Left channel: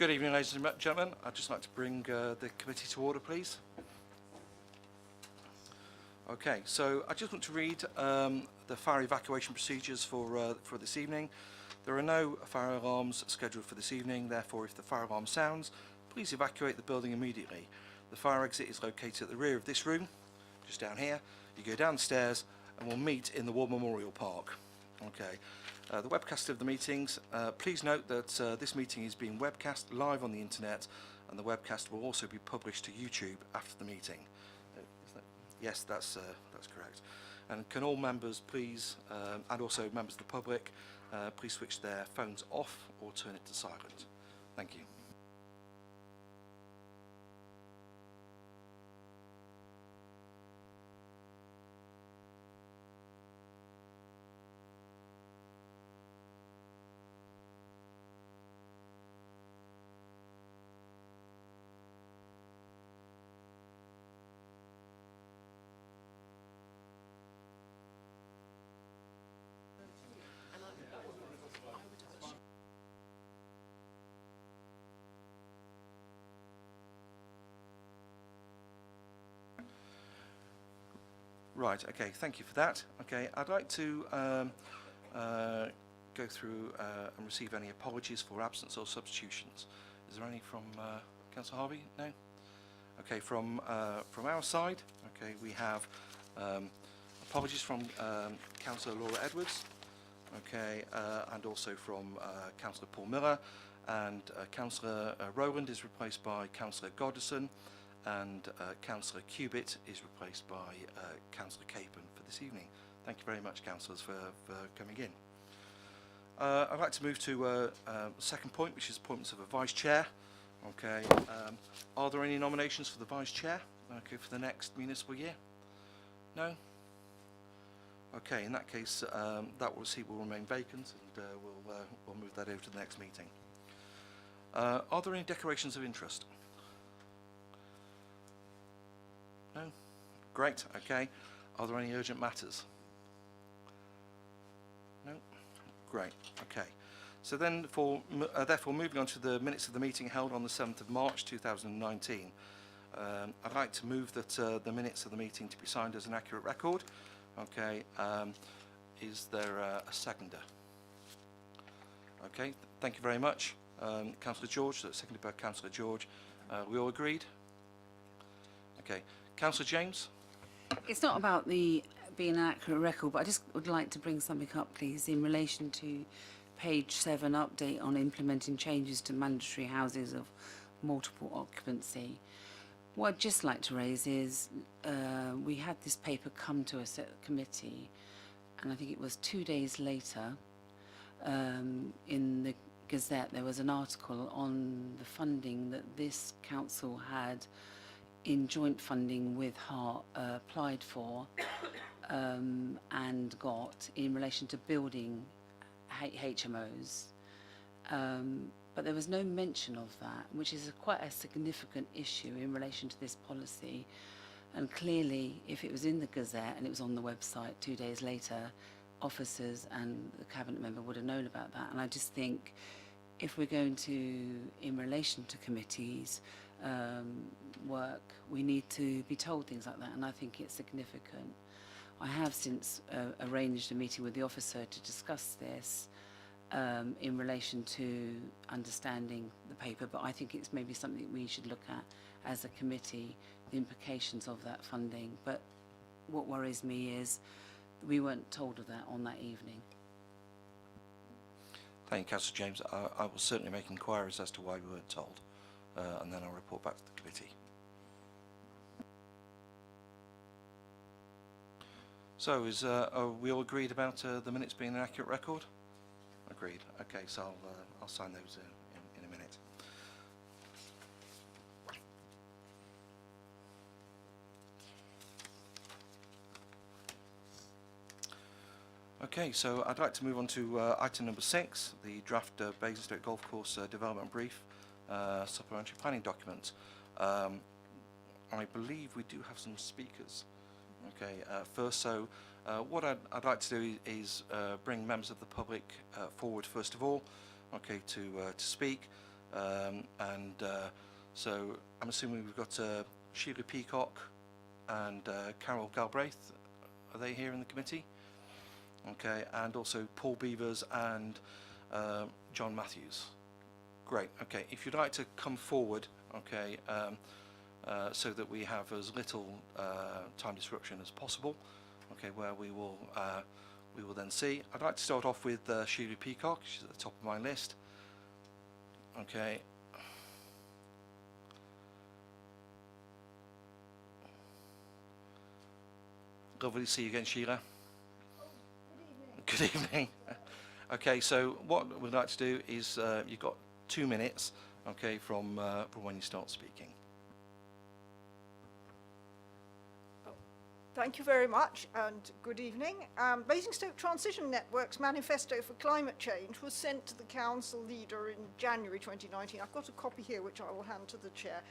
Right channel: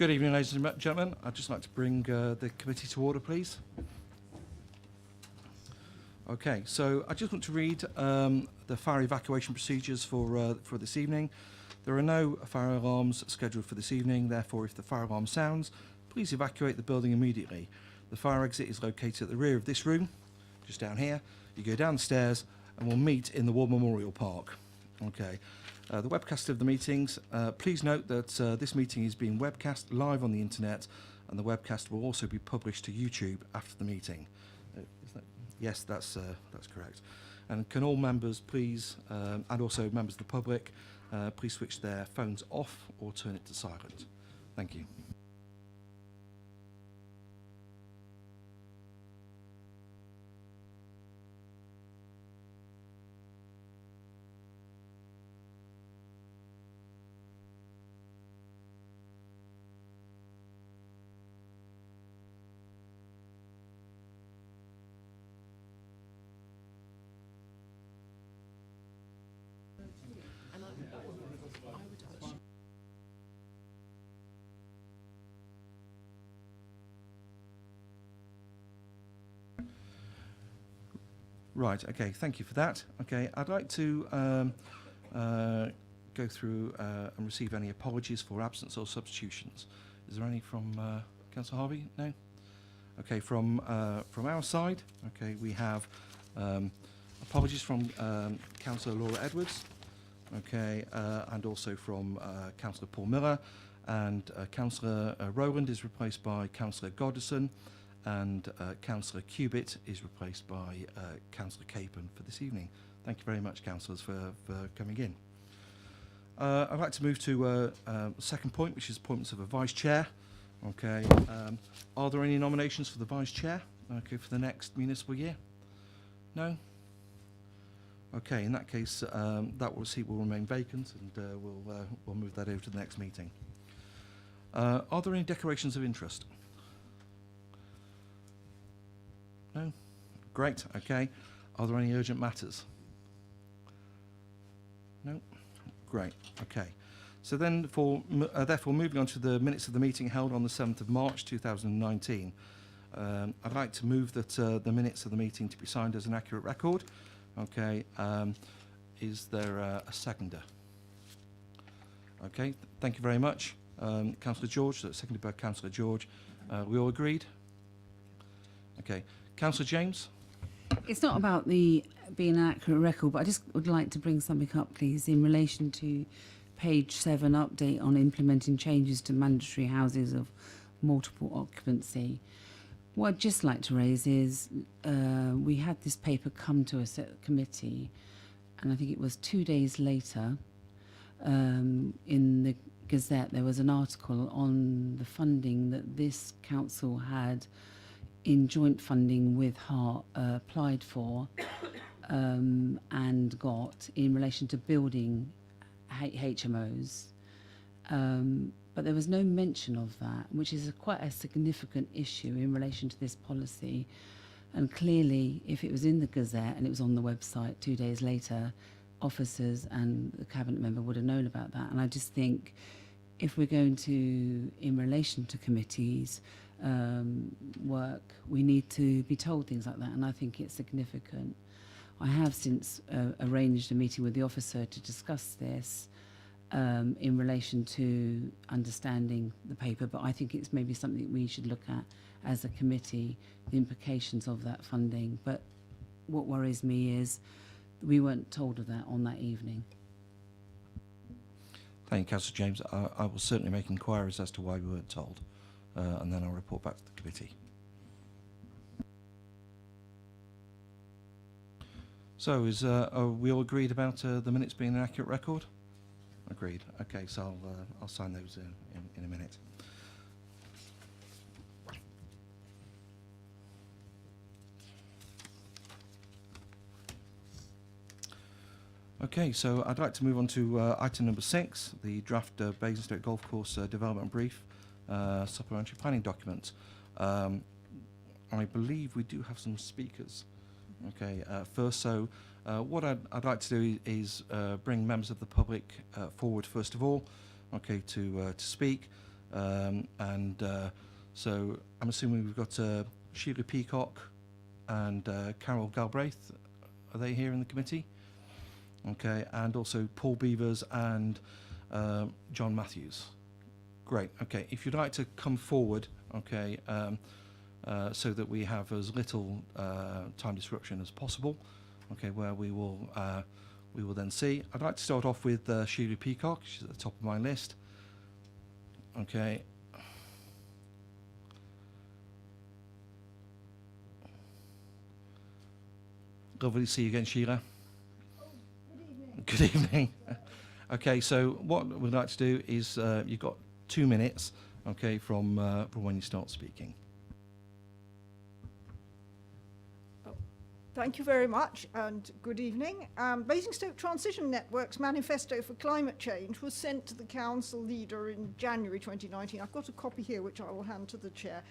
Good evening, ladies and gentlemen. I'd just like to bring the committee to order, please. Okay, so I just want to read the fire evacuation procedures for this evening. There are no fire alarms scheduled for this evening. Therefore, if the fire alarm sounds, please evacuate the building immediately. The fire exit is located at the rear of this room, just down here. You go down the stairs and we'll meet in the War Memorial Park. Okay. The webcast of the meetings. Please note that this meeting is being webcast live on the internet, and the webcast will also be published to YouTube after the meeting. Yes, that's correct. And can all members please, and also members of the public, please switch their phones off or turn it to silent. Thank you. Right, okay, thank you for that. Okay, I'd like to go through and receive any apologies for absence or substitutions. Is there any from Councillor Harvey? No? Okay, from our side, okay, we have apologies from Councillor Laura Edwards, okay, and also from Councillor Paul Miller, and Councillor Rowland is replaced by Councillor Goddison, and Councillor Cubitt is replaced by Councillor Capon for this evening. Thank you very much, councillors, for coming in. I'd like to move to the second point, which is appointments of a vice chair. Okay, are there any nominations for the vice chair? Okay, for the next municipal year? No? Okay, in that case, that seat will remain vacant, and we'll move that over to the next meeting. Are there any declarations of interest? No? Great, okay. Are there any urgent matters? No? Great, okay. So then, therefore, moving on to the minutes of the meeting held on the 7th of March 2019, I'd like to move that the minutes of the meeting to be signed as an accurate record. Okay, is there a seconder? Okay, thank you very much. Councillor George, that's seconded by Councillor George. We all agreed? Okay. Councillor James? It's not about being an accurate record, but I just would like to bring something up, please, in relation to page 7 update on implementing changes to mandatory houses of multiple occupancy. What I'd just like to raise is we had this paper come to us at the committee, and I think it was 2 days later in the Gazette there was an article on the funding that this council had in joint funding with Hart applied for and got in relation to building HMOs. But there was no mention of that, which is quite a significant issue in relation to this policy. And clearly, if it was in the Gazette and it was on the website 2 days later, officers and the cabinet member would have known about that. And I just think if we're going to, in relation to committees, work, we need to be told things like that, and I think it's significant. I have since arranged a meeting with the officer to discuss this in relation to understanding the paper, but I think it's maybe something we should look at as a committee, the implications of that funding. But what worries me is we weren't told of that on that evening. Thank you, Councillor James. I will certainly make inquiries as to why we weren't told, and then I'll report back to the committee. So, are we all agreed about the minutes being an accurate record? Agreed. Okay, so I'll sign those in a minute. Okay, so I'd like to move on to item number 6, the draft Basingstoke Golf Course development brief, supplementary planning document. I believe we do have some speakers. Okay, first, so what I'd like to do is bring members of the public forward first of all, okay, to speak. So I'm assuming we've got Sheila Peacock and Carol Galbraith. Are they here in the committee? Okay, and also Paul Beavers and John Matthews. Great. Okay, if you'd like to come forward, okay, so that we have as little time disruption as possible, okay, where we will then see. I'd like to start off with Sheila Peacock. She's at the top of my list. Okay. Lovely to see you again, Sheila. Good evening. Okay, so what we'd like to do is you've got 2 minutes, okay, from when you start speaking. Thank you very much and good evening. Basingstoke Transition Network's manifesto for climate change was sent to the council leader in January 2019. I've got a copy here which I will hand to the chair.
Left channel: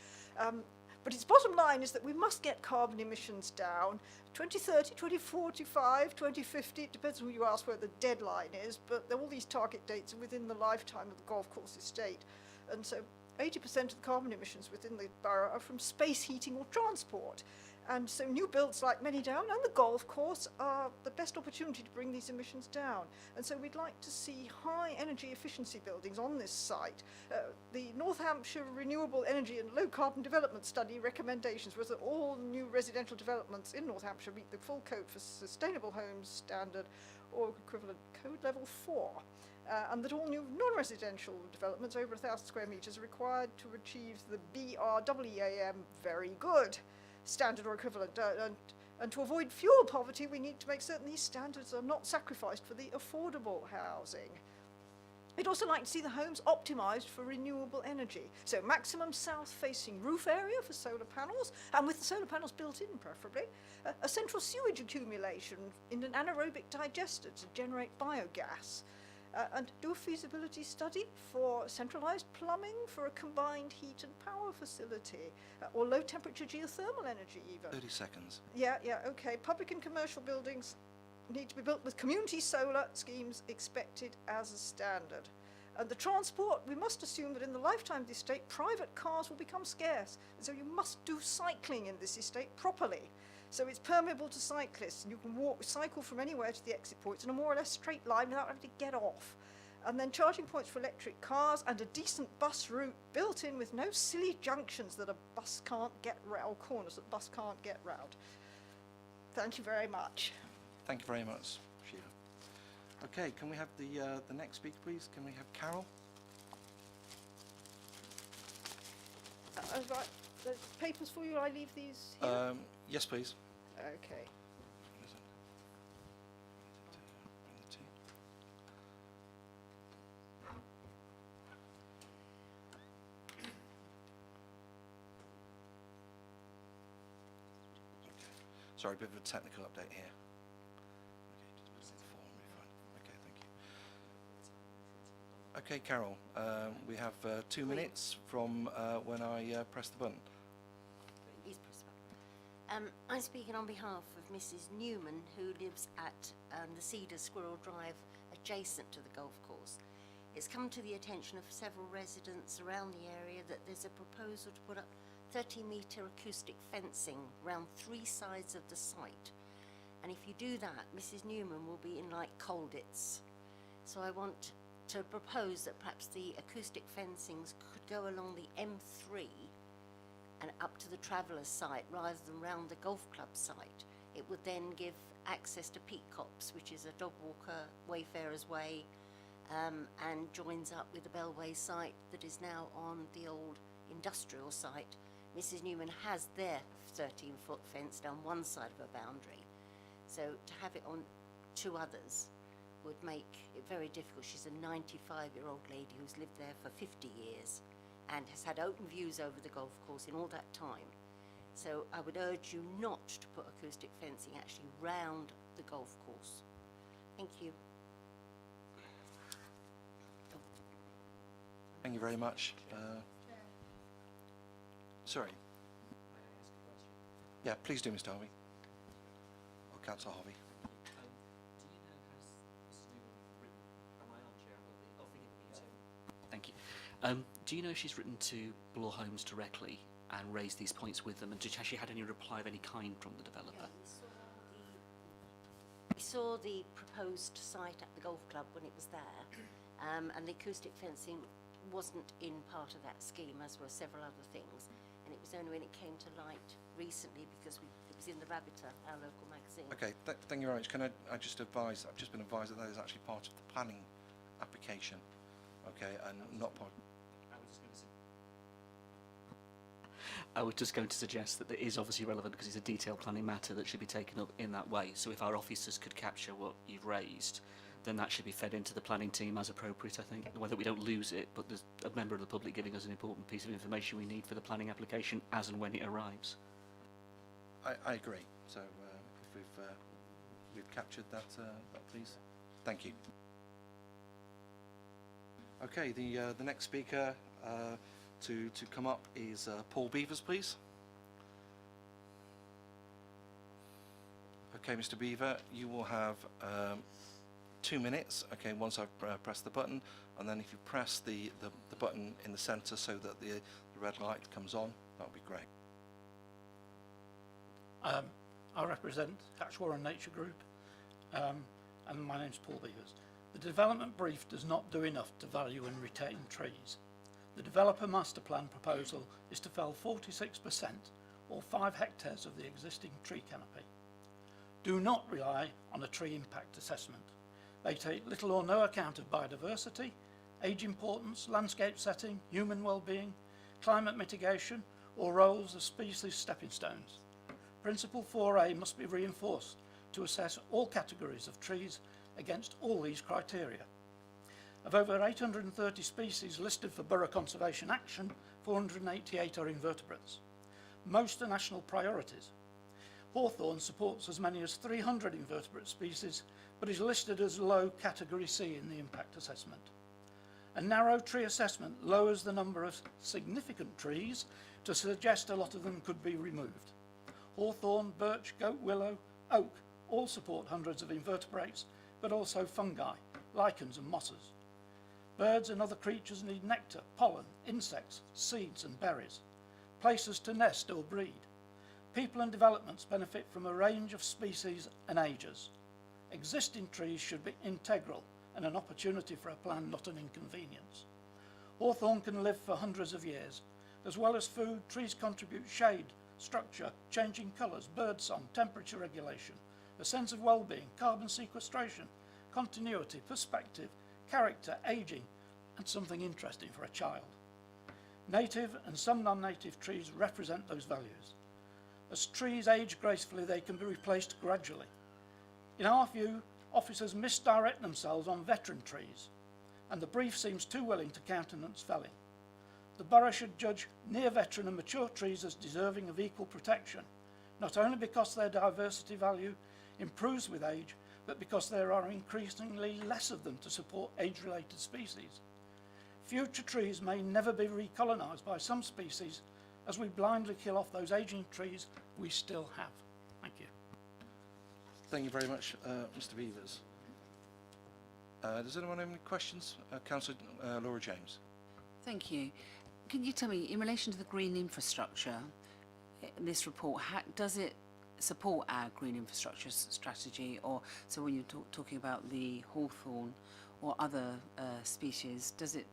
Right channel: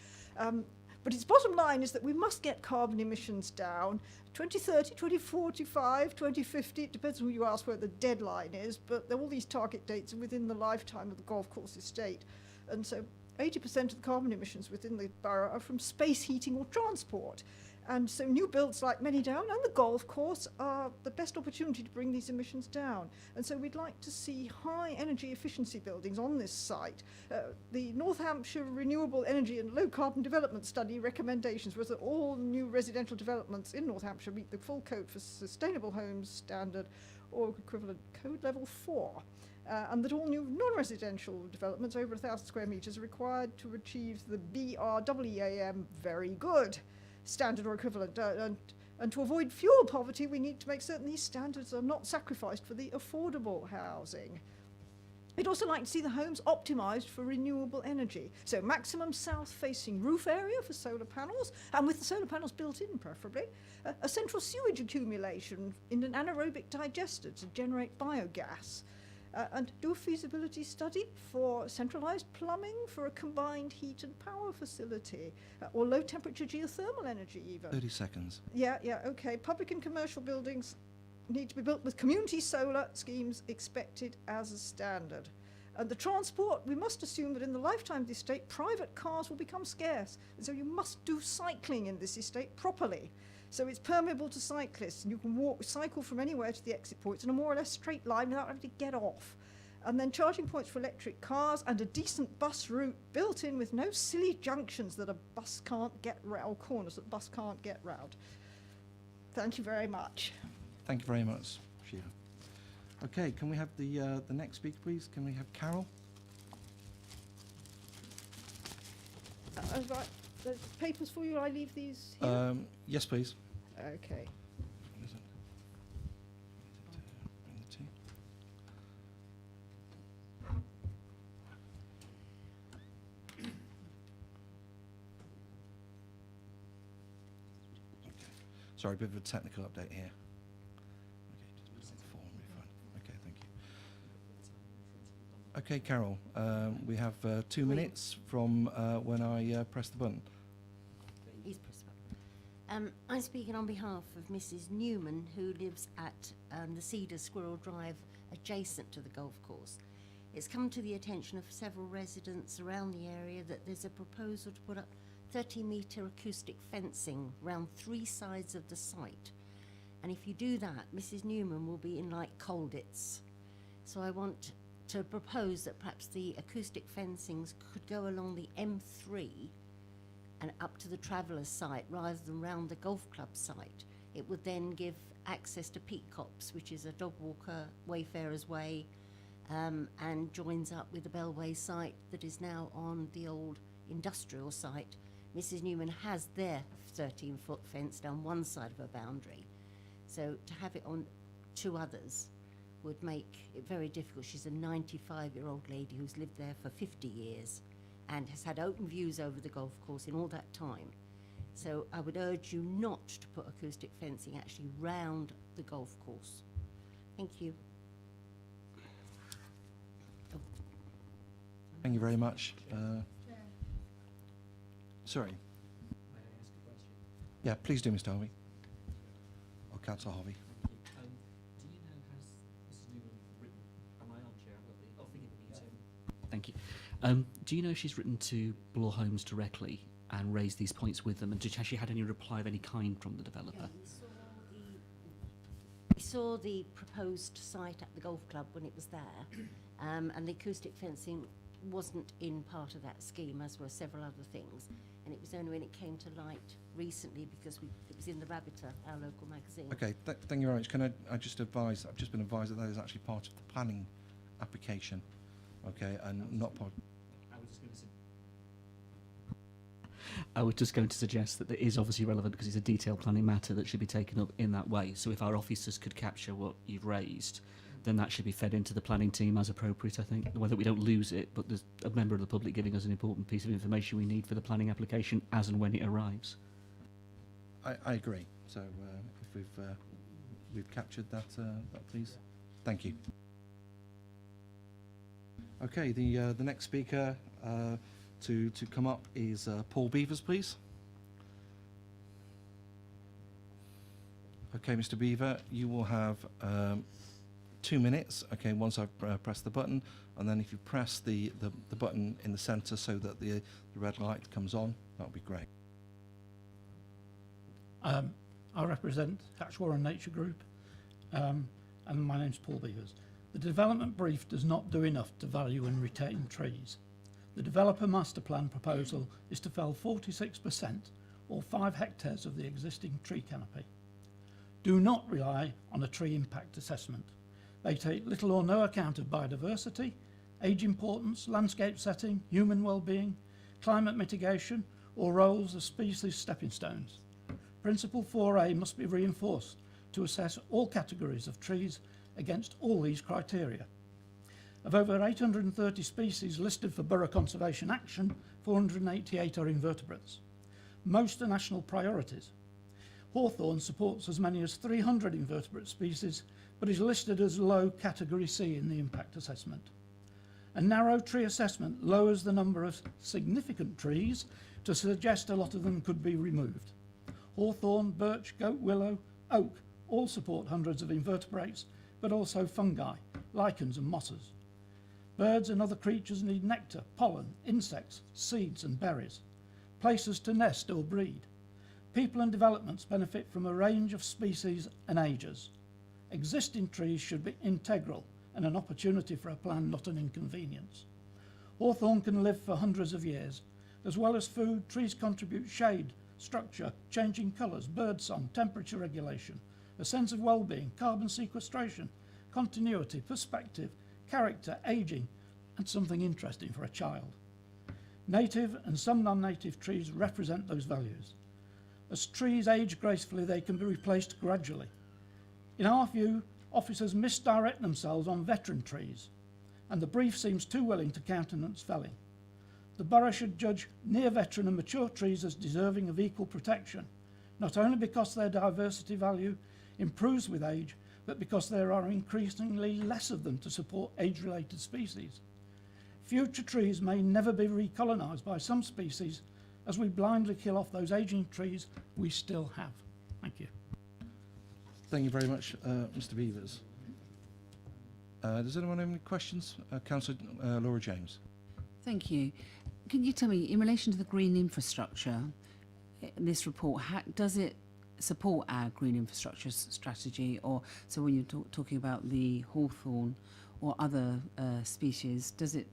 But its bottom line is that we must get carbon emissions down 2030, 2045, 2050. It depends on who you ask where the deadline is, but all these target dates are within the lifetime of the golf course estate. And so 80% of the carbon emissions within the borough are from space heating or transport. And so new builds like Manydown and the golf course are the best opportunity to bring these emissions down. And so we'd like to see high energy efficiency buildings on this site. The North Hampshire Renewable Energy and Low Carbon Development Study recommendations was that all new residential developments in North Hampshire meet the full code for sustainable homes standard or equivalent code level 4. And that all new non-residential developments over 1,000 square metres are required to achieve the BREEAM very good standard or equivalent. And to avoid fuel poverty, we need to make certain these standards are not sacrificed for the affordable housing. We'd also like to see the homes optimised for renewable energy. So maximum south-facing roof area for solar panels, and with the solar panels built in preferably, a central sewage accumulation in an anaerobic digester to generate biogas. And do a feasibility study for centralised plumbing for a combined heat and power facility, or low temperature geothermal energy even. 30 seconds. Yeah, okay. Public and commercial buildings need to be built with community solar schemes expected as a standard. And the transport, we must assume that in the lifetime of the estate, private cars will become scarce. And so you must do cycling in this estate properly. So it's permeable to cyclists, and you can cycle from anywhere to the exit points in a more or less straight line without having to get off. And then charging points for electric cars and a decent bus route built in with no silly junctions that a bus can't get round, or corners that a bus can't get round. Thank you very much. Thank you very much, Sheila. Okay, can we have the next speaker, please? Can we have Carol? Right, the papers for you, I leave these here? Yes, please. Okay. Sorry, a bit of a technical update here. Okay, just put the form refund. Okay, thank you. Okay, Carol, we have 2 minutes from when I press the button. Please press the button. I'm speaking on behalf of Mrs. Newman, who lives at the Cedar Squirrel Drive, adjacent to the golf course. It's come to the attention of several residents around the area that there's a proposal to put up 30-metre acoustic fencing round 3 sides of the site. And if you do that, Mrs. Newman will be in like Colditz. So I want to propose that perhaps the acoustic fencings could go along the M3 and up to the Travellers site rather than round the golf club site. It would then give access to Peak Copse, which is a dog walker, Wayfarers Way, and joins up with the Bellway site that is now on the old industrial site. Mrs. Newman has their 13-foot fence down one side of her boundary. So to have it on 2 others would make it very difficult. She's a 95-year-old lady who's lived there for 50 years and has had open views over the golf course in all that time. So I would urge you not to put acoustic fencing actually round the golf course. Thank you. Thank you very much. Sorry. May I ask a question? Yeah, please do, Mr. Harvey. Or Councillor Harvey. Do you know, has Mrs. Newman written, am I on, Chair? I'll think it will be you. Thank you. Do you know if she's written to Bloor Homes directly and raised these points with them, and has she had any reply of any kind from the developer? We saw the proposed site at the golf club when it was there, and the acoustic fencing wasn't in part of that scheme, as were several other things. And it was only when it came to light recently, because it was in the Rabbiter, our local magazine. Okay, thank you very much. Can I just advise, I've just been advised that that is actually part of the planning application, okay, and not part. I was just going to suggest that it is obviously relevant because it's a detailed planning matter that should be taken up in that way. So if our officers could capture what you've raised, then that should be fed into the planning team as appropriate, I think. Whether we don't lose it, but there's a member of the public giving us an important piece of information we need for the planning application as and when it arrives. I agree. So if we've captured that, please. Thank you. Okay, the next speaker to come up is Paul Beavers, please. Okay, Mr. Beaver, you will have 2 minutes, okay, once I've pressed the button, and then if you press the button in the centre so that the red light comes on, that would be great. I represent Hatchwarren Nature Group, and my name's Paul Beavers. The development brief does not do enough to value and retain trees. The developer master plan proposal is to fell 46%, or 5 hectares of the existing tree canopy. Do not rely on a tree impact assessment. They take little or no account of biodiversity, age importance, landscape setting, human well-being, climate mitigation, or roles as species stepping stones. Principle 4A must be reinforced to assess all categories of trees against all these criteria. Of over 830 species listed for borough conservation action, 488 are invertebrates. Most are national priorities. Hawthorn supports as many as 300 invertebrate species, but is listed as low category C in the impact assessment. A narrow tree assessment lowers the number of significant trees to suggest a lot of them could be removed. Hawthorn, birch, goat willow, oak all support hundreds of invertebrates, but also fungi, lichens and mosses. Birds and other creatures need nectar, pollen, insects, seeds and berries, places to nest or breed. People and developments benefit from a range of species and ages. Existing trees should be integral and an opportunity for a plan, not an inconvenience. Hawthorn can live for hundreds of years. As well as food, trees contribute shade, structure, changing colours, birdsong, temperature regulation, a sense of well-being, carbon sequestration, continuity, perspective, character, ageing, and something interesting for a child. Native and some non-native trees represent those values. As trees age gracefully, they can be replaced gradually. In our view, officers misdirect themselves on veteran trees, and the brief seems too willing to countenance felling. The borough should judge near veteran and mature trees as deserving of equal protection, not only because their diversity value improves with age, but because there are increasingly less of them to support age-related species. Future trees may never be recolonised by some species as we blindly kill off those ageing trees we still have. Thank you. Thank you very much, Mr. Beavers. Does anyone have any questions? Councillor Laura James. Thank you. Can you tell me, in relation to the green infrastructure, this report, does it support our green infrastructure strategy? Or so when you're talking about the hawthorn or other species, does it?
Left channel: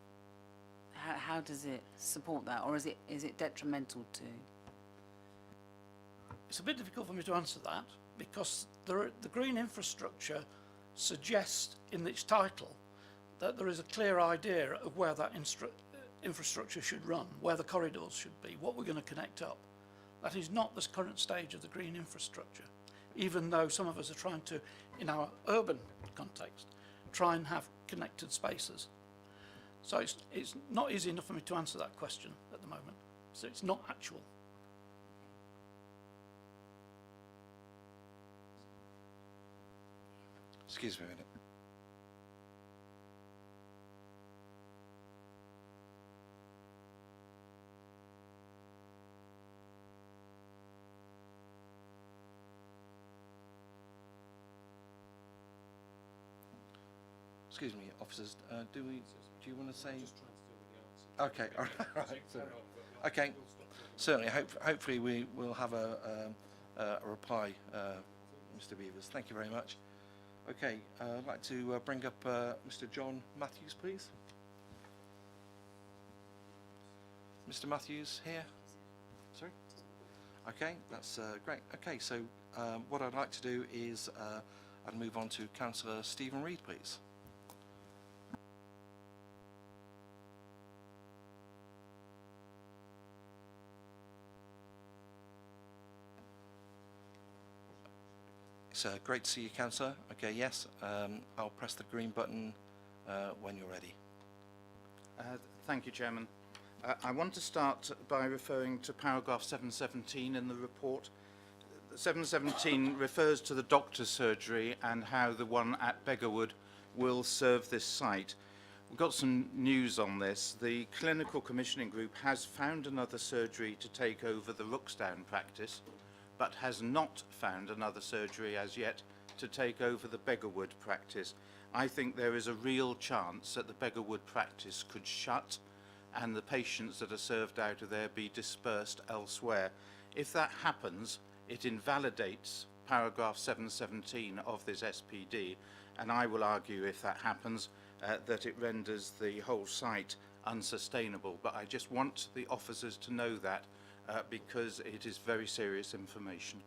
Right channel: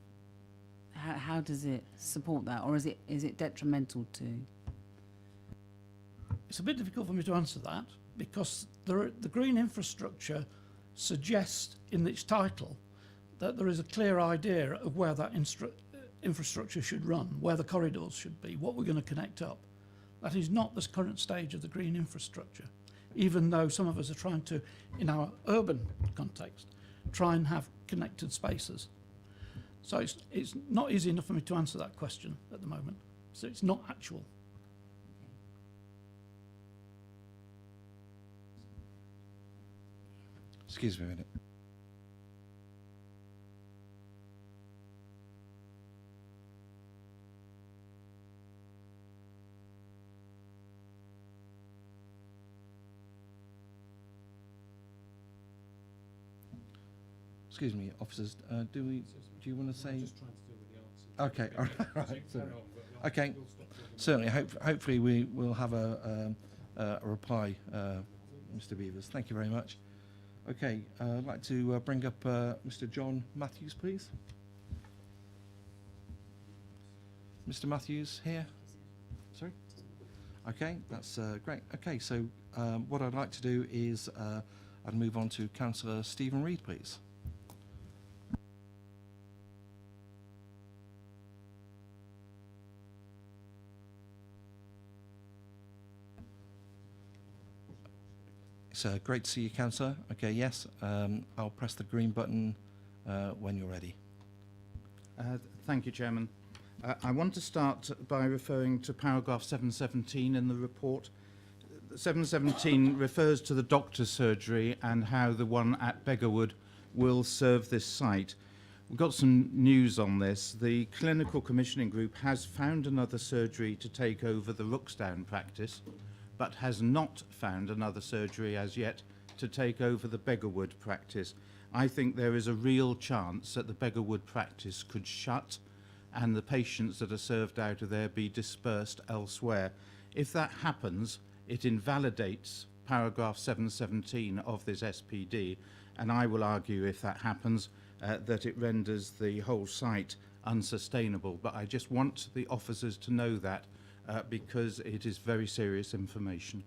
How does it support that, or is it detrimental to? It's a bit difficult for me to answer that because the green infrastructure suggests in its title that there is a clear idea of where that infrastructure should run, where the corridors should be, what we're going to connect up. That is not the current stage of the green infrastructure, even though some of us are trying to, in our urban context, try and have connected spaces. So it's not easy enough for me to answer that question at the moment. So it's not actual. Excuse me a minute. Excuse me, officers. Do you want to say? I'm just trying to deal with the answer Okay, all right. So, okay, certainly. Hopefully we will have a reply, Mr. Beavers. Thank you very much. Okay, I'd like to bring up Mr. John Matthews, please. Mr. Matthews here? Sorry? Okay, that's great. Okay, so what I'd like to do is I'd move on to Councillor Stephen Reid, please. It's great to see you, Councillor. Okay, yes, I'll press the green button when you're ready. Thank you, Chairman. I want to start by referring to paragraph 717 in the report. 717 refers to the doctor's surgery and how the one at Beggarwood will serve this site. We've got some news on this. The clinical commissioning group has found another surgery to take over the Rooksdown practice, but has not found another surgery as yet to take over the Beggarwood practice. I think there is a real chance that the Beggarwood practice could shut and the patients that are served out of there be dispersed elsewhere. If that happens, it invalidates paragraph 717 of this SPD, and I will argue, if that happens, that it renders the whole site unsustainable. But I just want the officers to know that because it is very serious information.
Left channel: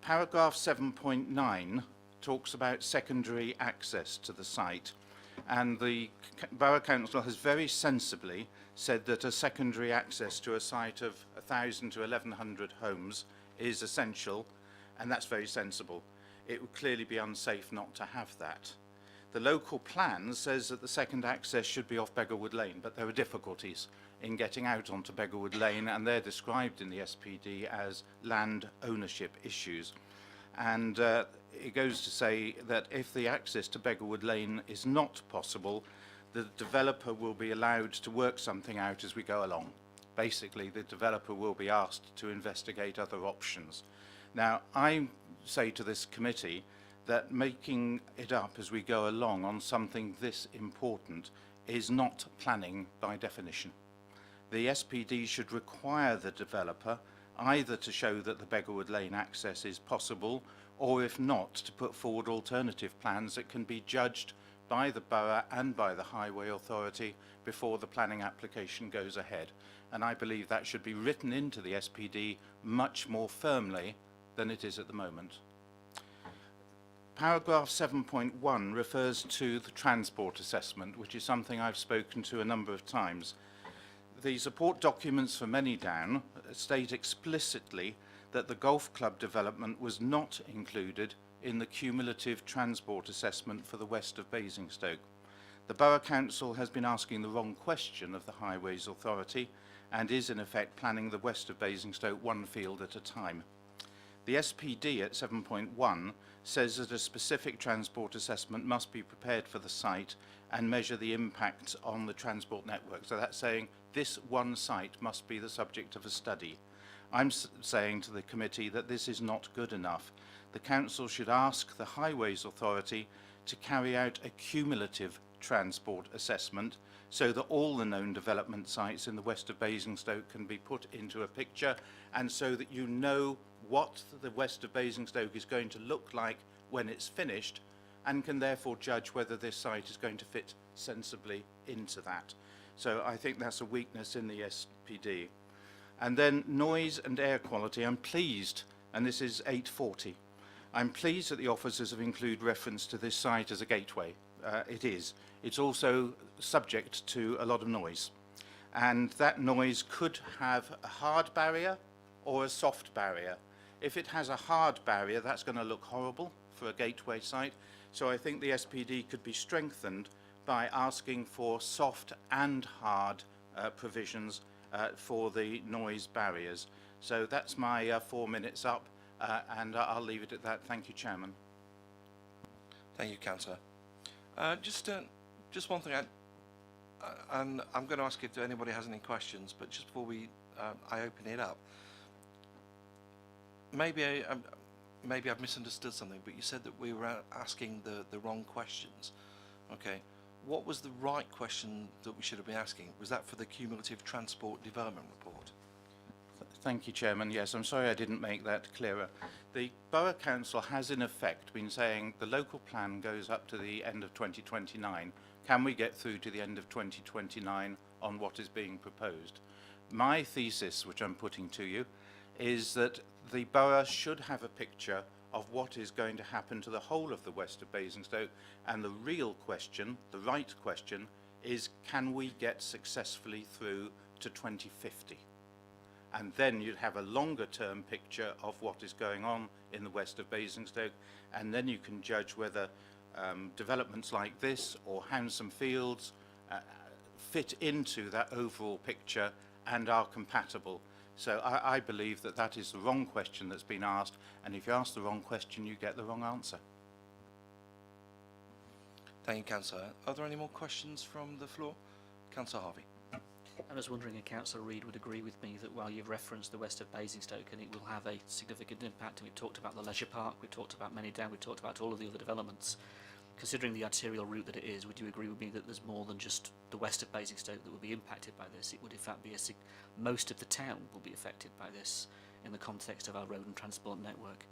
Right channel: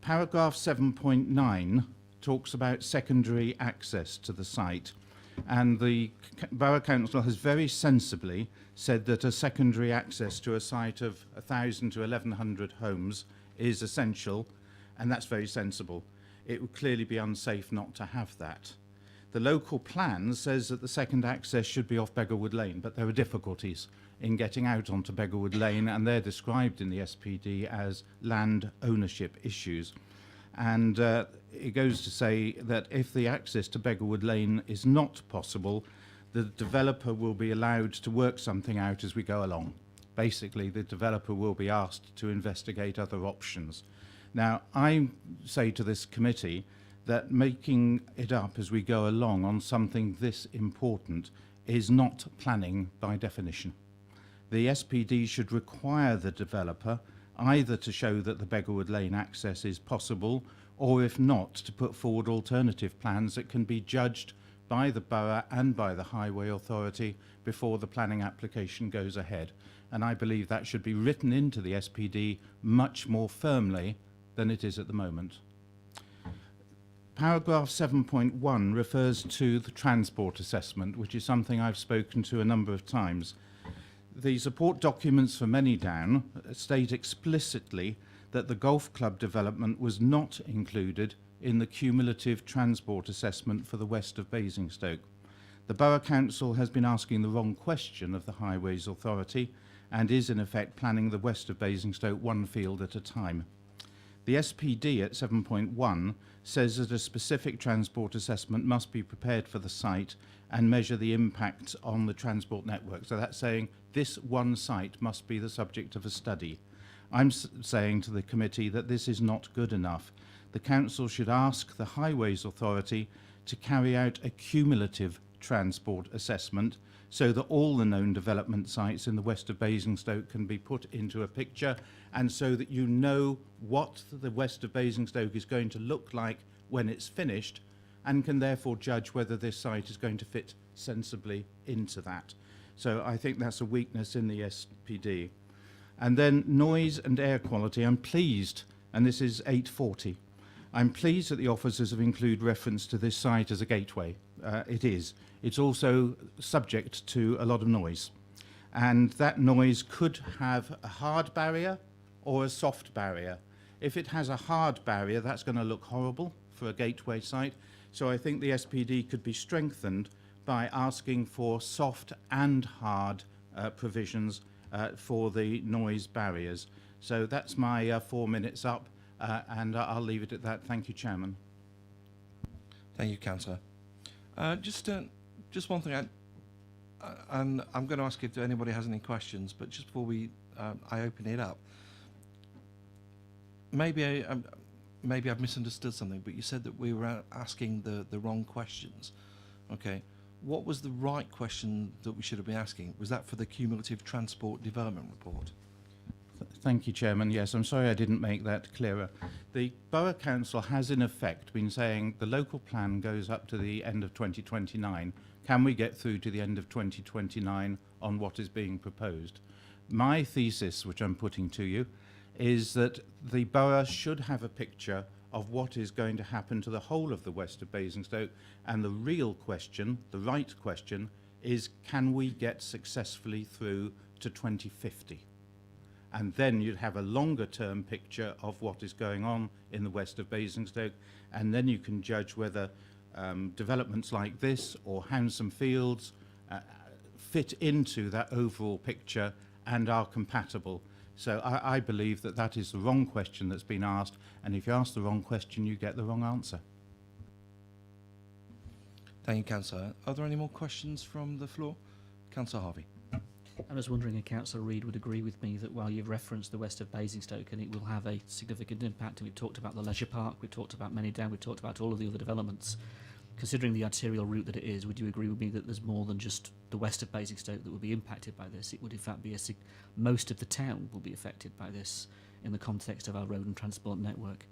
Paragraph 7.9 talks about secondary access to the site, and the Borough Council has very sensibly said that a secondary access to a site of 1,000 to 1,100 homes is essential, and that's very sensible. It would clearly be unsafe not to have that. The local plan says that the second access should be off Beggarwood Lane, but there are difficulties in getting out onto Beggarwood Lane, and they're described in the SPD as land ownership issues. And it goes to say that if the access to Beggarwood Lane is not possible, the developer will be allowed to work something out as we go along. Basically, the developer will be asked to investigate other options. Now, I say to this committee that making it up as we go along on something this important is not planning by definition. The SPD should require the developer either to show that the Beggarwood Lane access is possible, or if not, to put forward alternative plans that can be judged by the borough and by the Highway Authority before the planning application goes ahead. And I believe that should be written into the SPD much more firmly than it is at the moment. Paragraph 7.1 refers to the transport assessment, which is something I've spoken to a number of times. The support documents for Manydown state explicitly that the golf club development was not included in the cumulative transport assessment for the west of Basingstoke. The Borough Council has been asking the wrong question of the Highways Authority and is in effect planning the west of Basingstoke one field at a time. The SPD at 7.1 says that a specific transport assessment must be prepared for the site and measure the impact on the transport network. So that's saying this one site must be the subject of a study. I'm saying to the committee that this is not good enough. The council should ask the Highways Authority to carry out a cumulative transport assessment so that all the known development sites in the west of Basingstoke can be put into a picture, and so that you know what the west of Basingstoke is going to look like when it's finished, and can therefore judge whether this site is going to fit sensibly into that. So I think that's a weakness in the SPD. And then noise and air quality. I'm pleased, and this is 840, I'm pleased that the officers have included reference to this site as a gateway. It is. It's also subject to a lot of noise. And that noise could have a hard barrier or a soft barrier. If it has a hard barrier, that's going to look horrible for a gateway site. So I think the SPD could be strengthened by asking for soft and hard provisions for the noise barriers. So that's my 4 minutes up, and I'll leave it at that. Thank you, Chairman. Thank you, Councillor. Just one thing, and I'm going to ask if anybody has any questions, but just before I open it up, maybe I've misunderstood something, but you said that we were asking the wrong questions. Okay, What was the right question that we should have been asking? Was that for the cumulative transport development report? Thank you, Chairman. Yes, I'm sorry I didn't make that clearer. The Borough Council has in effect been saying the local plan goes up to the end of 2029. Can we get through to the end of 2029 on what is being proposed? My thesis, which I'm putting to you, is that the borough should have a picture of what is going to happen to the whole of the west of Basingstoke, and the real question, the right question, is can we get successfully through to 2050? And then you'd have a longer term picture of what is going on in the west of Basingstoke, and then you can judge whether developments like this or Hounsome Fields fit into that overall picture and are compatible. So I believe that that is the wrong question that's been asked, and if you ask the wrong question, you get the wrong answer. Thank you, Councillor. Are there any more questions from the floor? Councillor Harvey. I was wondering if Councillor Reid would agree with me that while you've referenced the west of Basingstoke and it will have a significant impact, and we've talked about the leisure park, we've talked about Manydown, we've talked about all of the other developments, considering the arterial route that it is, would you agree with me that there's more than just the west of Basingstoke that will be impacted by this? It would in fact be most of the town will be affected by this in the context of our road and transport network.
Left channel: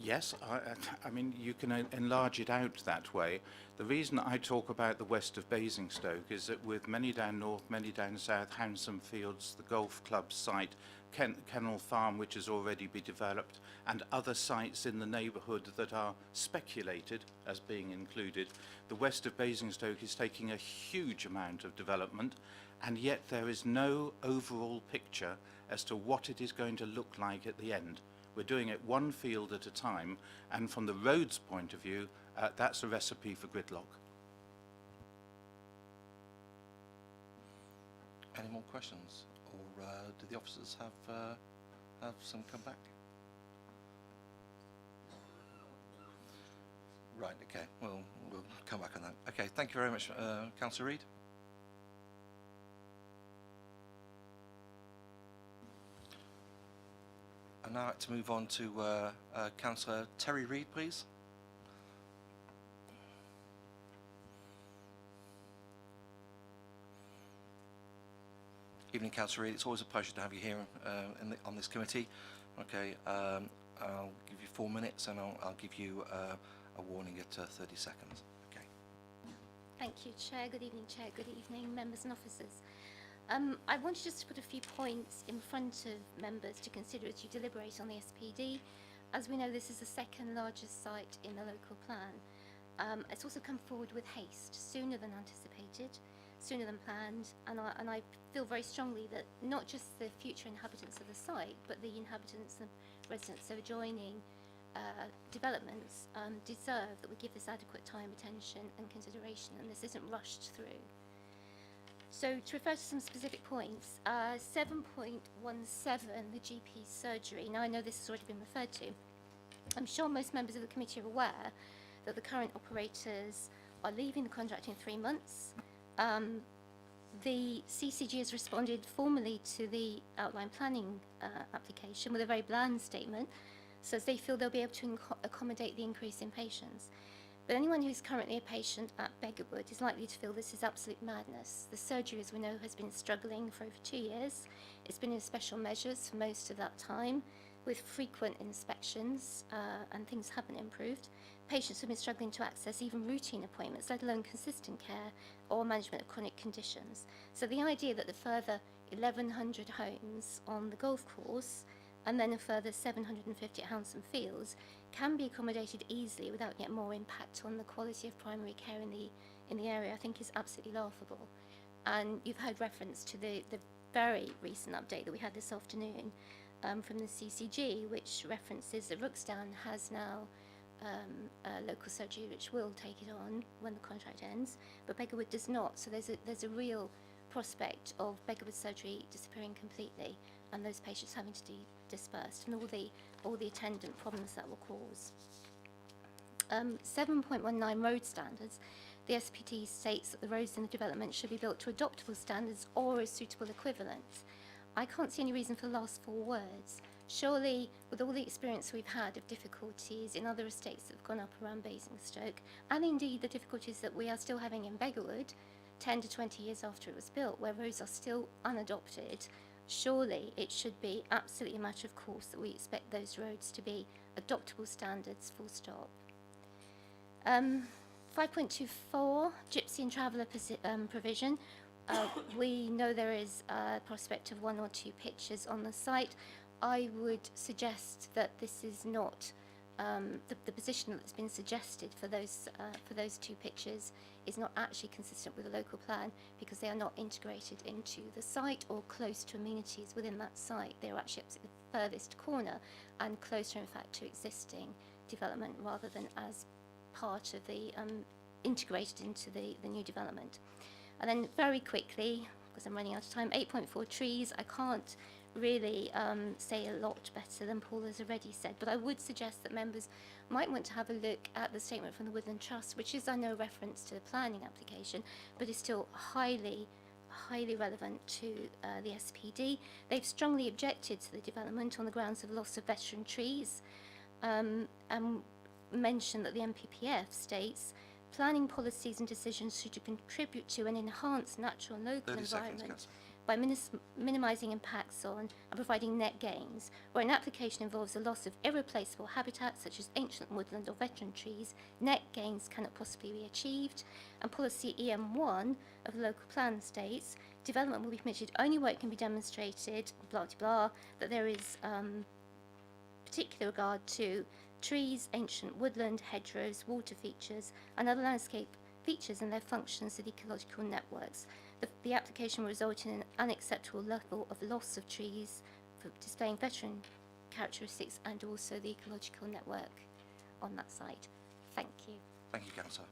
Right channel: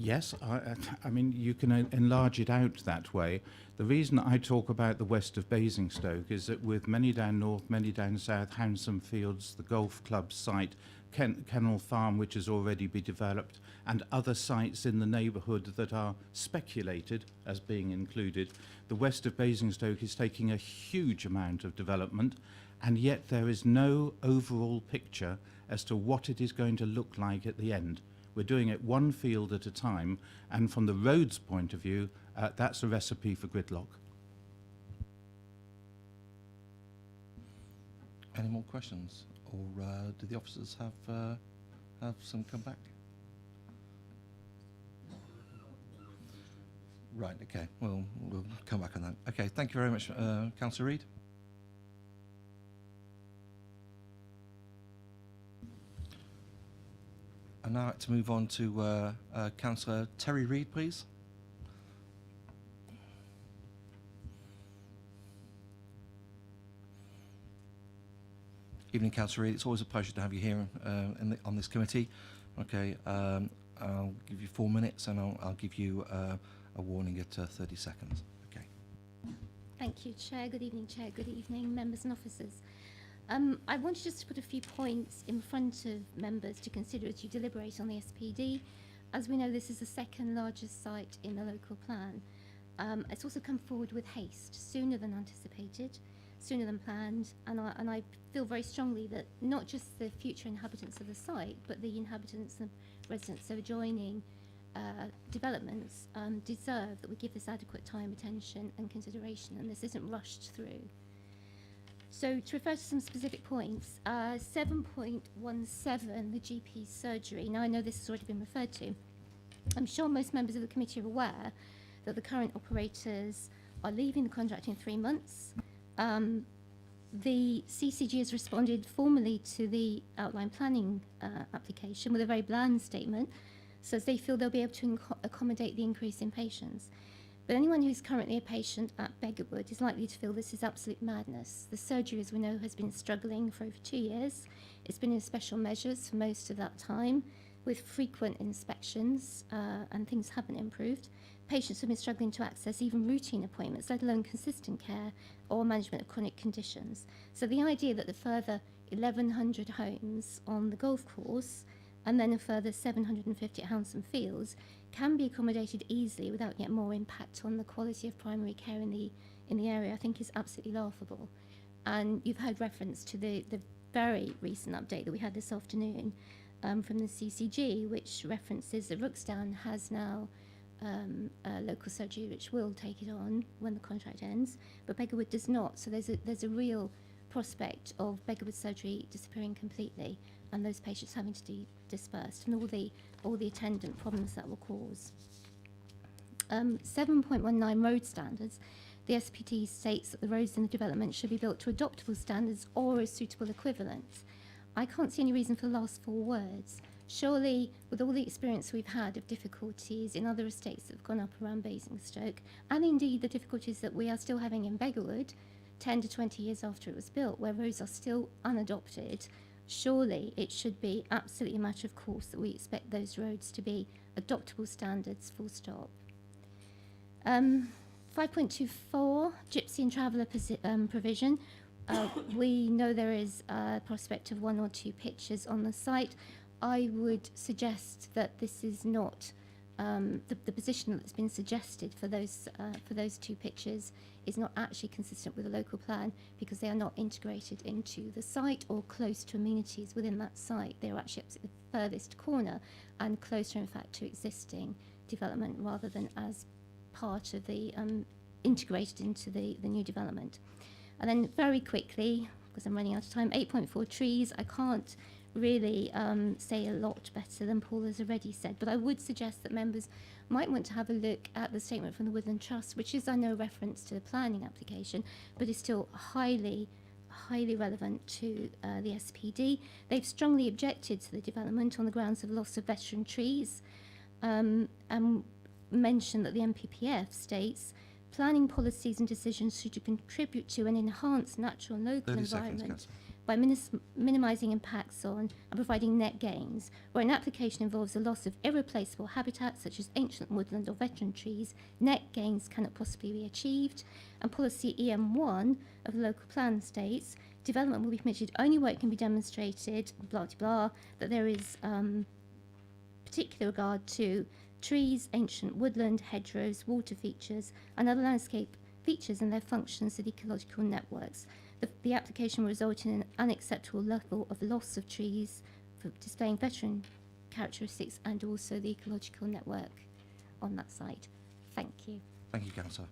Yes, I mean, you can enlarge it out that way. The reason I talk about the west of Basingstoke is that with Manydown North, Manydown South, Hounsome Fields, the golf club site, Kennel Farm, which has already been developed, and other sites in the neighbourhood that are speculated as being included, the west of Basingstoke is taking a huge amount of development, and yet there is no overall picture as to what it is going to look like at the end. We're doing it one field at a time, and from the roads point of view, that's a recipe for gridlock. Any more questions? Or do the officers have some come back? Right, okay, we'll come back on that. Okay, thank you very much, Councillor Reid. And now I'd like to move on to Councillor Terry Reid, please. Evening, Councillor Reid. It's always a pleasure to have you here on this committee. Okay, I'll give you 4 minutes, and I'll give you a warning at 30 seconds. Okay. Thank you, Chair. Good evening, Chair. Good evening, members and officers. I wanted just to put a few points in front of members to consider as you deliberate on the SPD. As we know, this is the second largest site in the local plan. It's also come forward with haste, sooner than anticipated, sooner than planned, and I feel very strongly that not just the future inhabitants of the site, but the inhabitants and residents of adjoining developments deserve that we give this adequate time, attention and consideration, and this isn't rushed through. So to refer to some specific points, 7.17, the GP surgery. Now I know this has already been referred to. I'm sure most members of the committee are aware that the current operators are leaving the contract in 3 months. The CCG has responded formally to the outline planning application with a very bland statement, says they feel they'll be able to accommodate the increase in patients. But anyone who's currently a patient at Beggarwood is likely to feel this is absolute madness. The surgery, as we know, has been struggling for over 2 years. It's been in special measures for most of that time, with frequent inspections, and things haven't improved. Patients have been struggling to access even routine appointments, let alone consistent care or management of chronic conditions. So the idea that the further 1,100 homes on the golf course and then a further 750 at Hounsome Fields can be accommodated easily without yet more impact on the quality of primary care in the area, I think is absolutely laughable. And you've heard reference to the very recent update that we had this afternoon from the CCG, which references that Rooksdown has now a local surgery which will take it on when the contract ends, but Beggarwood does not. So there's a real prospect of Beggarwood surgery disappearing completely, and those patients having to be dispersed, and all the attendant problems that will cause. 7.19 road standards. The SPD states that the roads in the development should be built to adoptable standards or a suitable equivalent. I can't see any reason for the last 4 words. Surely, with all the experience we've had of difficulties in other estates that have gone up around Basingstoke, and indeed the difficulties that we are still having in Beggarwood, 10 to 20 years after it was built, where roads are still unadopted, surely it should be absolutely a matter of course that we expect those roads to be adoptable standards, full stop. 5.24, gypsy and traveller provision. We know there is a prospect of 1 or 2 pitches on the site. I would suggest that this is not the position that's been suggested for those 2 pitches is not actually consistent with the local plan, because they are not integrated into the site or close to amenities within that site. They are actually at the furthest corner and closer, in fact, to existing development rather than as part of the integrated into the new development. And then very quickly, because I'm running out of time, 8.4 trees. I can't really say a lot better than Paul has already said, but I would suggest that members might want to have a look at the statement from the Woodland Trust, which is, I know, reference to the planning application, but is still highly relevant to the SPD. They've strongly objected to the development on the grounds of loss of veteran trees, and mentioned that the MPPF states planning policies and decisions should contribute to and enhance natural and local 30 seconds, environment Councillor. by minimising impacts on and providing net gains. Where an application involves a loss of irreplaceable habitat such as ancient woodland or veteran trees, net gains cannot possibly be achieved. And policy EM1 of the local plan states development will be permitted only where it can be demonstrated, blah blah blah, that there is particular regard to trees, ancient woodland, hedgerows, water features, and other landscape features and their functions of ecological networks. The application will result in an unacceptable level of loss of trees for displaying veteran characteristics and also the ecological network on that site. Thank you. Thank you, Councillor.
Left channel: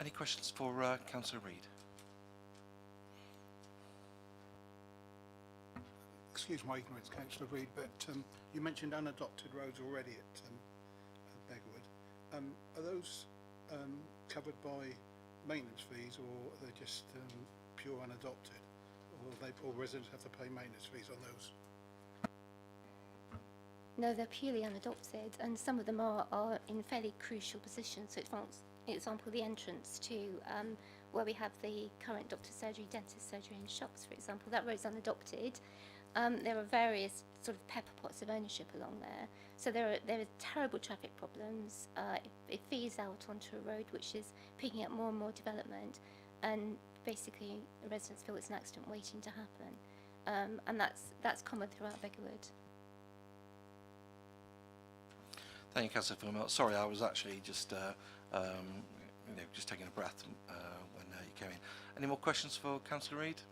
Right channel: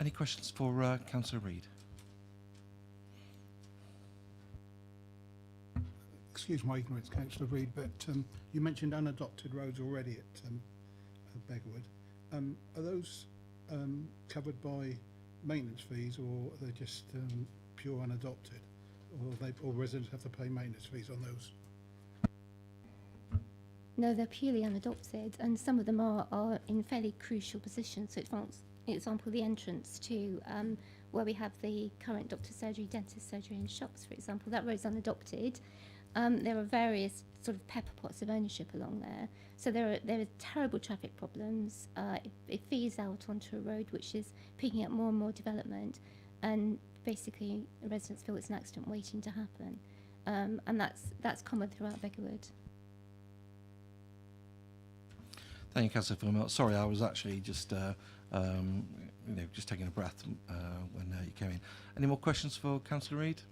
Any questions for Councillor Reid? Excuse my ignorance, Councillor Reid, but you mentioned unadopted roads already at Beggarwood. Are those covered by maintenance fees, or are they just pure unadopted, or residents have to pay maintenance fees on those? No, they're purely unadopted, and some of them are in fairly crucial positions. So, for example, the entrance to where we have the current doctor's surgery, dentist surgery and shops, for example, that road's unadopted. There are various sort of pepper pots of ownership along there. So there are terrible traffic problems. It feeds out onto a road which is picking up more and more development, and basically residents feel it's an accident waiting to happen. And that's common throughout Beggarwood. Thank you, Councillor Philmont. Sorry, I was actually just just taking a breath when you came in. Any more questions for Councillor Reid?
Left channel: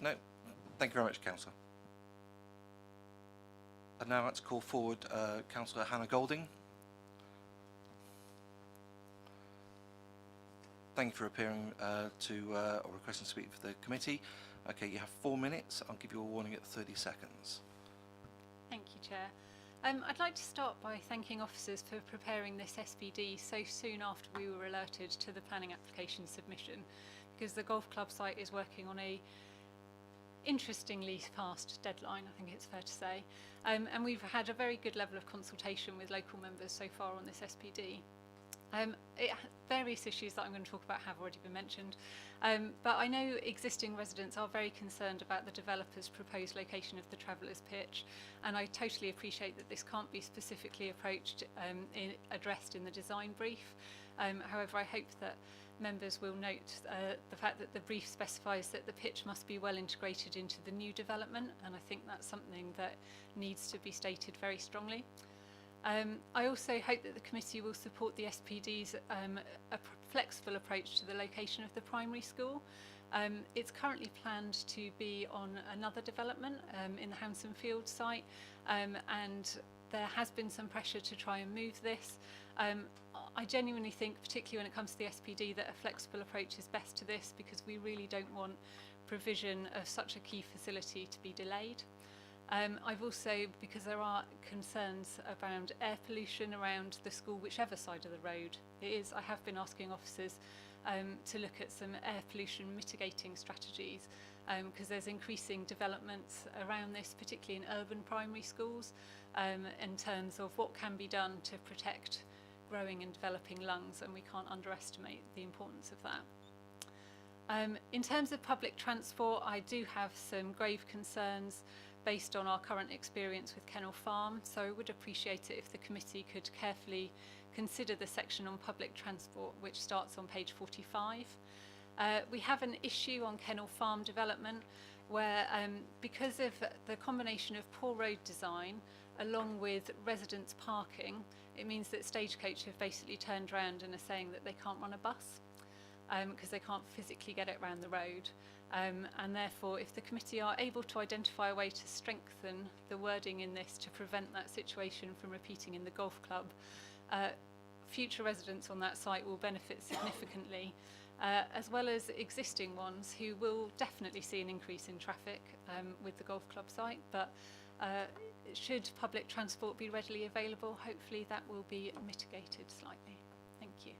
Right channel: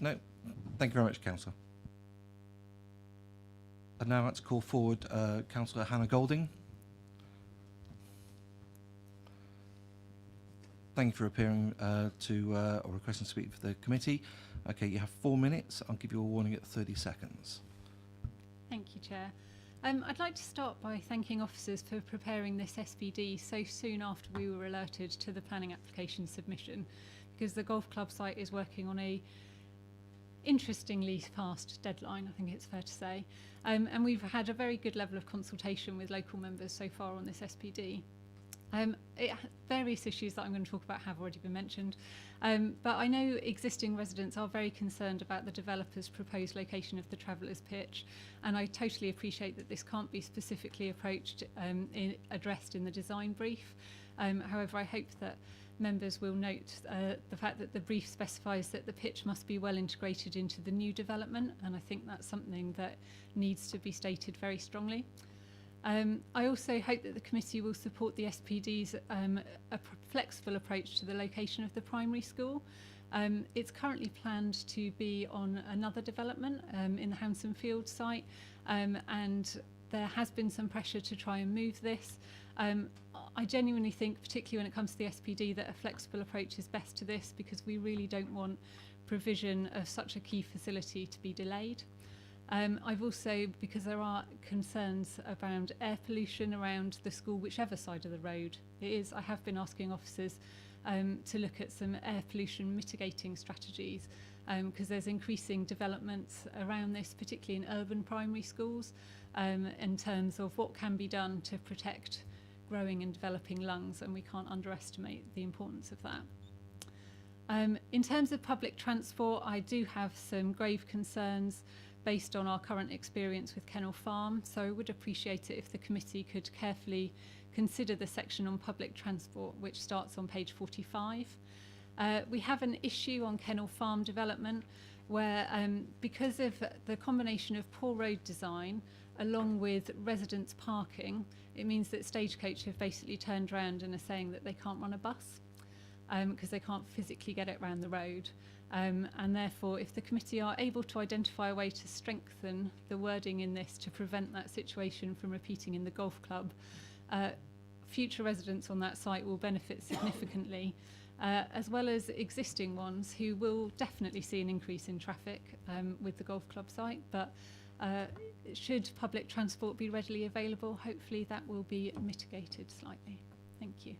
No? Thank you very much, Councillor. And now let's call forward Councillor Hannah Golding. Thank you for appearing or requesting to speak for the committee. Okay, you have 4 minutes. I'll give you a warning at 30 seconds. Thank you, Chair. I'd like to start by thanking officers for preparing this SPD so soon after we were alerted to the planning application submission, because the golf club site is working on a interestingly fast deadline, I think it's fair to say. And we've had a very good level of consultation with local members so far on this SPD. Various issues that I'm going to talk about have already been mentioned, but I know existing residents are very concerned about the developer's proposed location of the Travellers' Pitch, and I totally appreciate that this can't be specifically addressed in the design brief. However, I hope that members will note the fact that the brief specifies that the pitch must be well integrated into the new development, and I think that's something that needs to be stated very strongly. I also hope that the committee will support the SPD's flexible approach to the location of the primary school. It's currently planned to be on another development in the Hanson Field site, and there has been some pressure to try and move this. I genuinely think, particularly when it comes to the SPD, that a flexible approach is best to this, because we really don't want provision of such a key facility to be delayed. I've also, because there are concerns around air pollution around the school, whichever side of the road it is, I have been asking officers to look at some air pollution mitigating strategies, because there's increasing developments around this, particularly in urban primary schools, in terms of what can be done to protect growing and developing lungs, and we can't underestimate the importance of that. In terms of public transport, I do have some grave concerns based on our current experience with Kennel Farm, so I would appreciate it if the committee could carefully consider the section on public transport, which starts on page 45. We have an issue on Kennel Farm development where, because of the combination of poor road design along with residents parking, it means that Stagecoach have basically turned around and are saying that they can't run a bus because they can't physically get it around the road. And therefore, if the committee are able to identify a way to strengthen the wording in this to prevent that situation from repeating in the golf club, future residents on that site will benefit significantly, as well as existing ones who will definitely see an increase in traffic with the golf club site. But should public transport be readily available, hopefully that will be mitigated slightly. Thank you.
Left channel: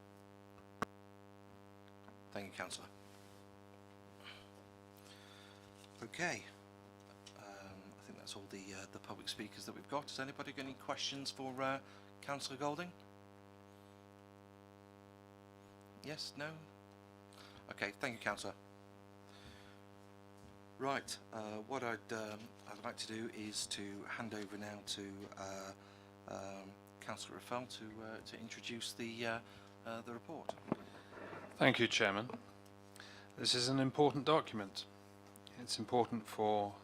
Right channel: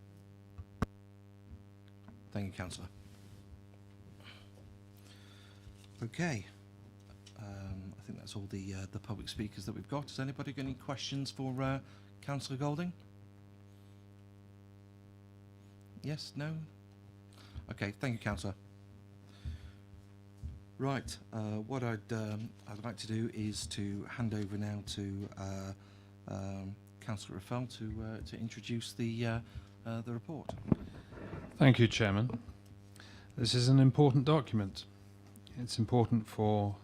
Thank you, Councillor. Okay, I think that's all the public speakers that we've got. Has anybody got any questions for Councillor Golding? Yes, no? Okay, thank you, Councillor. Right, what I'd like to do is to hand over now to Councillor Raffel to introduce the report. Thank you, Chairman. This is an important document. It's important for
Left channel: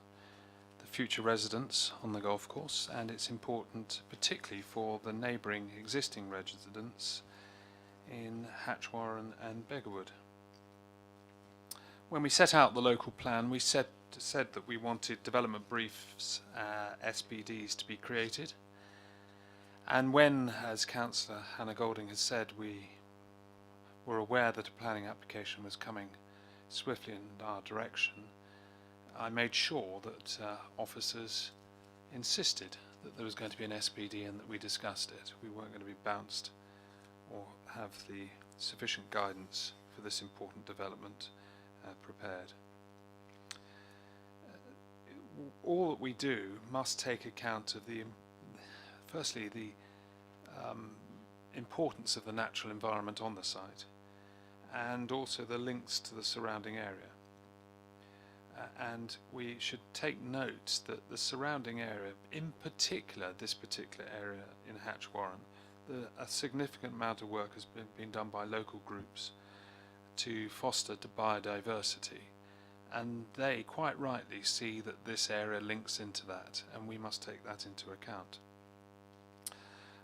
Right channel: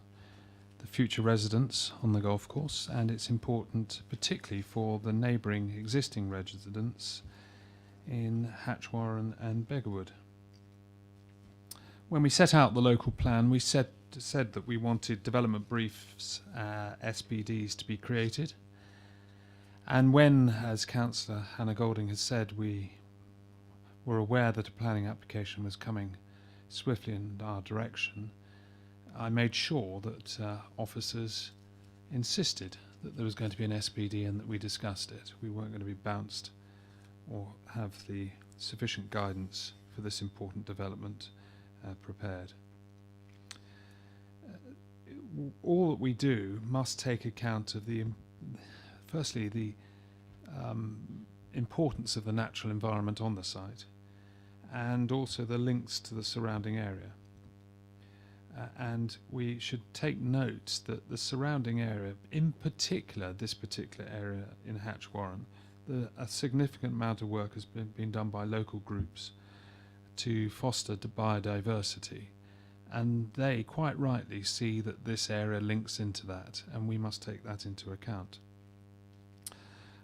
the future residents on the golf course, and it's important particularly for the neighbouring existing residents in Hatchwarren and Beggarwood. When we set out the local plan, we said that we wanted development briefs, SPDs, to be created. And when, as Councillor Hannah Golding has said, we were aware that a planning application was coming swiftly in our direction, I made sure that officers insisted that there was going to be an SPD and that we discussed it. We weren't going to be bounced or have the sufficient guidance for this important development prepared. All that we do must take account of firstly the importance of the natural environment on the site, and also the links to the surrounding area. And we should take note that the surrounding area, in particular this particular area in Hatchwarren, a significant amount of work has been done by local groups to foster biodiversity, and they quite rightly see that this area links into that, and we must take that into account.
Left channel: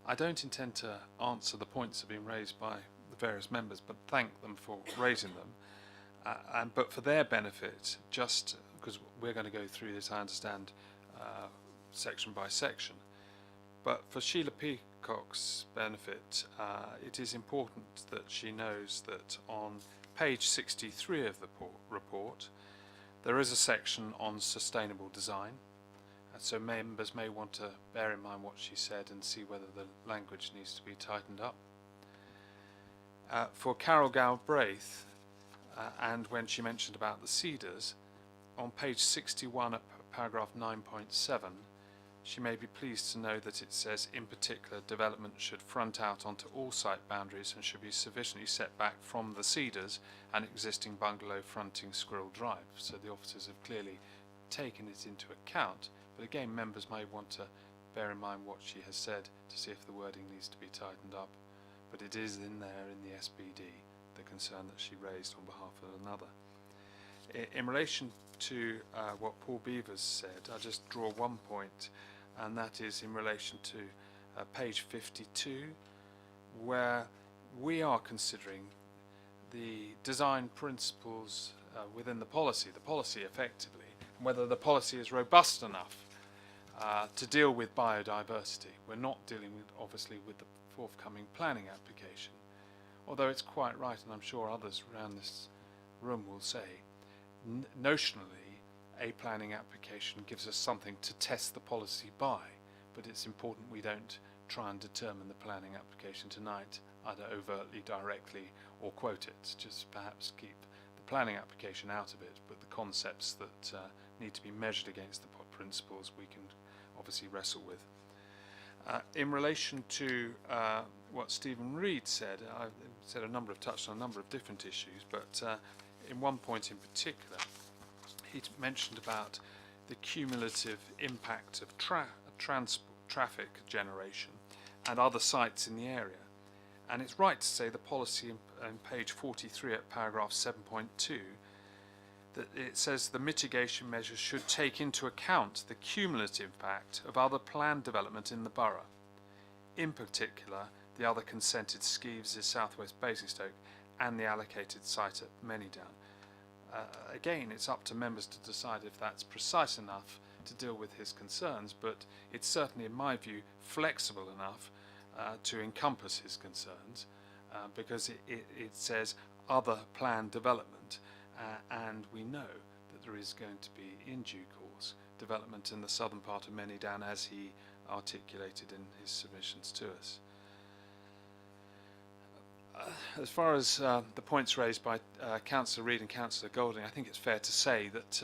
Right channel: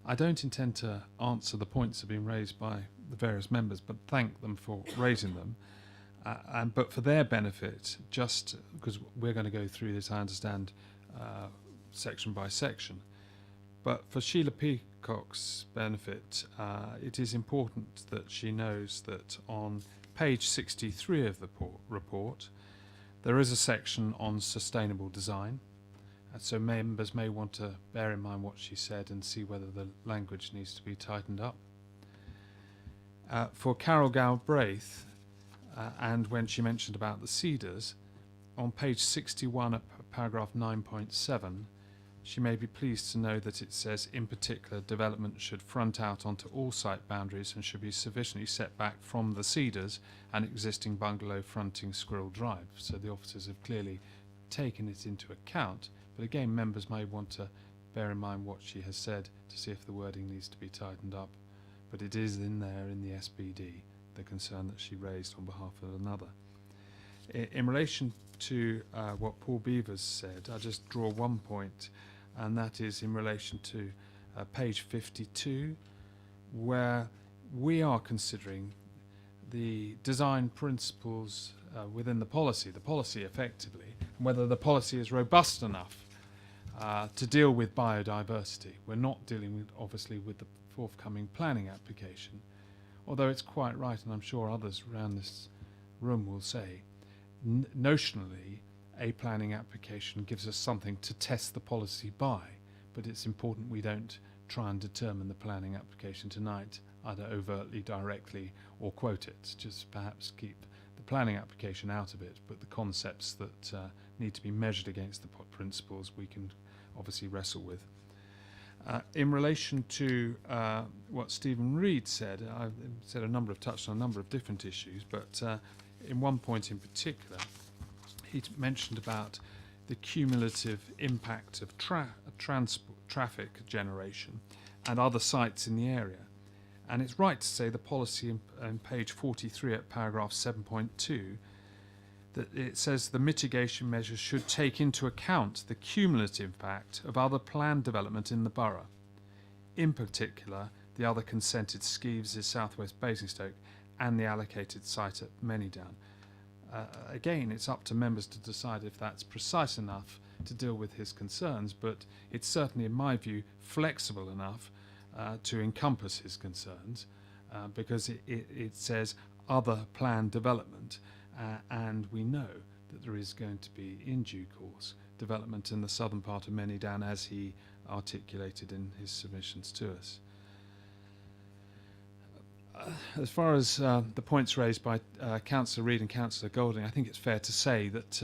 I don't intend to answer the points that have been raised by the various members, but thank them for raising them. But for their benefit, just because we're going to go through this, I understand, section by section. But for Sheila Peacock's benefit, it is important that she knows that on page 63 of the report, there is a section on sustainable design. So members may want to bear in mind what she said and see whether the language needs to be tightened up. For Carol Galbraith, and when she mentioned about the cedars, on page 61 at paragraph 9.7, she may be pleased to know that it says, in particular, development should front out onto all site boundaries and should be sufficiently set back from the cedars and existing bungalow fronting Squirrel Drive. So the officers have clearly taken it into account, but again, members may want to bear in mind what she has said to see if the wording needs to be tightened up. But it is in there in the SPD, the concern that she raised on behalf of another. In relation to what Paul Beavers said, I'll just draw one point, and that is in relation to page 52, where we are considering the design principles within the policy effectively, and whether the policy is robust enough to deal with biodiversity. We're not dealing with, obviously, with the forthcoming planning application, although it's quite right, and I'm sure others around this room will say, notionally, a planning application gives us something to test the policy by, but it's important we don't try and determine the planning application tonight, either overtly, directly, or quote it. Just perhaps keep the planning application out of it, but the concepts that need to be measured against the principles we can obviously wrestle with. In relation to what Stephen Reed said, I said touched on a number of different issues, but in one point in particular, he mentioned about the cumulative impact of traffic generation and other sites in the area. And it's right to say the policy in page 43 at paragraph 7.2 that it says the mitigation measures should take into account the cumulative impact of other planned development in the borough. In particular, the other consented schemes is Southwest Basingstoke and the allocated site at Manydown. Again, it's up to members to decide if that's precise enough to deal with his concerns, but it's certainly, in my view, flexible enough to encompass his concerns because it says other planned development, and we know that there is going to be, in due course, development in the southern part of Manydown as he articulated in his submissions to us. As far as the points raised by Councillor Reid and Councillor Golding, I think it's fair to say that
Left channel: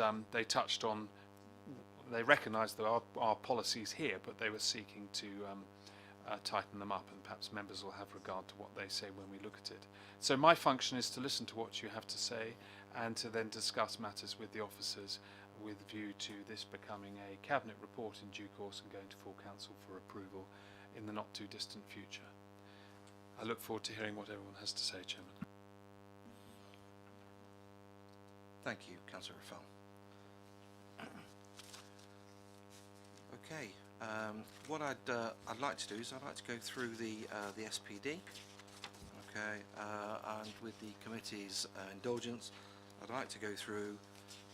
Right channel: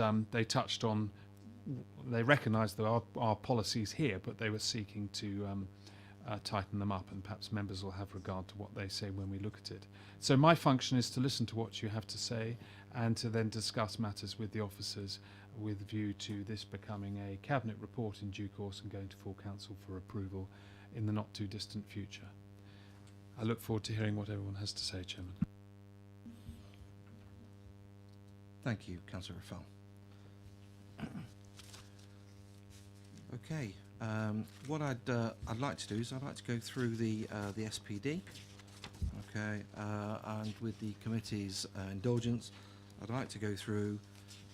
they recognised there are policies here, but they were seeking to tighten them up, and perhaps members will have regard to what they say when we look at it. So my function is to listen to what you have to say and to then discuss matters with the officers with a view to this becoming a Cabinet report in due course and going to full council for approval in the not too distant future. I look forward to hearing what everyone has to say, Chairman. Thank you, Councillor Rafal. Okay, what I'd like to do is I'd like to go through the SPD. Okay, and with the committee's indulgence, I'd like to go through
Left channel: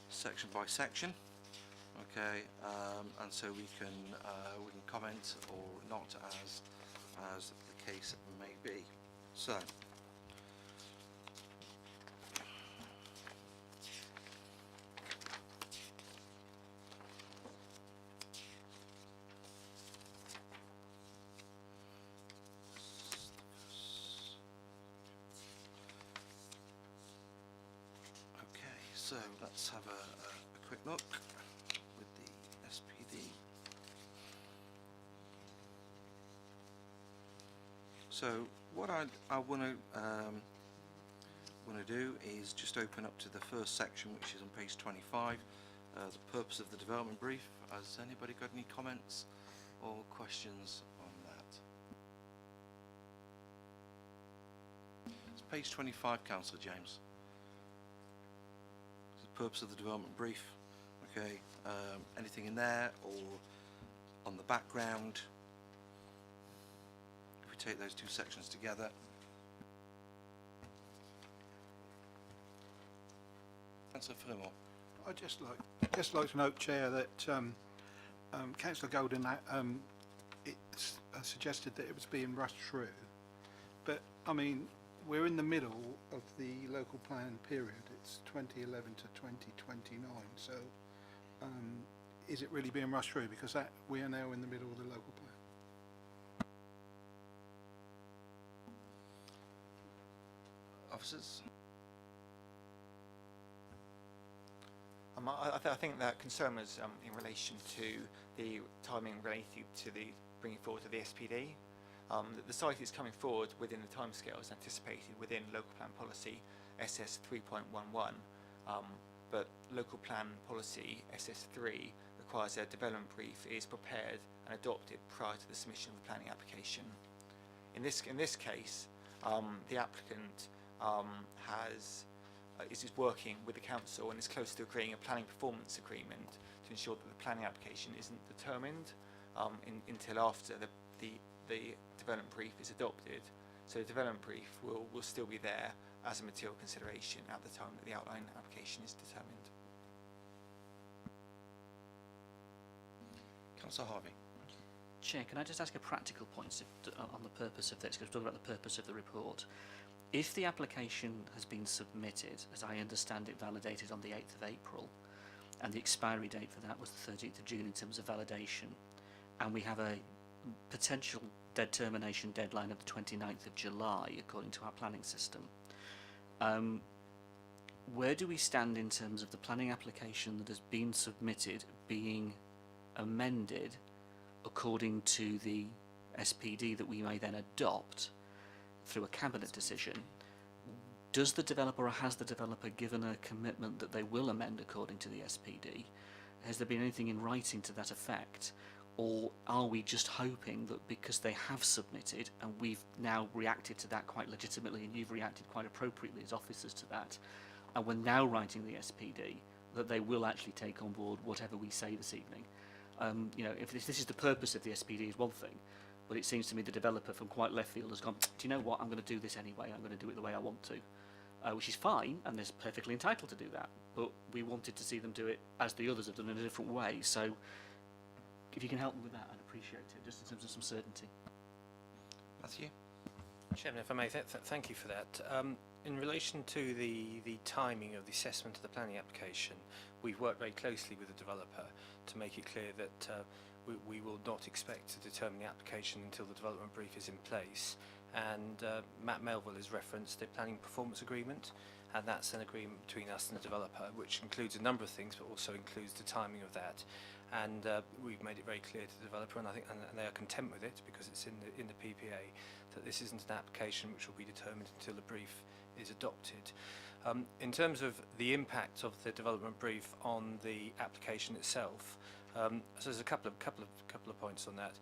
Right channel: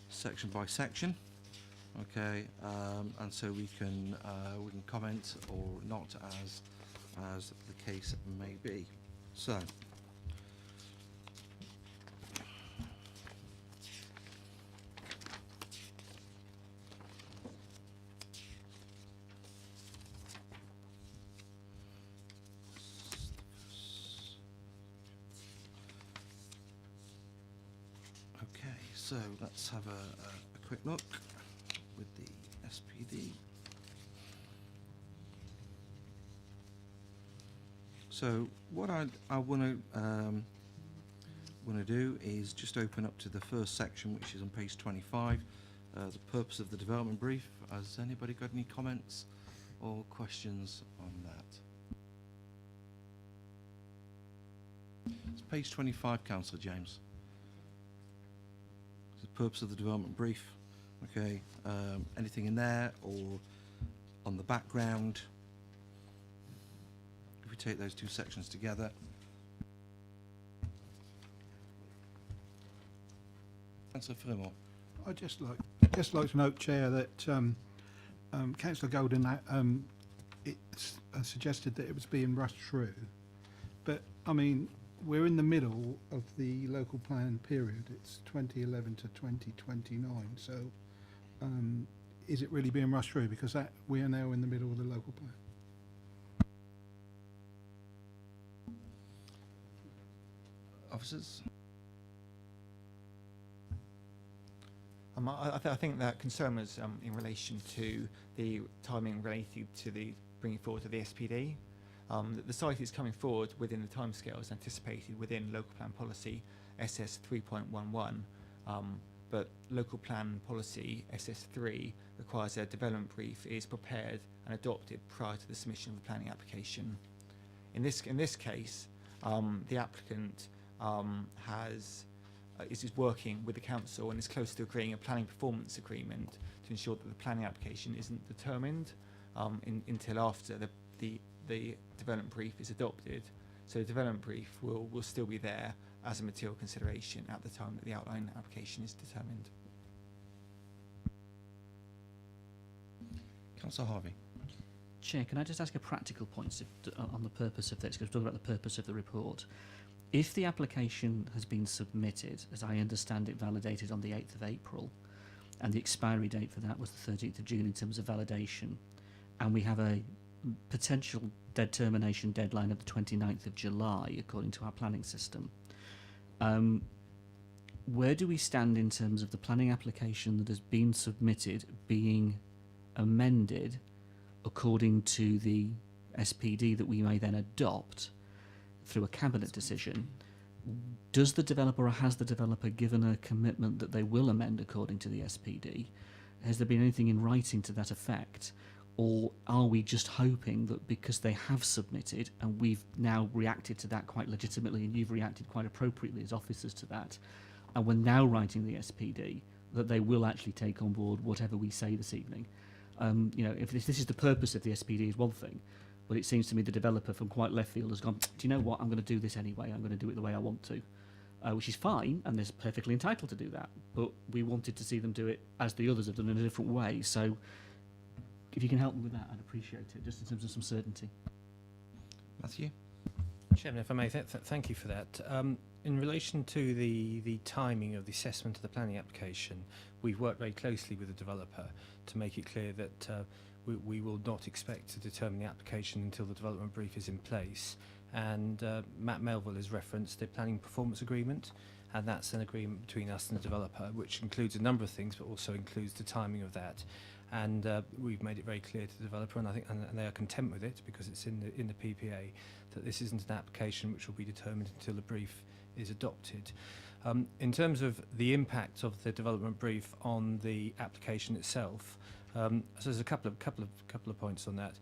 section by section. Okay, and so we can comment or not as the case may be. So, so let's have a quick look with the SPD. So what I want to do is just open up to the first section, which is on page 25, the purpose of the development brief. Has anybody got any comments or questions on that? It's page 25, Councillor James. The purpose of the development brief. Okay, anything in there or on the background? If we take those two sections together. Councillor Fremont. I'd just like to note, Chair, that Councillor Golden suggested that it was being rushed through, but I mean we're in the middle of the local plan period. It's 2011 to 2029. So, is it really being rushed through? Because we are now in the middle of the local plan. Officers. I think that concern was in relation to the timing related to the bringing forward of the SPD. The site is coming forward within the timescales anticipated within local plan policy SS 3.11, but local plan policy SS3 requires a development brief is prepared and adopted prior to the submission of the planning application. In this case, the applicant is working with the council and is close to agreeing a planning performance agreement to ensure that the planning application isn't determined until after the development brief is adopted. So the development brief will still be there as a material consideration at the time that the outline application is determined. Councillor Harvey. Chair, can I just ask a practical point on the purpose of this, because we're talking about the purpose of the report. If the application has been submitted, as I understand it, validated on the 8th of April, and the expiry date for that was the 13th of June in terms of validation, and we have a potential determination deadline of the 29th of July according to our planning system. Where do we stand in terms of the planning application that has been submitted being amended according to the SPD that we may then adopt through a cabinet decision? Does the developer, or has the developer given a commitment that they will amend according to the SPD? Has there been anything in writing to that effect? Or are we just hoping that because they have submitted and we've now reacted to that quite legitimately, and you've reacted quite appropriately as officers to that, and we're now writing the SPD, that they will actually take on board whatever we say this evening? You know, if this is the purpose of the SPD is one thing, but it seems to me the developer from quite left field has gone, do you know what, I'm going to do this anyway, I'm going to do it the way I want to. Which is fine, and they're perfectly entitled to do that, but we wanted to see them do it as the others have done in a different way. So if you can help me with that, I'd appreciate it, just in terms of some certainty. Matthew? Chairman, if I may, thank you for that. In relation to the timing of the assessment of the planning application, we've worked very closely with the developer to make it clear that we will not expect to determine the application until the development brief is in place. And Matt Melville has referenced the planning performance agreement, and that's an agreement between us and the developer, which includes a number of things, but also includes the timing of that. And we've made it very clear to the developer, and I think and they are content with it because it's in the PPA, that this isn't an application which will be determined until the brief is adopted. In terms of the impact of the development brief on the application itself, so there's a couple of points on that.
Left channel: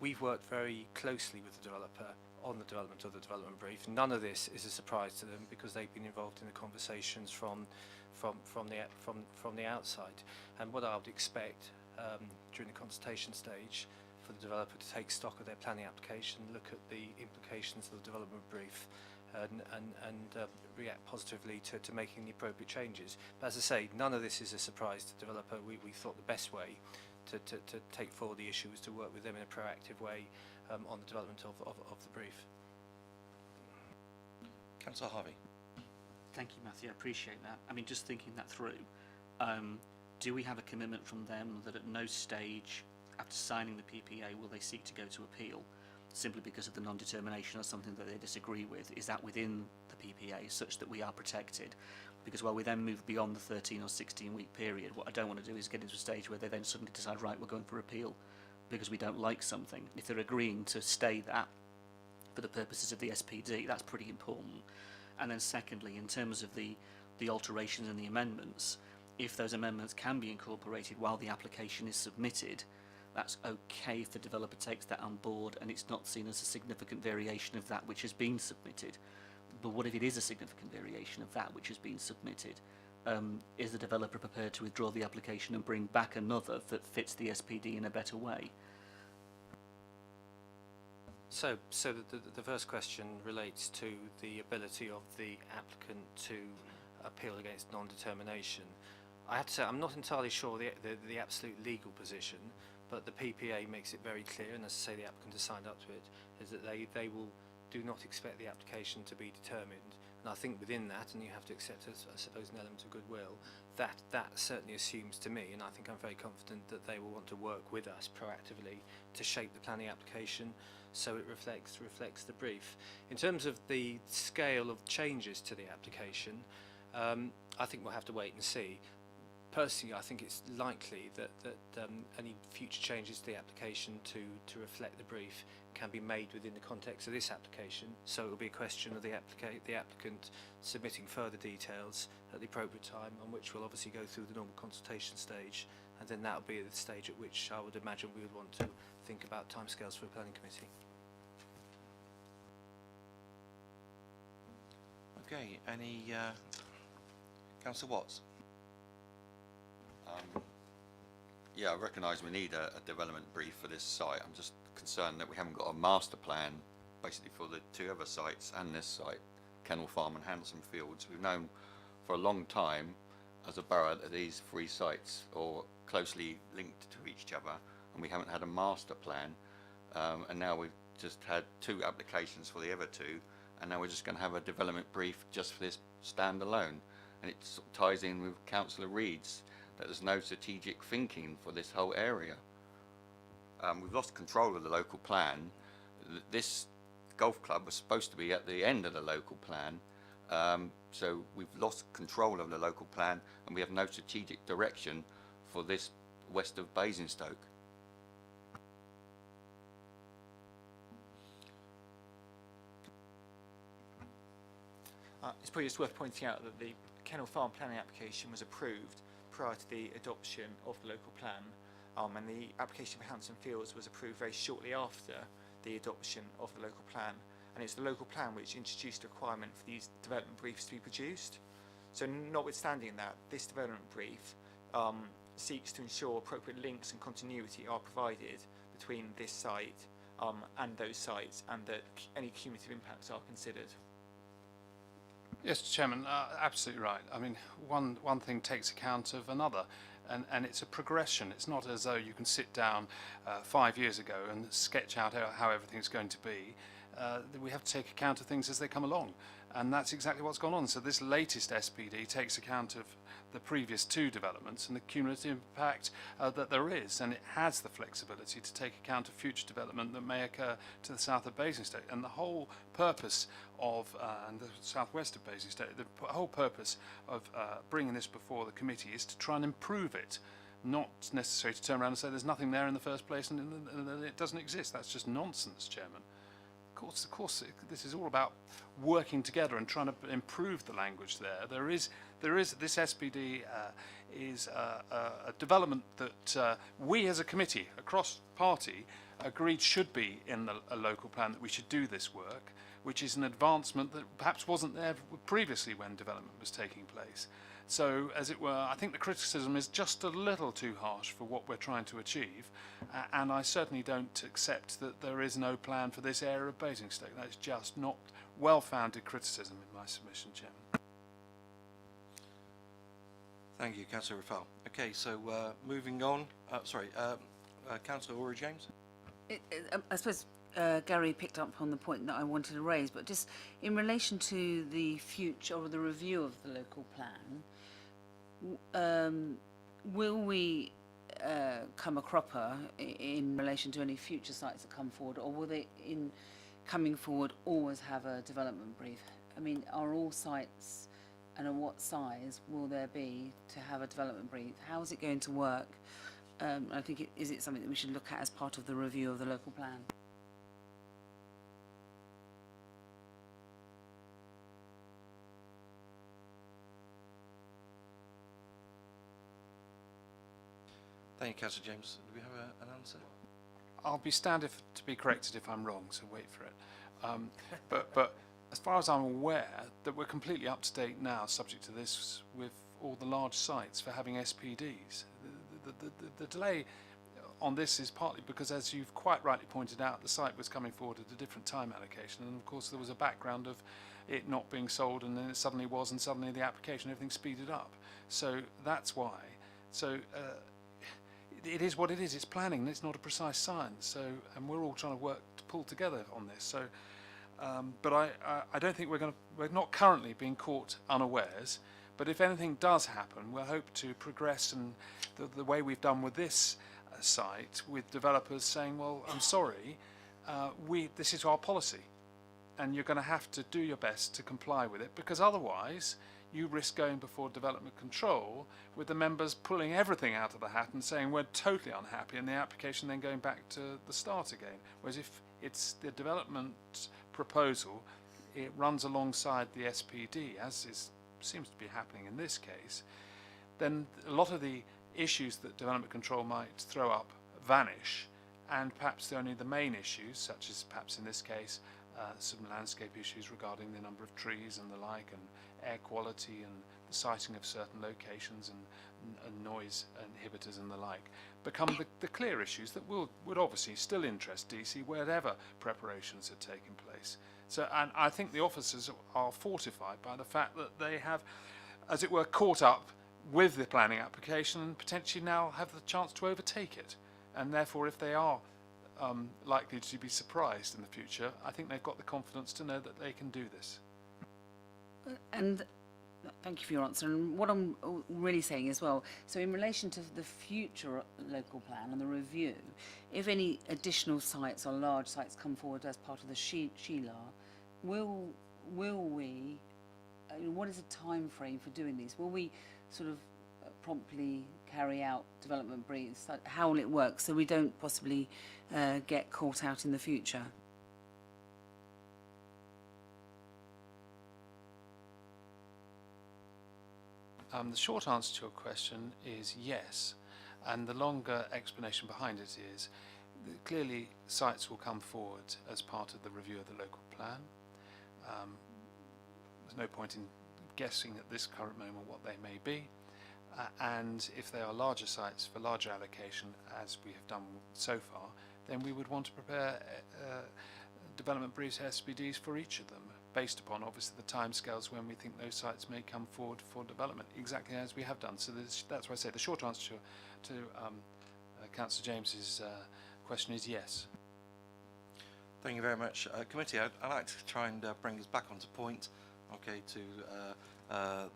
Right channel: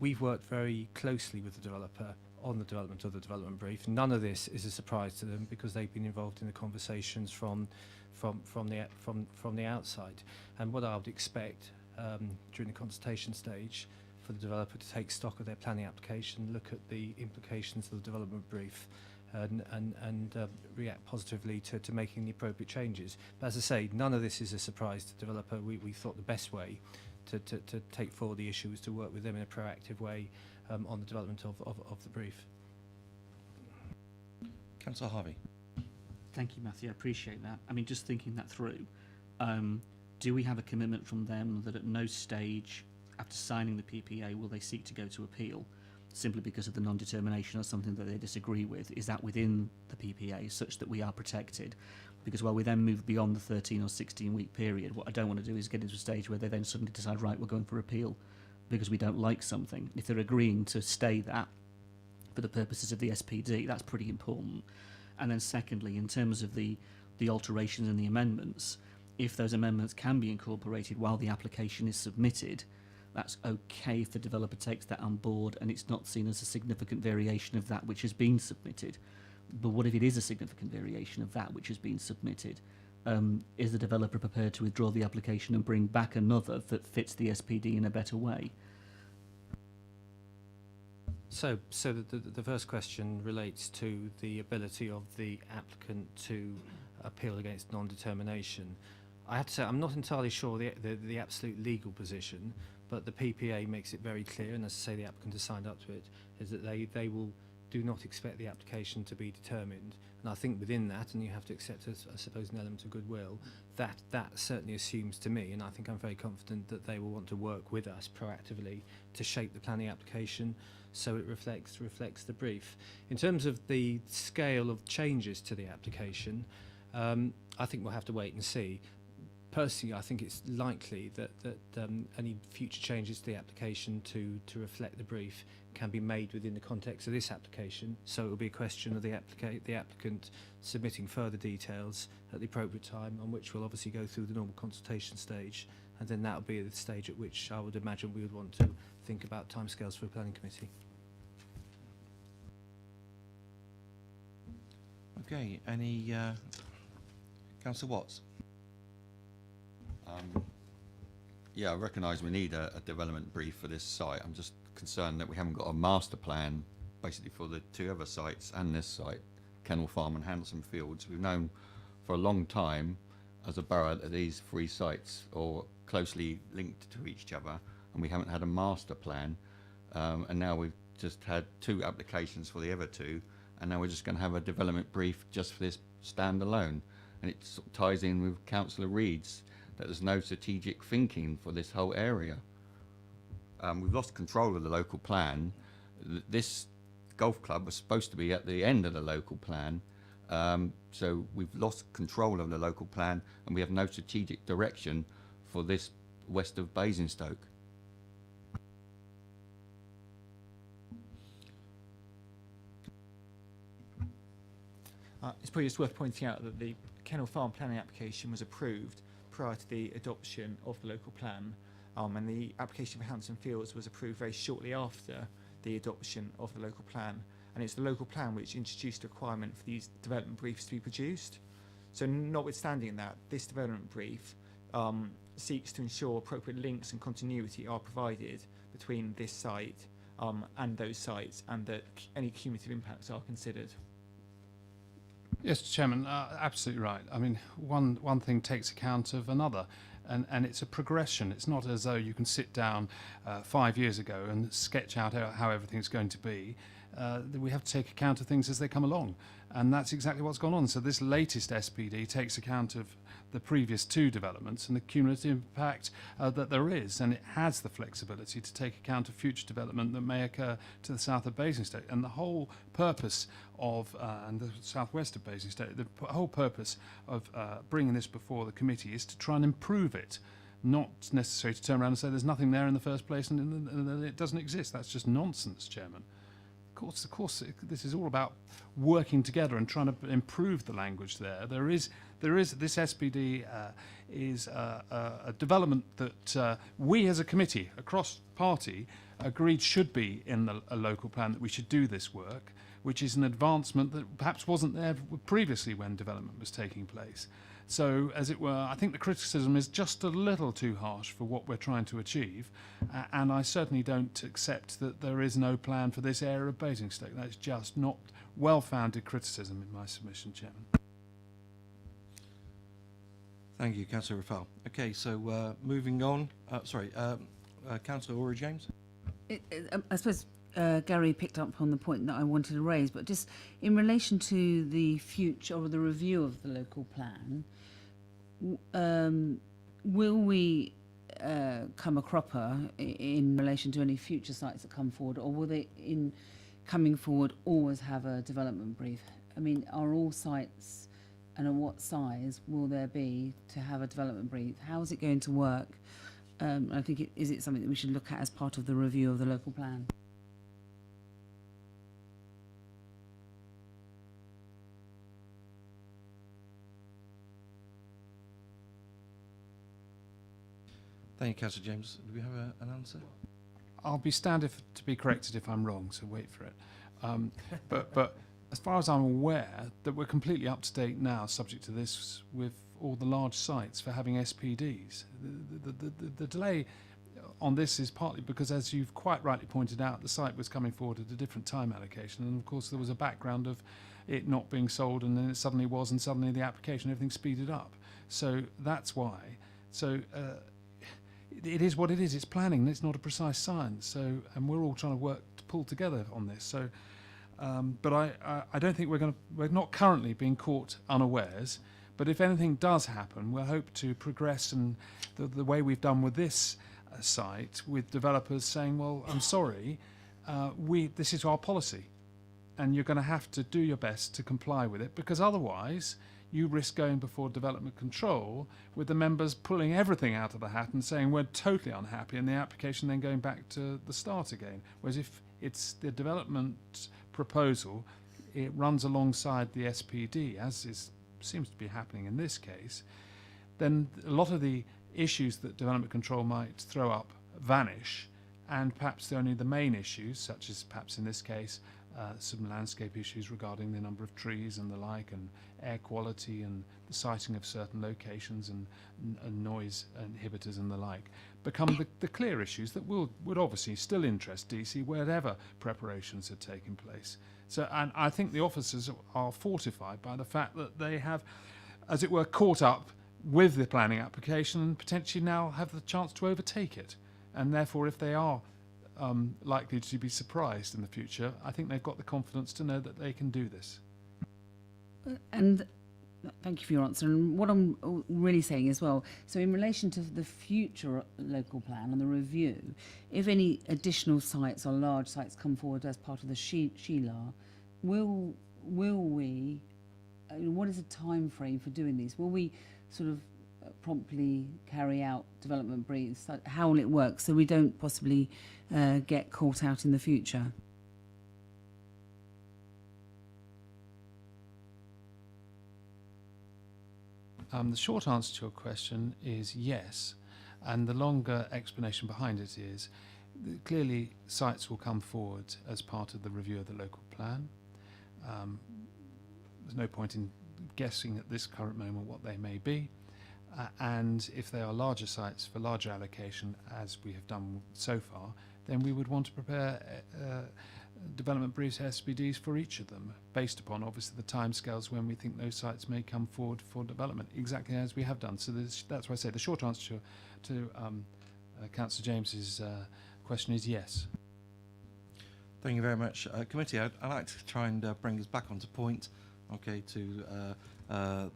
We've worked very closely with the developer on the development of the development brief. None of this is a surprise to them because they've been involved in the conversations from the outside. And what I would expect during the consultation stage for the developer to take stock of their planning application, look at the implications of the development brief, and react positively to making the appropriate changes. But as I say, none of this is a surprise to the developer. We thought the best way to take forward the issue is to work with them in a proactive way on the development of the brief. Councillor Harvey? Thank you, Matthew, I appreciate that. I mean, just thinking that through, do we have a commitment from them that at no stage after signing the PPA will they seek to go to appeal simply because of the non-determination or something that they disagree with? Is that within the PPA such that we are protected? Because while we then move beyond the 13 or 16 week period, what I don't want to do is get into a stage where they then suddenly decide, right, we're going for appeal because we don't like something. If they're agreeing to stay that for the purposes of the SPD, that's pretty important. And then secondly, in terms of the alterations and the amendments, if those amendments can be incorporated while the application is submitted, that's okay if the developer takes that on board and it's not seen as a significant variation of that which has been submitted. But what if it is a significant variation of that which has been submitted? Is the developer prepared to withdraw the application and bring back another that fits the SPD in a better way? So the first question relates to the ability of the applicant to appeal against non-determination. I have to say I'm not entirely sure the absolute legal position, but the PPA makes it very clear, and as I say, the applicant has signed up to it, is that they do not expect the application to be determined. And I think within that, and you have to accept, I suppose, an element of goodwill, that certainly assumes to me, and I think I'm very confident that they will want to work with us proactively to shape the planning application so it reflects the brief. In terms of the scale of changes to the application, I think we'll have to wait and see. Personally, I think it's likely that any future changes to the application to reflect the brief can be made within the context of this application. So it will be a question of the applicant submitting further details at the appropriate time, on which we'll obviously go through the normal consultation stage, and then that will be the stage at which I would imagine we would want to think about timescales for a planning committee. Okay, any Councillor Watts? Yeah, I recognise we need a development brief for this site. I'm just concerned that we haven't got a master plan basically for the two other sites and this site, Kennel Farm and Hanson Fields. We've known for a long time as a borough that these three sites are closely linked to each other, and we haven't had a master plan. And now we've just had two applications for the other two, and now we're just going to have a development brief just for this standalone. And it sort of ties in with Councillor Reid's that there's no strategic thinking for this whole area. We've lost control of the local plan. This golf club was supposed to be at the end of the local plan, so we've lost control of the local plan, and we have no strategic direction for this west of Basingstoke. It's probably just worth pointing out that the Kennel Farm planning application was approved prior to the adoption of the local plan, and the application for Hampton Fields was approved very shortly after the adoption of the local plan. And it's the local plan which introduced a requirement for these development briefs to be produced. So notwithstanding that, this development brief seeks to ensure appropriate links and continuity are provided between this site and those sites, and that any cumulative impacts are considered. Yes, Chairman, absolutely right. I mean, one thing takes account of another, and it's a progression. It's not as though you can sit down 5 years ago and sketch out how everything's going to be. We have to take account of things as they come along, and that's exactly what's gone on. So this latest SPD takes account of the previous two developments and the cumulative impact that there is, and it has the flexibility to take account of future development that may occur to the south of Basingstoke. And the whole purpose of, and the southwest of Basingstoke, the whole purpose of bringing this before the committee is to try and improve it, not necessarily to turn around and say there's nothing there in the first place and it doesn't exist. That's just nonsense, Chairman. Of course, this is all about working together and trying to improve the language there. There is this SPD is a development that we as a committee across party agreed should be in a local plan, that we should do this work, which is an advancement that perhaps wasn't there previously when development was taking place. So, as it were, I think the criticism is just a little too harsh for what we're trying to achieve, and I certainly don't accept that there is no plan for this area of Basingstoke. That's just not well-founded criticism in my submission, Chairman. Thank you, Councillor Rafal. Okay, so moving on. Councillor Ori James. I suppose Gary picked up on the point that I wanted to raise, but just in relation to the future or the review of the local plan, will we come a cropper in relation to any future sites that come forward, or will they, in coming forward, always have a development brief? I mean, are all sites, and at what size will there be to have a development brief? How is it going to work? I think is it something that we should look at as part of the review of the local plan? Thank you, Councillor James. Do we have an answer? I'll be stand to be corrected if I'm wrong, so wait for it. But as far as I'm aware, that we're completely up to date now, subject to this, with all the large sites for having SPDs. The delay on this is partly because, as you've quite rightly pointed out, the site was coming forward at a different time allocation, and of course there was a background of it not being sold, and then it suddenly was, and suddenly the application, everything speeded up. So that's why. So it is what it is. It's planning. It's not a precise science. So, and we're all trying to work to pull together on this. So, but I don't think we're not currently being caught unawares. But if anything does happen, we'll hope to progress, and the way we've done with this site, with developers saying, well, I'm sorry, this is our policy, and you're going to have to do your best to comply with it, because otherwise you risk going before development control with the members pulling everything out of the hat and saying we're totally unhappy, and the application then going back to the start again. Whereas if it's the development proposal, it runs alongside the SPD, as seems to be happening in this case, then a lot of the issues that development control might throw up vanish, and perhaps only the main issues, such as perhaps in this case some landscape issues regarding the number of trees and the like, and air quality and the siting of certain locations, and noise inhibitors and the like, become the clear issues that would obviously still interest DC wherever preparations had taken place. So, and I think the officers are fortified by the fact that they have, as it were, caught up with the planning application and potentially now have the chance to overtake it. And therefore, if they are likely to be surprised in the future, I think they've got the confidence to know that they can do this. And Thank you for your answer. And what I'm really saying as well, so in relation to the future local plan and the review, if any additional sites or large sites come forward as part of the Sheila, will we, what is the time frame for doing these? Will we sort of promptly carry out development briefs? How will it work so we don't possibly get caught out in the future? The short answer to your question is yes, and the longer explanation behind it is that clearly sites will come forward as part of the review of the local plan. There's no point in guessing at this current moment what they may be, and if they are larger sites for larger allocation, as we have done so far, then we would want to prepare development briefs, SPDs for each of them, based upon obviously the timescales when we think those sites may come forward for development, exactly as we have done. So that's why I say the short answer to Councillor James's question is yes. Thank you very much, committee. I'd like to try and bring us back onto point, okay, to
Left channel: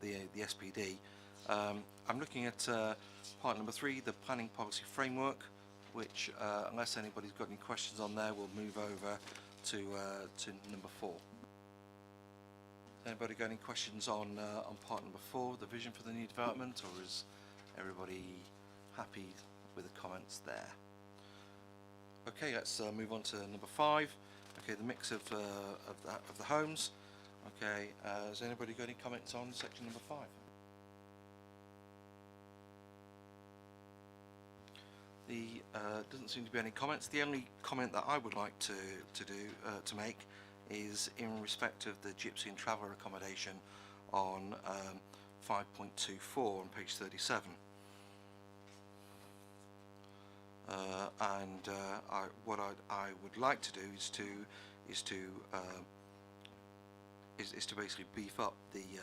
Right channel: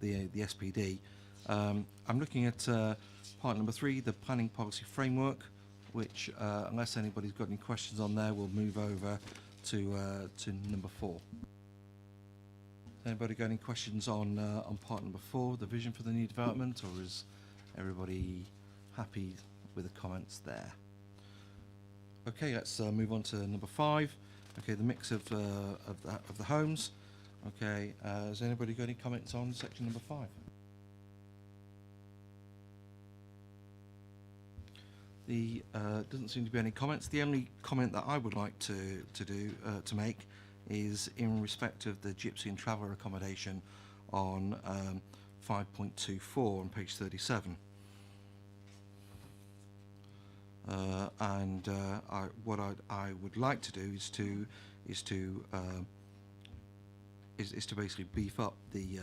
the SPD. I'm looking at part number 3, the planning policy framework, which, unless anybody's got any questions on there, we'll move over to number 4. Anybody got any questions on part number 4, the vision for the new development, or is everybody happy with the comments there? Okay, let's move on to number 5. Okay, the mix of the homes. Okay, has anybody got any comments on section number 5? The doesn't seem to be any comments. The only comment that I would like to make is in respect of the gypsy and traveller accommodation on 5.24 on page 37. What I would like to do is to basically beef up the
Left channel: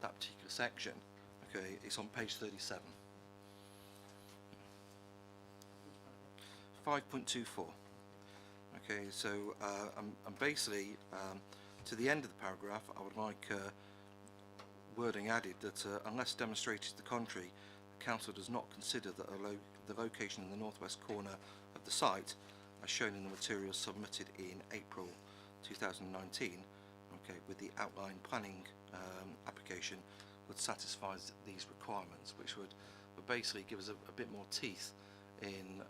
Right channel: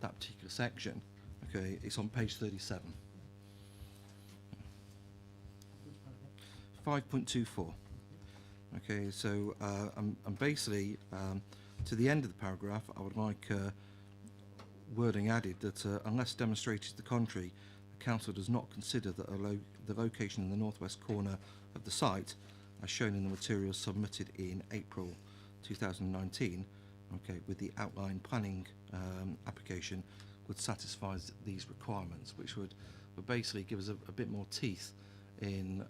that particular section. Okay, it's on page 37. 5.24. Okay, so I'm basically to the end of the paragraph, I would like wording added that unless demonstrated to the contrary, the council does not consider that the location in the northwest corner of the site, as shown in the materials submitted in April 2019, okay, with the outline planning application, would satisfy these requirements, which would basically give us a bit more teeth in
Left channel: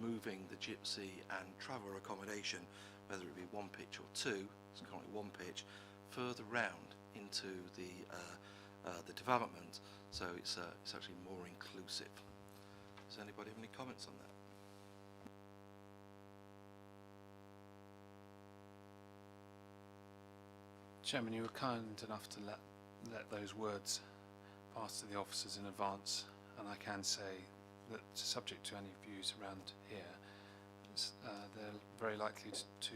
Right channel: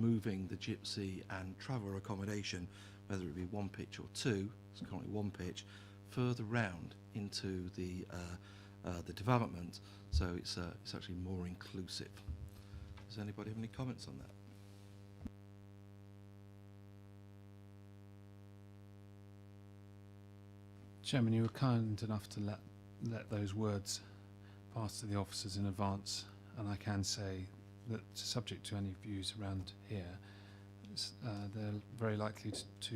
moving the gypsy and traveller accommodation, whether it be 1 pitch or 2, it's currently 1 pitch, further round into the development, so it's actually more inclusive. Does anybody have any comments on that? Chairman, you were kind enough to let those words pass to the officers in advance, and I can say that, subject to any views around here, they're very likely to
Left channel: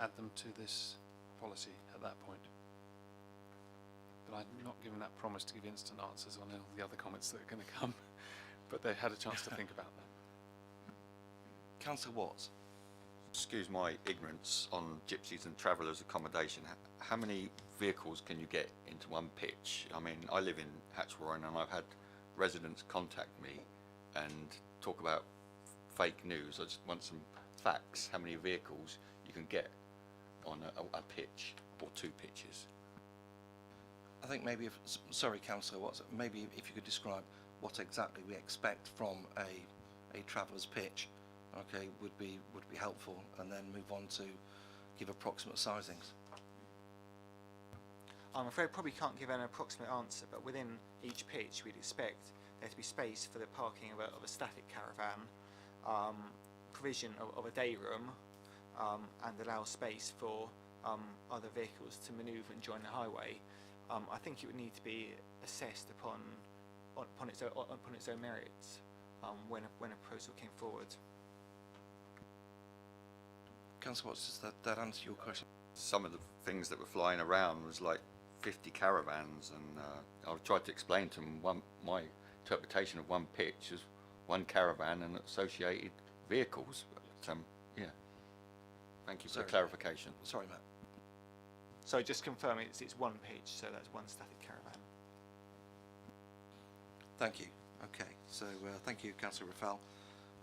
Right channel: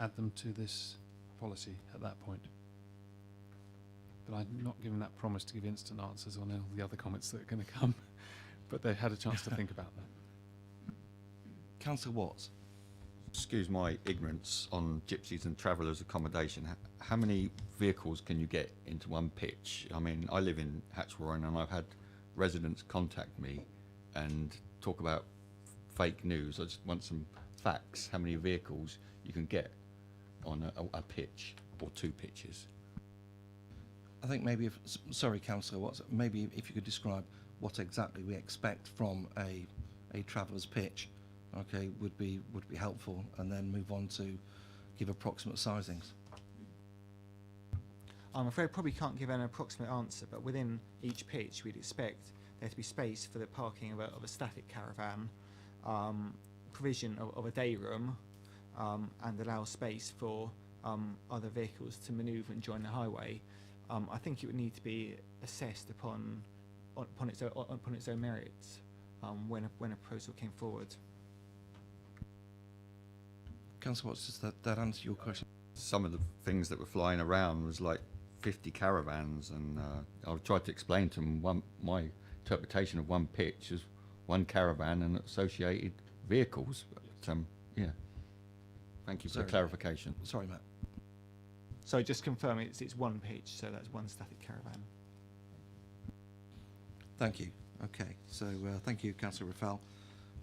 add them to this policy at that point. But I'm not giving that promise to give instant answers on all the other comments that are going to come, but they had a chance to think about that. Councillor Watts. Excuse my ignorance on gypsies and travellers accommodation. How many vehicles can you get into 1 pitch? I mean, I live in Hatchwarren and I've had residents contact me and talk about fake news. I just want some facts. How many vehicles you can get on a pitch or 2 pitches? I think maybe sorry, Councillor Watts, maybe if you could describe what exactly we expect from a traveller's pitch, okay, would be helpful, and then move on to give approximate sizings. I'm afraid I probably can't give an approximate answer, but within each pitch we'd expect there to be space for the parking of a static caravan, provision of a day room, and allow space for other vehicles to manoeuvre and join the highway. I think it would need to be assessed upon its own merits when a proposal came forward. Councillor Watts, does that answer your question? Some of the things that were flying around was like 50 caravans, and I tried to explain to them my interpretation of 1 pitch is 1 caravan and associated vehicles. But, yeah. Thank you for the clarification. Sorry, Matt. So just confirm it's 1 pitch, so that's 1 static caravan. Thank you. Okay, so thank you, Councillor Rafael.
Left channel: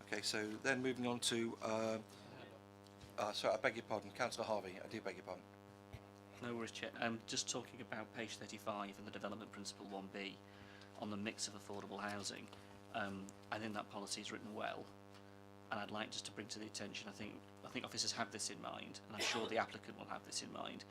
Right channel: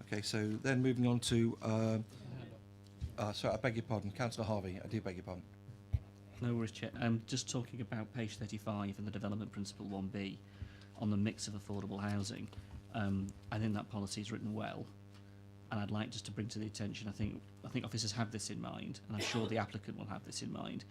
Okay, so then moving on to, sorry, I beg your pardon, Councillor Harvey, I do beg your pardon. No worries, Chair. Just talking about page 35 and the development principle 1B on the mix of affordable housing. I think that policy is written well, and I'd like just to bring to the attention, I think officers have this in mind, and I'm sure the applicant will have this in mind.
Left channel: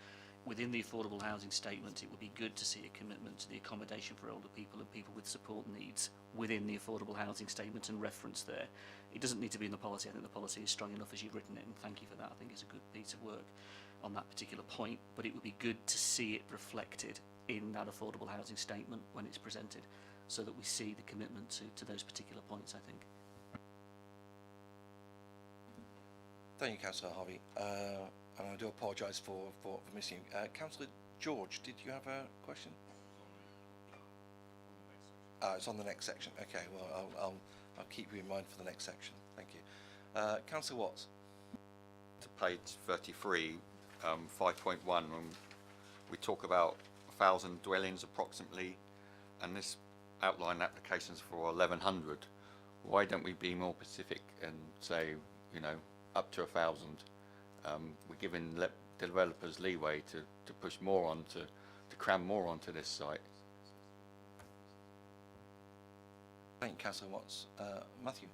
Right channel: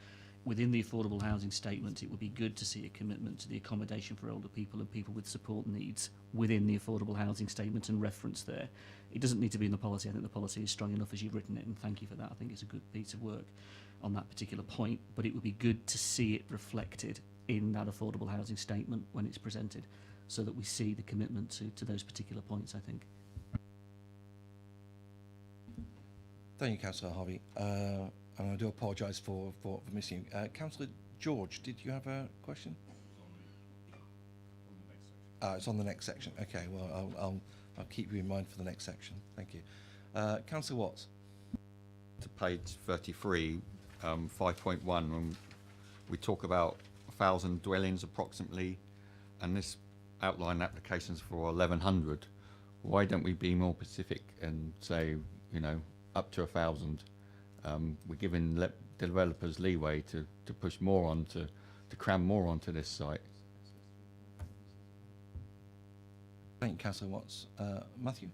Within the affordable housing statement, it would be good to see a commitment to the accommodation for older people and people with support needs within the affordable housing statement and reference there. It doesn't need to be in the policy. I think the policy is strong enough as you've written it, and thank you for that. I think it's a good piece of work on that particular point, but it would be good to see it reflected in that affordable housing statement when it's presented, so that we see the commitment to those particular points, I think. Thank you, Councillor Harvey. And I do apologise for missing you. Councillor George, did you have a question? It's on the next section. Okay, well, I'll keep you in mind for the next section. Thank you. Councillor Watts. To page 33, 5.1, when we talk about 1,000 dwellings approximately, and this outline applications for 1,100. Why don't we be more specific and say, you know, up to 1,000? We're giving developers leeway to push more on, to cram more onto this site. Thank you, Councillor Watts. Matthew?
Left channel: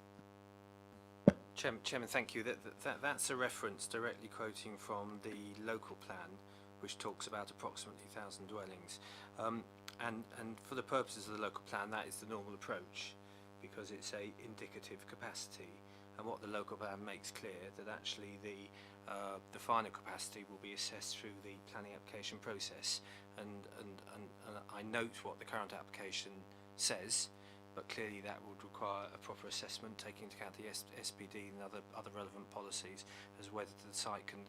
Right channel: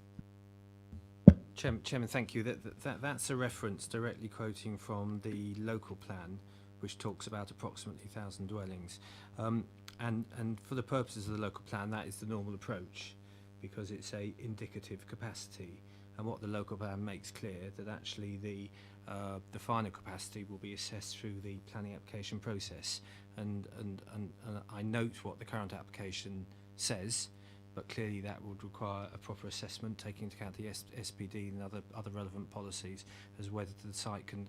Chairman, thank you. That's a reference directly quoting from the local plan, which talks about approximately 1,000 dwellings. And for the purposes of the local plan, that is the normal approach, because it's a indicative capacity. And what the local plan makes clear that actually the final capacity will be assessed through the planning application process. And I note what the current application says, but clearly that would require a proper assessment, taking into account the SPD and other relevant policies, as whether the site can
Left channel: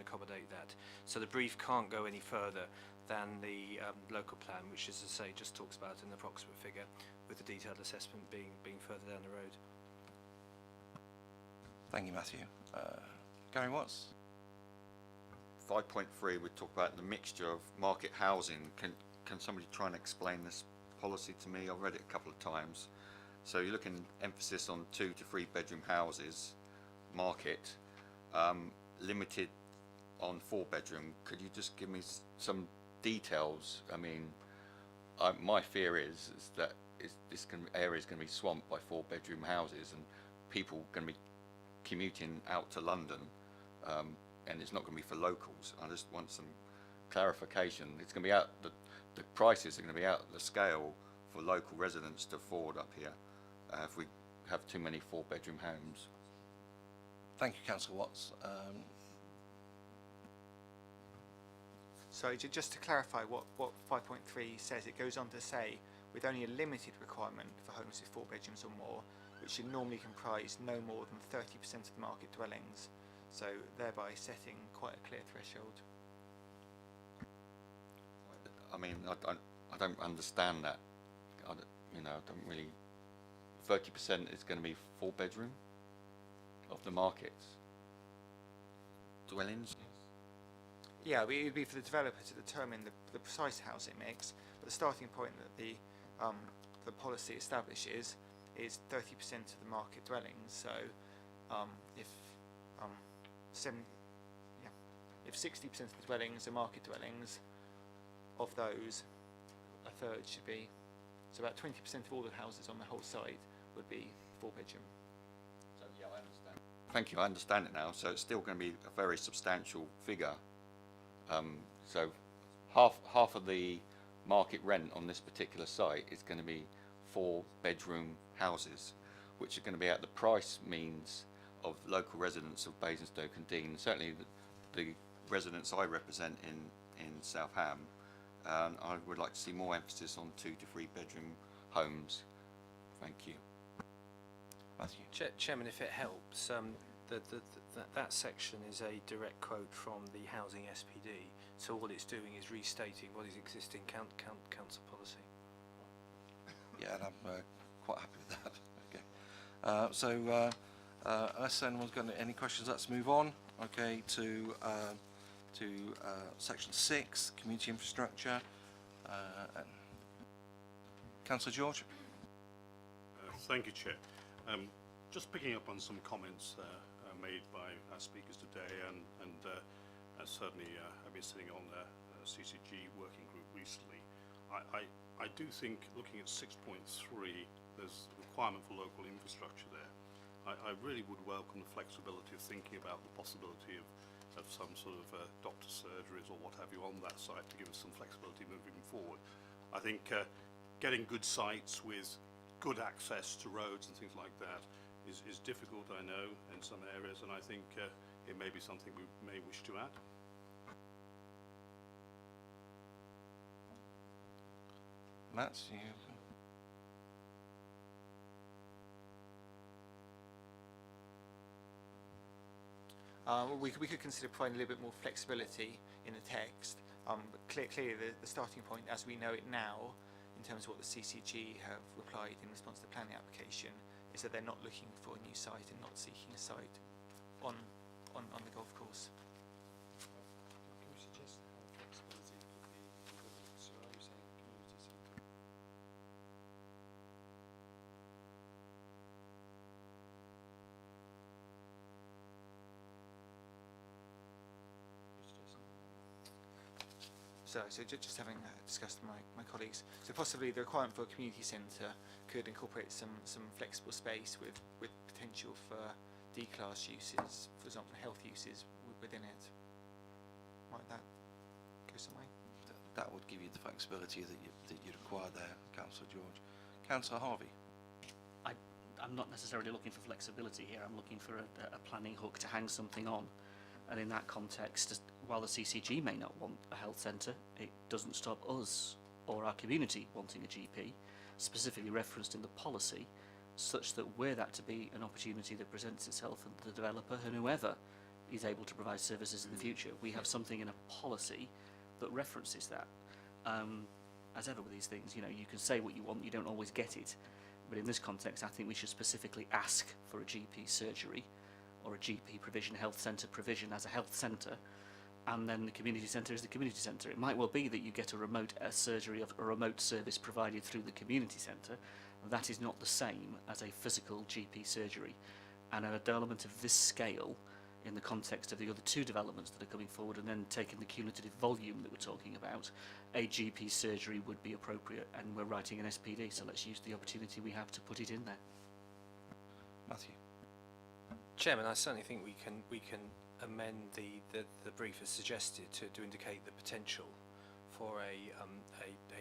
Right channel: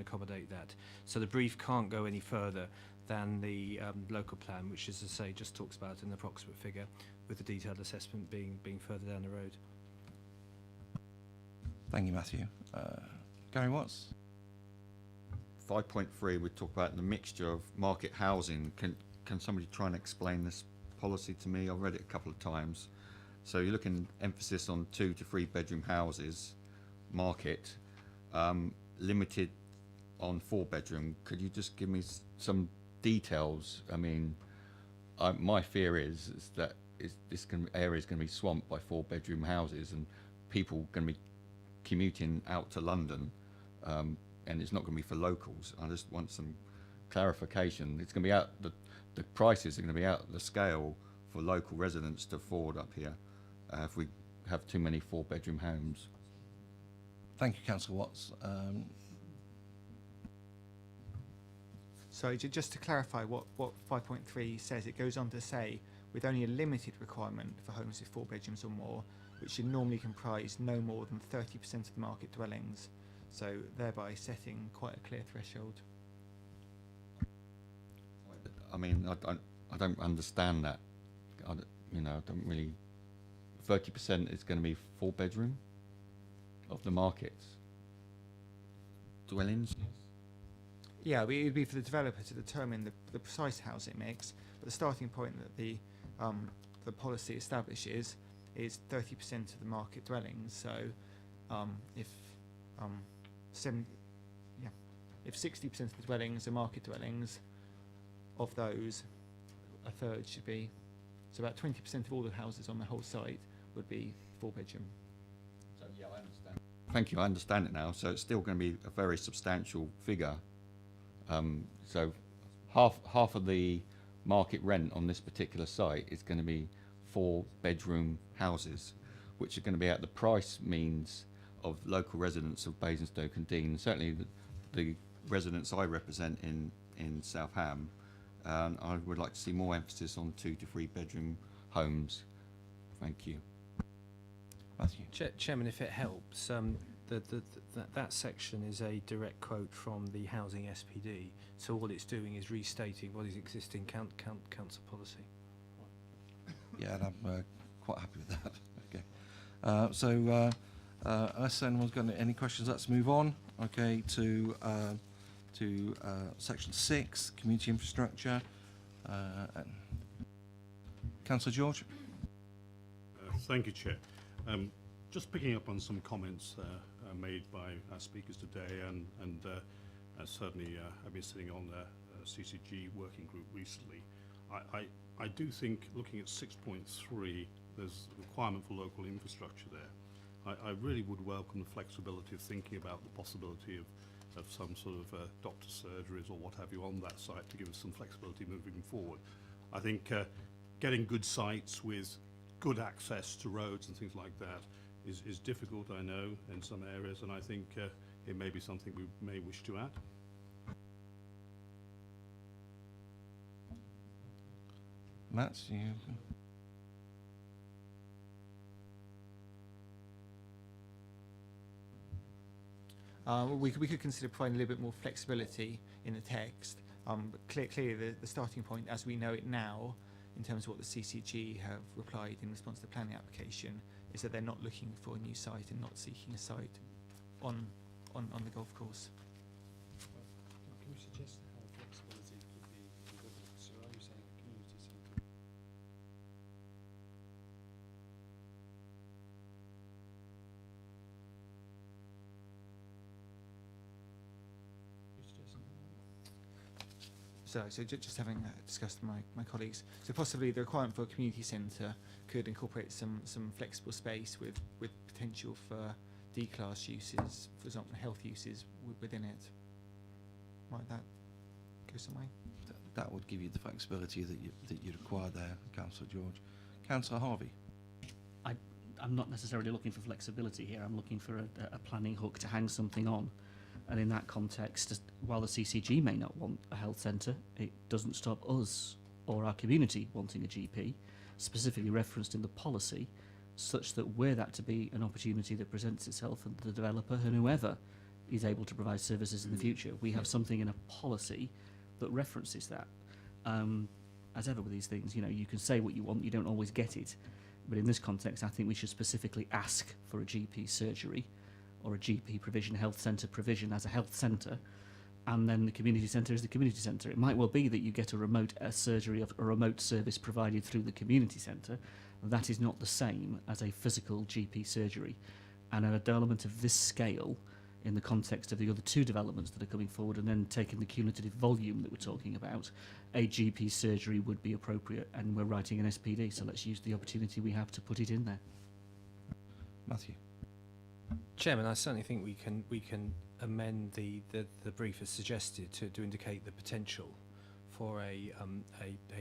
accommodate that. So the brief can't go any further than the local plan, which, as I say, just talks about an approximate figure, with the detailed assessment being further down the road. Thank you, Matthew. Gary Watts? 5.3, we talk about the mixture of market housing. Can somebody try and explain this policy to me? I've read it a couple of times. So you're looking emphasis on 2 to 3 bedroom houses, market, limited on 4 bedroom. Could you just give me some details? I mean, my fear is that this area is going to be swamped by 4 bedroom houses, and people going to be commuting out to London, and it's not going to be for locals. I just want some clarification. It's going to be out, the prices are going to be out of the scale for local residents to afford up here if we have too many 4 bedroom homes. Thank you, Councillor Watts. So just to clarify what 5.3 says, it goes on to say, with only a limited requirement for homes with 4 bedrooms or more, which should normally comprise no more than 30% of the market dwellings, so thereby setting quite a clear threshold. I mean, I don't understand that. I don't really. 30% is going to be 4 bedroom of the markets dwellings. Yeah, it would be for the developer to determine the precise housing mix, but the starting point that the policy establishes is 30% of the market dwellings. So, if 60% of the dwellings are market dwellings, of those, a third should be, so about 20% of all the houses on the whole site would be 4 bedroom. So yeah, I understand. Thank you, I understand it now. So it's still going to be a very substantial figure. So half of the market rent on this particular site is going to be 4 bedroom houses, which are going to be at the price means of local residents of Basingstoke and Dean. Certainly the residents I represent in South Ham. I would like to see more emphasis on 2 to 3 bedroom homes. Thank you. Matthew? Chairman, if it helps, that section is a direct quote from the housing SPD. So all it's doing is restating what is existing council policy. Yeah, and I'm quite happy with that. Okay. So unless anyone's got any questions, let's move on. Okay, to section 6, community infrastructure. Councillor George. Thank you, Chair. Just picking up on some comments made by our speakers today, and certainly I've been sitting on the CCG working group recently. I do think, looking at 6.3, there's a requirement for local infrastructure there. I really would welcome the flexibility of thinking about the possibility of some sort of doctor's surgeries or what have you on that site to give us some flexibility moving forward. I think getting good sites with good access to roads and things like that is difficult, I know, in some areas, and I think it may be something we may wish to add. Matt, you... We could consider providing a little bit more flexibility in the text, but clearly the starting point, as we know it now, in terms of what the CCG have replied in response to the planning application, is that they're not looking for a new site and not seeking a site on the golf course. Can you suggest how flexibility could be delivered? So are you saying community centre? So just having discussed with my colleagues, so possibly the requirement for a community centre could incorporate some flexible space with potential for D-class uses, for example, health uses within it. Might that go some way? That would give you the flexibility that you require there, Councillor George. Councillor Harvey. I'm not necessarily looking for flexibility here. I'm looking for a planning hook to hang something on. And in that context, while the CCG may not want a health centre, it doesn't stop us or our community wanting a GP, specifically referenced in the policy, such that were that to be an opportunity that presents itself and the developer and whoever is able to provide services in the future, we have something in a policy that references that. As ever with these things, you know, you can say what you want, you don't always get it. But in this context, I think we should specifically ask for a GP surgery or a GP provision, health centre provision as a health centre, and then the community centre is the community centre. It might well be that you get a remote surgery of a remote service provided through the community centre. That is not the same as a physical GP surgery. And a development of this scale, in the context of the other two developments that are coming forward, and then taking the cumulative volume that we're talking about, a GP surgery would be appropriate, and we're writing an SPD, so let's use the opportunity we have to put it in there. Matthew. Chairman, I certainly think we can amend the brief as suggested to indicate the potential for a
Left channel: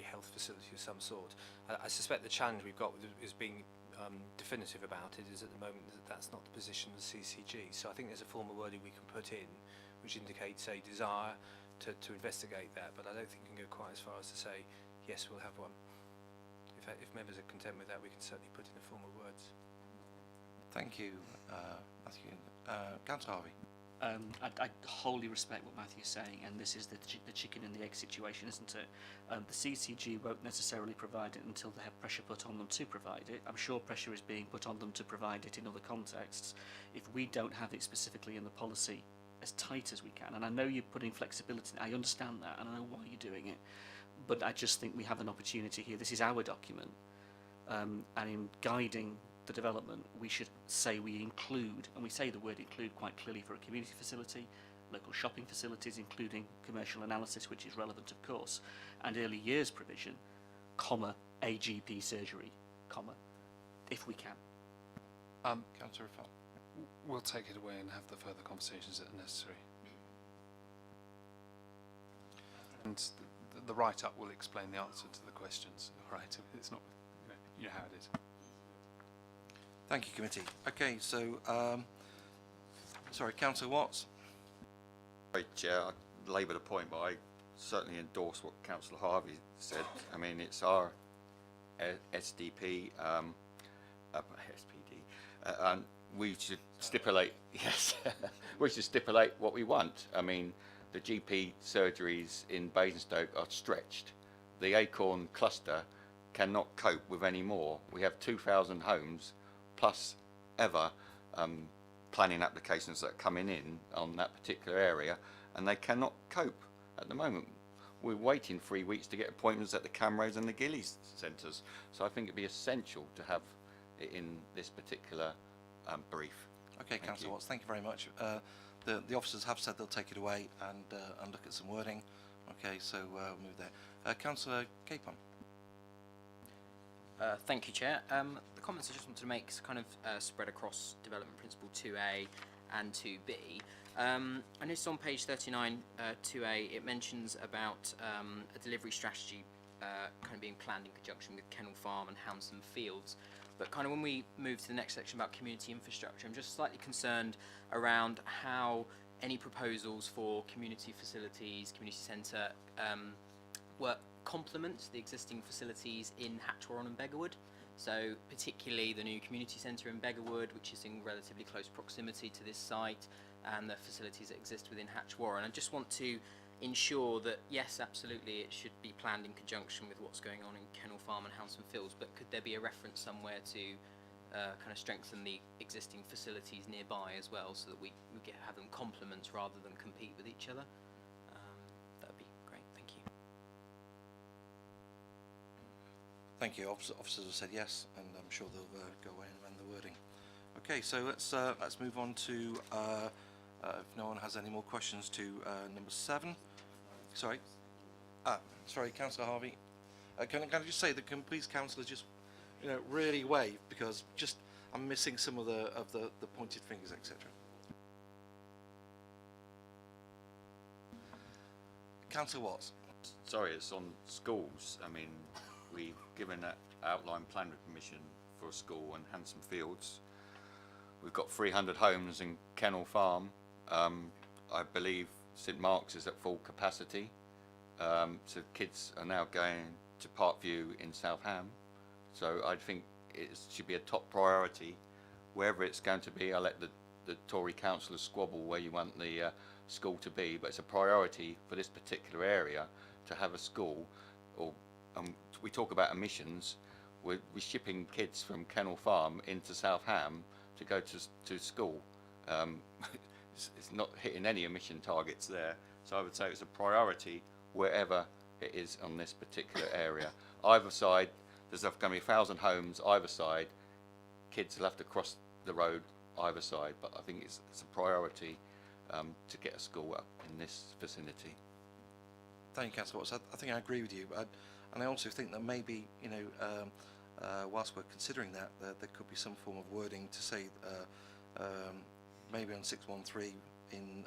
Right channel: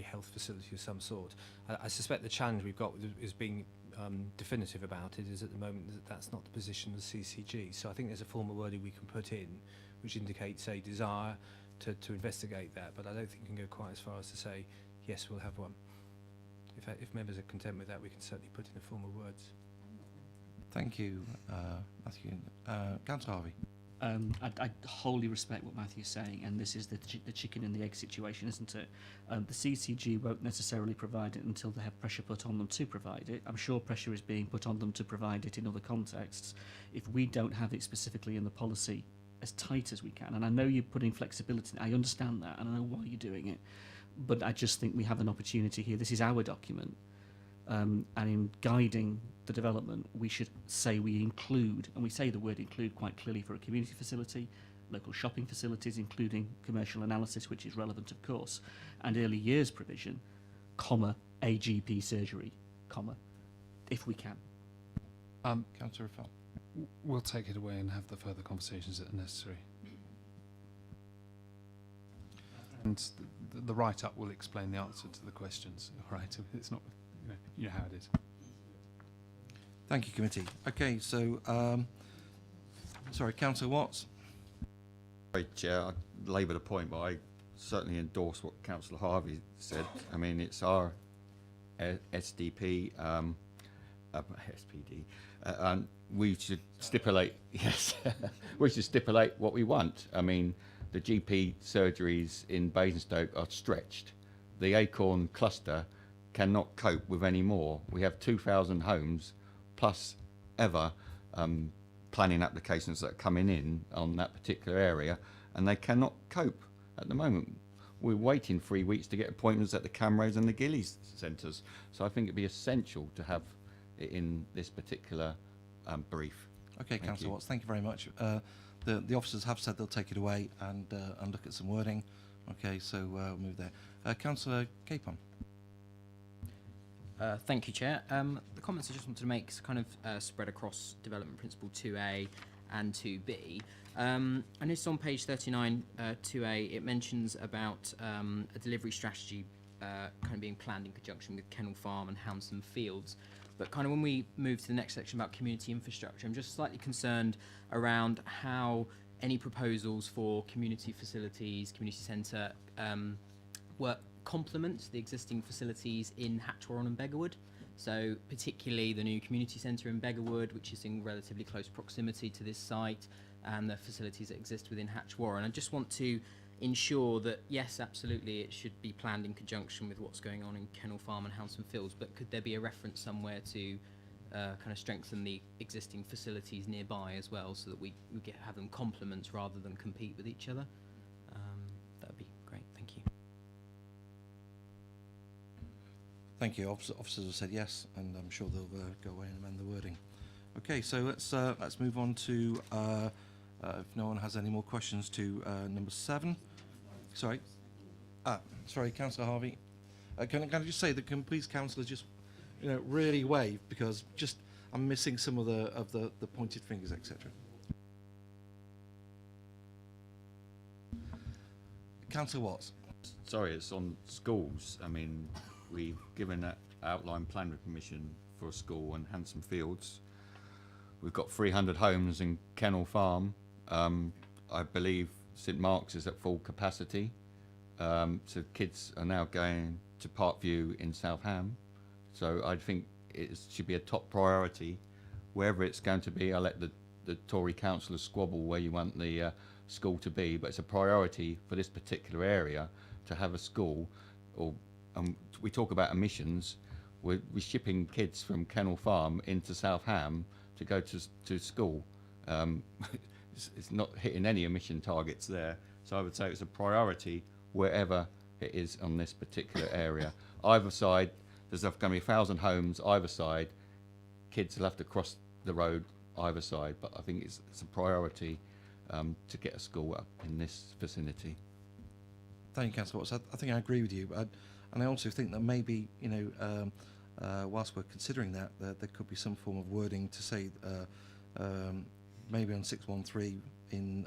health facility of some sort. I suspect the challenge we've got is being definitive about it is at the moment that that's not the position of the CCG. So I think there's a form of wording we can put in which indicates a desire to investigate that, but I don't think we can go quite as far as to say, yes, we'll have one. If members are content with that, we can certainly put in a form of words. Thank you, Matthew. Councillor Harvey. I wholly respect what Matthew's saying, and this is the chicken and the egg situation, isn't it? The CCG won't necessarily provide it until they have pressure put on them to provide it. I'm sure pressure is being put on them to provide it in other contexts. If we don't have it specifically in the policy as tight as we can, and I know you're putting flexibility, I understand that, and I know why you're doing it, but I just think we have an opportunity here. This is our document, and in guiding the development, we should say we include, and we say the word include quite clearly for a community facility, local shopping facilities, including commercial analysis, which is relevant, of course, and early years provision, comma, a GP surgery, comma, if we can. Councillor Rafal. We'll take it away and have the further conversations that are necessary. And the write-up will explain the answer to the questions, all right? It's not, you know how it is. Thank you, committee. Okay, so, sorry, Councillor Watts. Sorry, Chair, I labour the point, but I certainly endorse what Councillor Harvey said. I mean, it's our SDP, SPD, and we should stipulate, yes, we should stipulate what we want. I mean, the GP surgeries in Basingstoke are stretched. The Acorn cluster cannot cope with any more. We have 2,000 homes plus ever planning applications that are coming in on that particular area, and they cannot cope at the moment. We're waiting 3 weeks to get appointments at the Camrose and the Gillies centres. So I think it'd be essential to have in this particular brief. Okay, Thank Councillor you. Watts, thank you very much. The officers have said they'll take it away and look at some wording. Okay, so we'll move there. Councillor Capon. Thank you, Chair. The comments I just wanted to make is kind of spread across Development Principle 2A and 2B. I noticed on page 39, 2A, it mentions about a delivery strategy kind of being planned in conjunction with Kennel Farm and Hounsdon Fields. But kind of when we move to the next section about community infrastructure, I'm just slightly concerned around how any proposals for community facilities, community centre, work complement the existing facilities in Hatchwarren and Beggarwood. So particularly the new community centre in Beggarwood, which is in relatively close proximity to this site, and the facilities that exist within Hatchwarren. I just want to ensure that, yes, absolutely, it should be planned in conjunction with what's going on in Kennel Farm and Hounsdon Fields, but could there be a reference somewhere to kind of strengthen the existing facilities nearby as well, so that we have them complement rather than compete with each other? That would be great, thank you. Thank you. Officers have said yes, and I'm sure they'll go away and amend the wording. Okay, so let's move on to, if no one has any more questions, to number 7. Sorry. Sorry, Councillor Harvey. Can I just say that can please councillors just, really wave, because just I'm missing some of the pointed fingers, etc. Councillor Watts. Sorry, it's on schools. I mean, we've given that outline plan with permission for a school in Hounsdon Fields. We've got 300 homes in Kennel Farm. I believe St Mark's is at full capacity. So kids are now going to Parkview in Southam. So I think it should be a top priority. Wherever it's going to be, I'll let the Tory councillors squabble where you want the school to be, but it's a priority for this particular area to have a school. Or we talk about emissions. We're shipping kids from Kennel Farm into Southam to go to school. It's not hitting any emission targets there. So I would say it's a priority wherever it is on this particular area. Either side, there's going to be 1,000 homes either side. Kids will have to cross the road either side, but I think it's a priority to get a school up in this vicinity. Thank you, Councillor Watts. I think I agree with you, and I also think that maybe whilst we're considering that, there could be some form of wording to say maybe on 613 in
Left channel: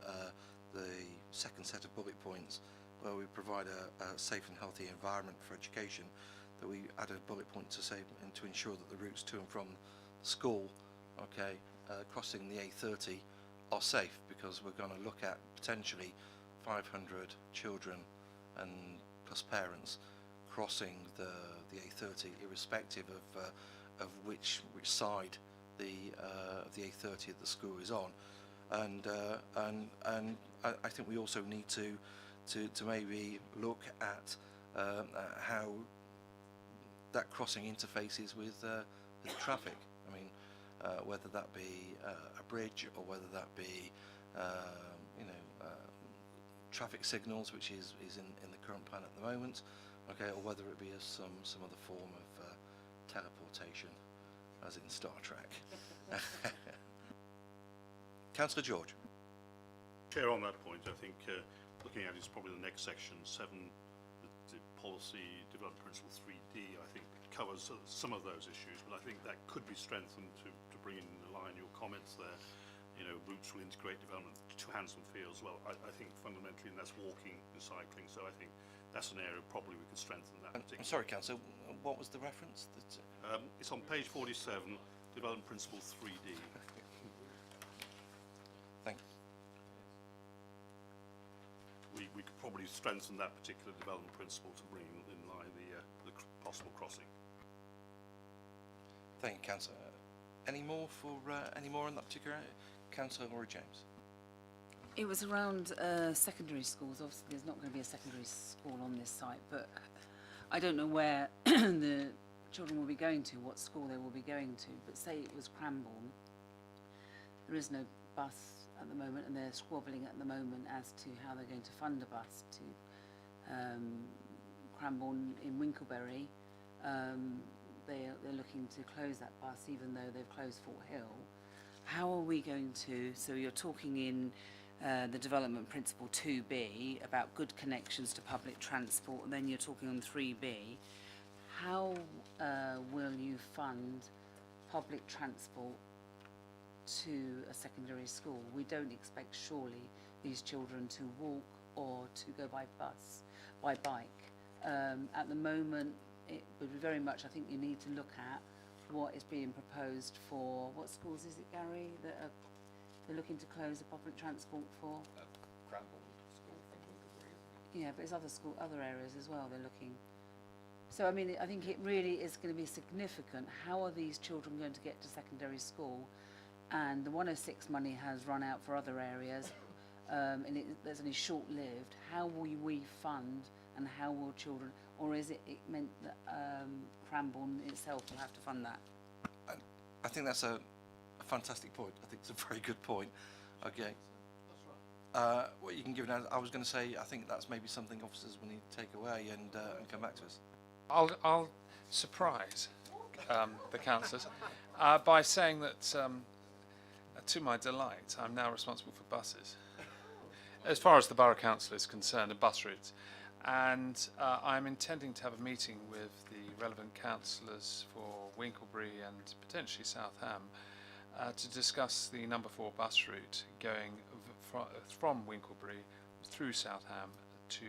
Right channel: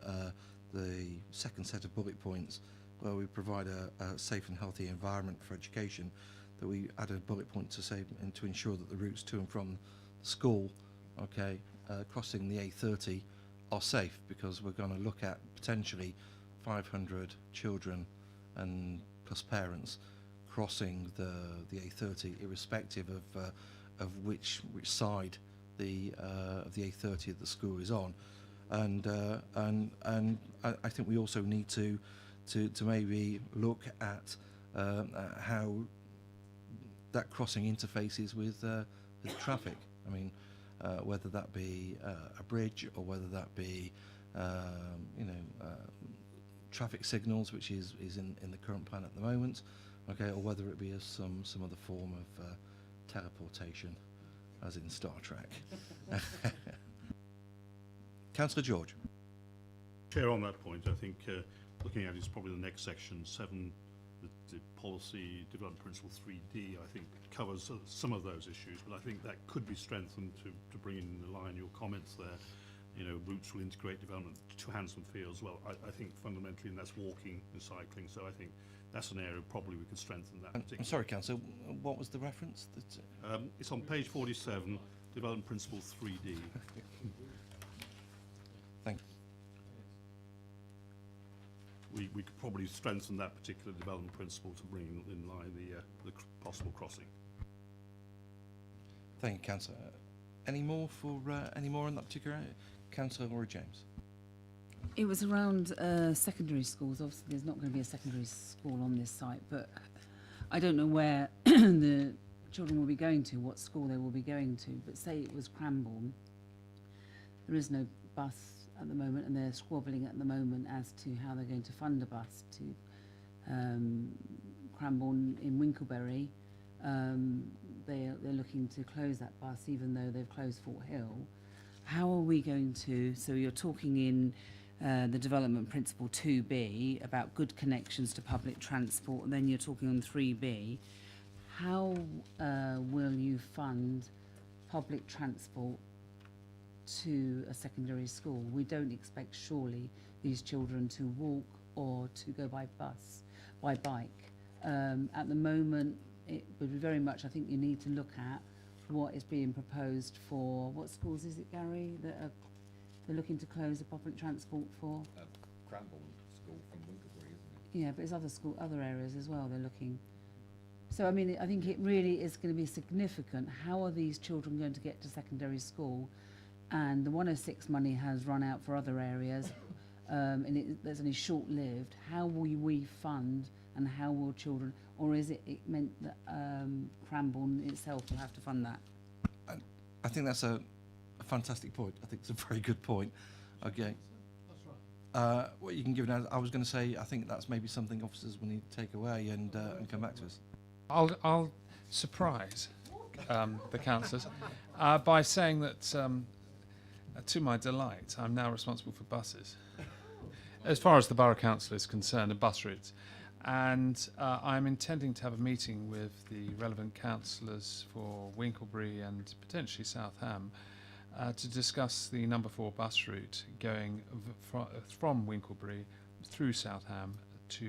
the second set of bullet points, where we provide a safe and healthy environment for education, that we add a bullet point to say and to ensure that the routes to and from school, crossing the A30 are safe, because we're going to look at potentially 500 children and plus parents crossing the A30, irrespective of which side of the A30 that the school is on, and I think we also need to maybe look at how that crossing interfaces with traffic. I mean, whether that be a bridge, or whether that be traffic signals, which is in the current plan at the moment, or whether it be as some other form of teleportation, as in Star Trek. Councillor George. Chair, on that point, I think looking at it is probably the next section, 7, the policy development principle 3D, I think covers some of those issues, but I think that could be strengthened to bring in line your comments there. Routes will integrate development to Hounsdon Fields. Well, I think fundamentally, and that's walking and cycling, so I think that's an area probably we can strengthen that. I'm sorry, Councillor, what was the reference? It's on page 47, development principle 3D. Thank you. We could probably strengthen that particular development principle to bring in line the possible crossing. Thank you, Councillor. Any more on that particular area? Councillor Laura James. It was around secondary schools. Obviously, there's not going to be a secondary school on this site, but I don't know where the children will be going to, what school they will be going to. But say it was Cranbourne. There is no bus at the moment, and they're squabbling at the moment as to how they're going to fund a bus to Cranbourne in Winkleberry. they're looking to close that bus, even though they've closed Fort Hill. How are we going to? So you're talking in the development principle 2B about good connections to public transport, and then you're talking on 3B. How will you fund public transport to a secondary school? We don't expect surely these children to walk or to go by bike. At the moment, it would be very much, I think you need to look at what is being proposed for, what schools is it, Gary, that are they're looking to close the public transport for? Cranbourne School from Winterbury, isn't it? Yeah, but it's other areas as well they're looking. So, I mean, I think it really is going to be significant. How are these children going to get to secondary school? And the 106 money has run out for other areas, and there's only short-lived. How will we fund, and how will children, or is it meant that Cranbourne itself will have to fund that? I think that's a fantastic point. I think it's a very good point. Okay. What you can give now, I was going to say, I think that's maybe something officers will need to take away and come back to us. I'll surprise the councillors by saying that, to my delight, I'm now responsible for buses, as far as the Borough Council is concerned, and bus routes. And I'm intending to have a meeting with the relevant councillors for Winklebury and potentially Southam to discuss the number 4 bus route going from Winklebury through Southam to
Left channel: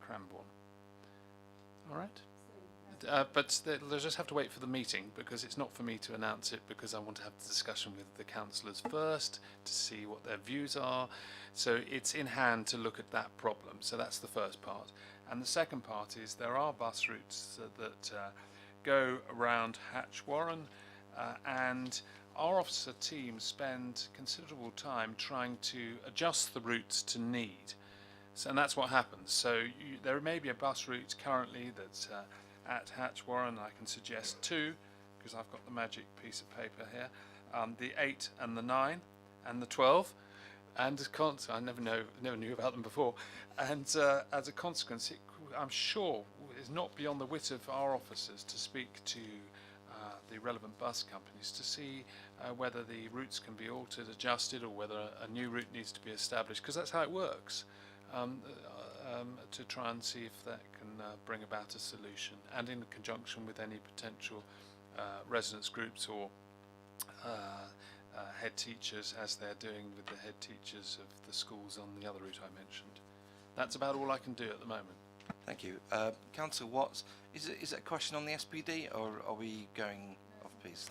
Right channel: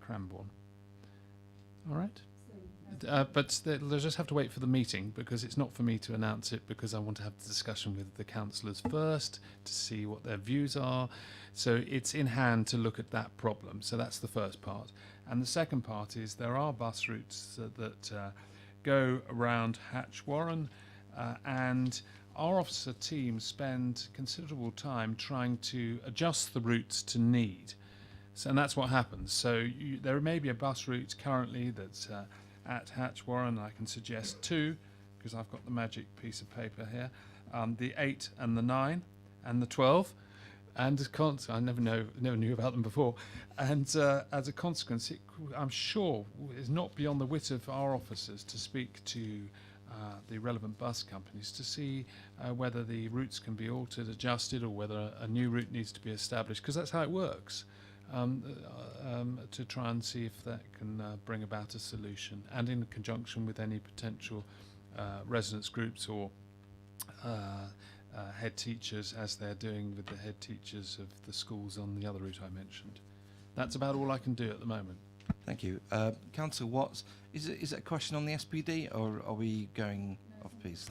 Cranbourne. All right? But they'll just have to wait for the meeting, because it's not for me to announce it, because I want to have the discussion with the councillors first to see what their views are. So it's in hand to look at that problem. So that's the first part. And the second part is there are bus routes that go around Hatch Warren, and our officer team spend considerable time trying to adjust the routes to need. So, and that's what happens. So there may be a bus route currently that's at Hatch Warren. I can suggest 2, because I've got the magic piece of paper here. The 8 and the 9 and the 12. And I never knew about them before. And as a consequence, I'm sure is not beyond the wit of our officers to speak to the relevant bus companies to see whether the routes can be altered, adjusted, or whether a new route needs to be established, because that's how it works. To try and see if that can bring about a solution, and in conjunction with any potential residents groups or head teachers, as they're doing with the head teachers of the schools on the other route I mentioned. That's about all I can do at the moment. Thank you. Councillor Watts, is it a question on the SPD, or are we going off piece?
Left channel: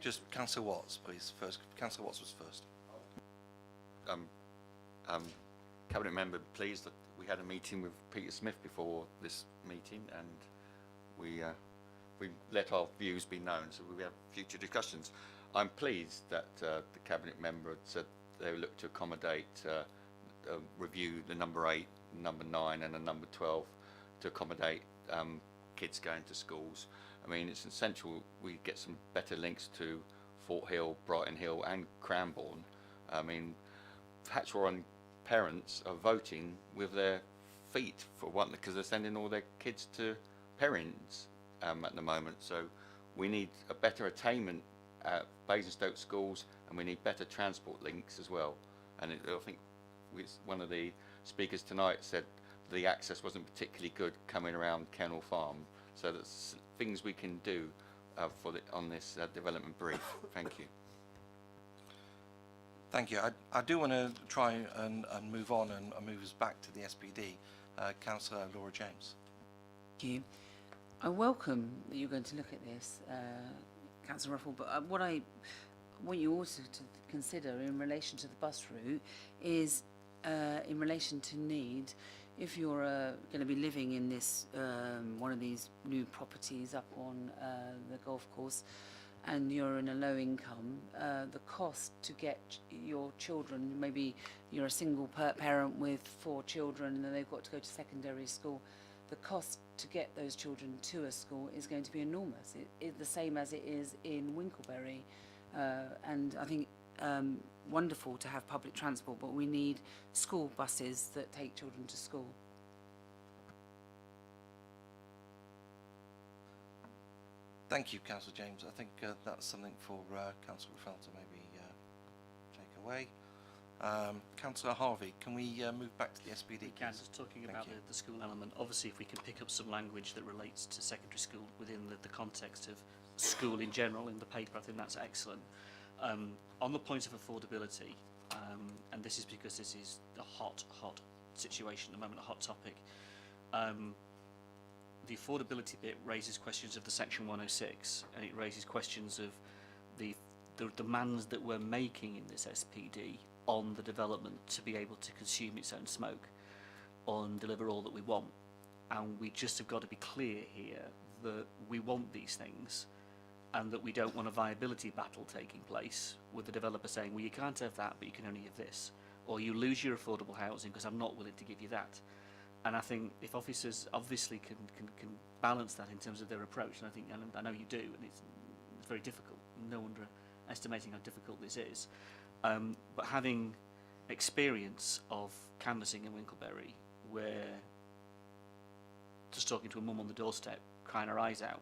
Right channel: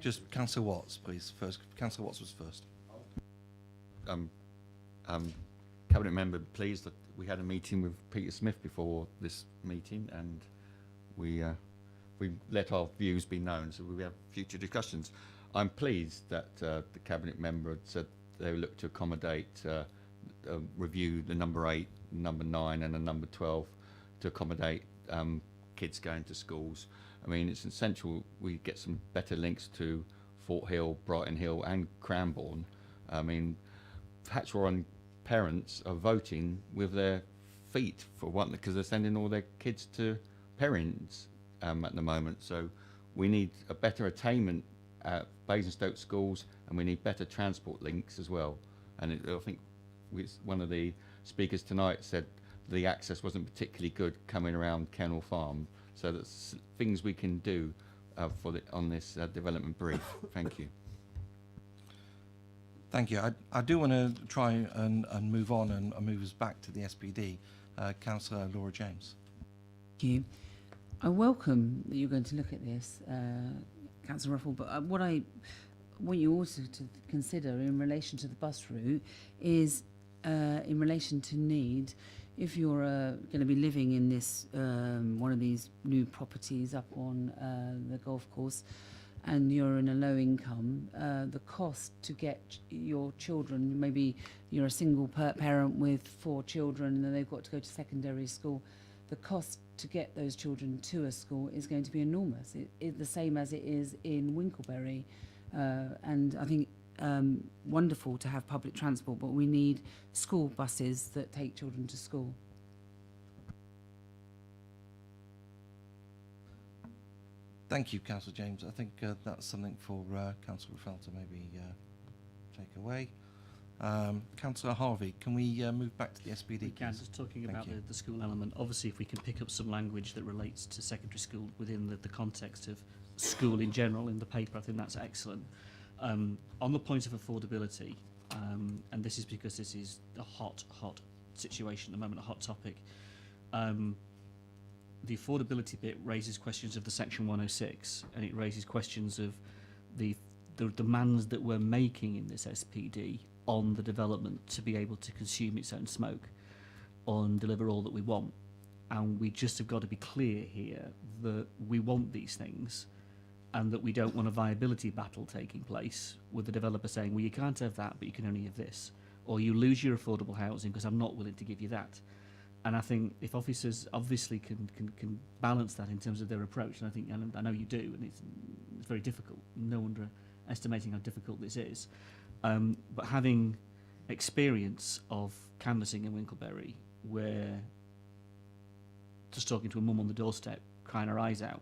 Just Councillor Watts, please. First, Councillor Watts was first. Cabinet member pleased that we had a meeting with Peter Smith before this meeting, and we let our views be known, so we have future discussions. I'm pleased that the cabinet member had said they would look to accommodate, review the number 8, number 9 and the number 12 to accommodate kids going to schools. I mean, it's essential we get some better links to Fort Hill, Brighton Hill and Cranbourne. I mean, Hatch Warren parents are voting with their feet for one, because they're sending all their kids to parents at the moment. So we need a better attainment at Basingstoke schools, and we need better transport links as well. And I think one of the speakers tonight said the access wasn't particularly good coming around Kennel Farm. So that's things we can do on this development brief. Thank you. Thank you. I do want to try and move on and move us back to the SPD. Councillor Laura James. Thank you. I welcome that you're going to look at this, Councillor Ruffle, but what I want you also to consider in relation to the bus route is in relation to need. If you're going to be living in this one of these new properties up on the golf course, and you're in a low income, the cost to get your children, maybe you're a single parent with 4 children and then they've got to go to secondary school, the cost to get those children to a school is going to be enormous. It's the same as it is in Winklebury. And I think wonderful to have public transport, but we need school buses that take children to school. Thank you, Councillor James. I think that's something for Councillor Ruffell to maybe take away. Councillor Harvey, can we move back to the SPD? We can, please? just talking Thank about you. the school element. Obviously, if we can pick up some language that relates to secondary school within the context of school in general in the paper, I think that's excellent. On the point of affordability, and this is because this is a hot situation at the moment, a hot topic, the affordability bit raises questions of the Section 106, and it raises questions of the demands that we're making in this SPD on the development to be able to consume its own smoke and deliver all that we want. And we just have got to be clear here that we want these things and that we don't want a viability battle taking place with the developer saying, well, you can't have that, but you can only have this. Or you lose your affordable housing because I'm not willing to give you that. And I think if officers obviously can balance that in terms of their approach, and I know you do, and it's very difficult, no underestimating how difficult this is, but having experience of canvassing in Winkleberry, where just talking to a mum on the doorstep, crying her eyes out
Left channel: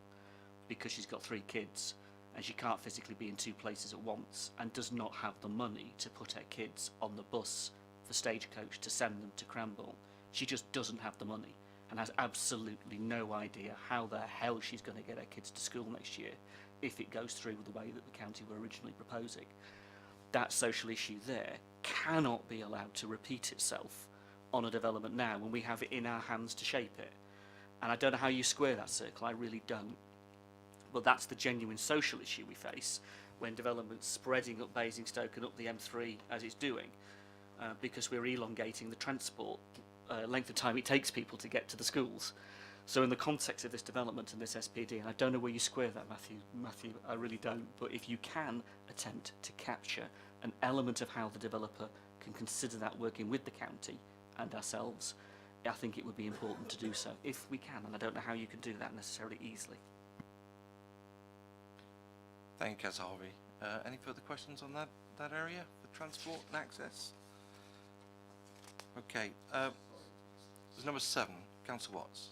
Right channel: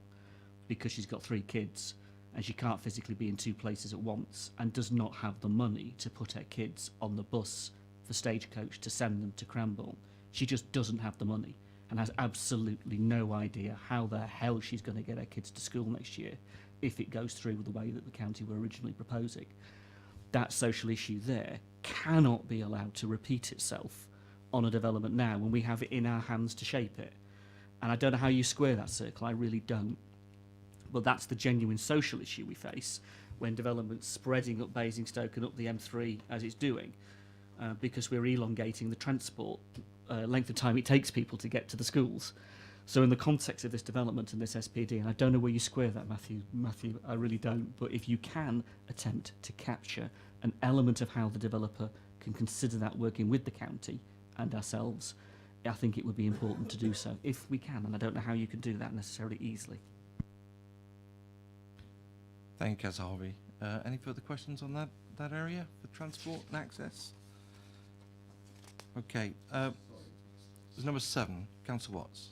because she's got 3 kids and she can't physically be in 2 places at once and does not have the money to put her kids on the bus for Stagecoach to send them to Cranbourne. She just doesn't have the money and has absolutely no idea how the hell she's going to get her kids to school next year if it goes through the way that the county were originally proposing. That social issue there cannot be allowed to repeat itself on a development now when we have it in our hands to shape it. And I don't know how you square that circle, I really don't. But that's the genuine social issue we face when development's spreading up Basingstoke and up the M3 as it's doing, because we're elongating the transport length of time it takes people to get to the schools. So in the context of this development and this SPD, and I don't know where you square that, Matthew, I really don't, but if you can attempt to capture an element of how the developer can consider that working with the county and ourselves, I think it would be important to do so, if we can, and I don't know how you can do that necessarily easily. Thank you, Councillor Harvey. Any further questions on that area for transport and access? Okay, there's number 7, Councillor Watts.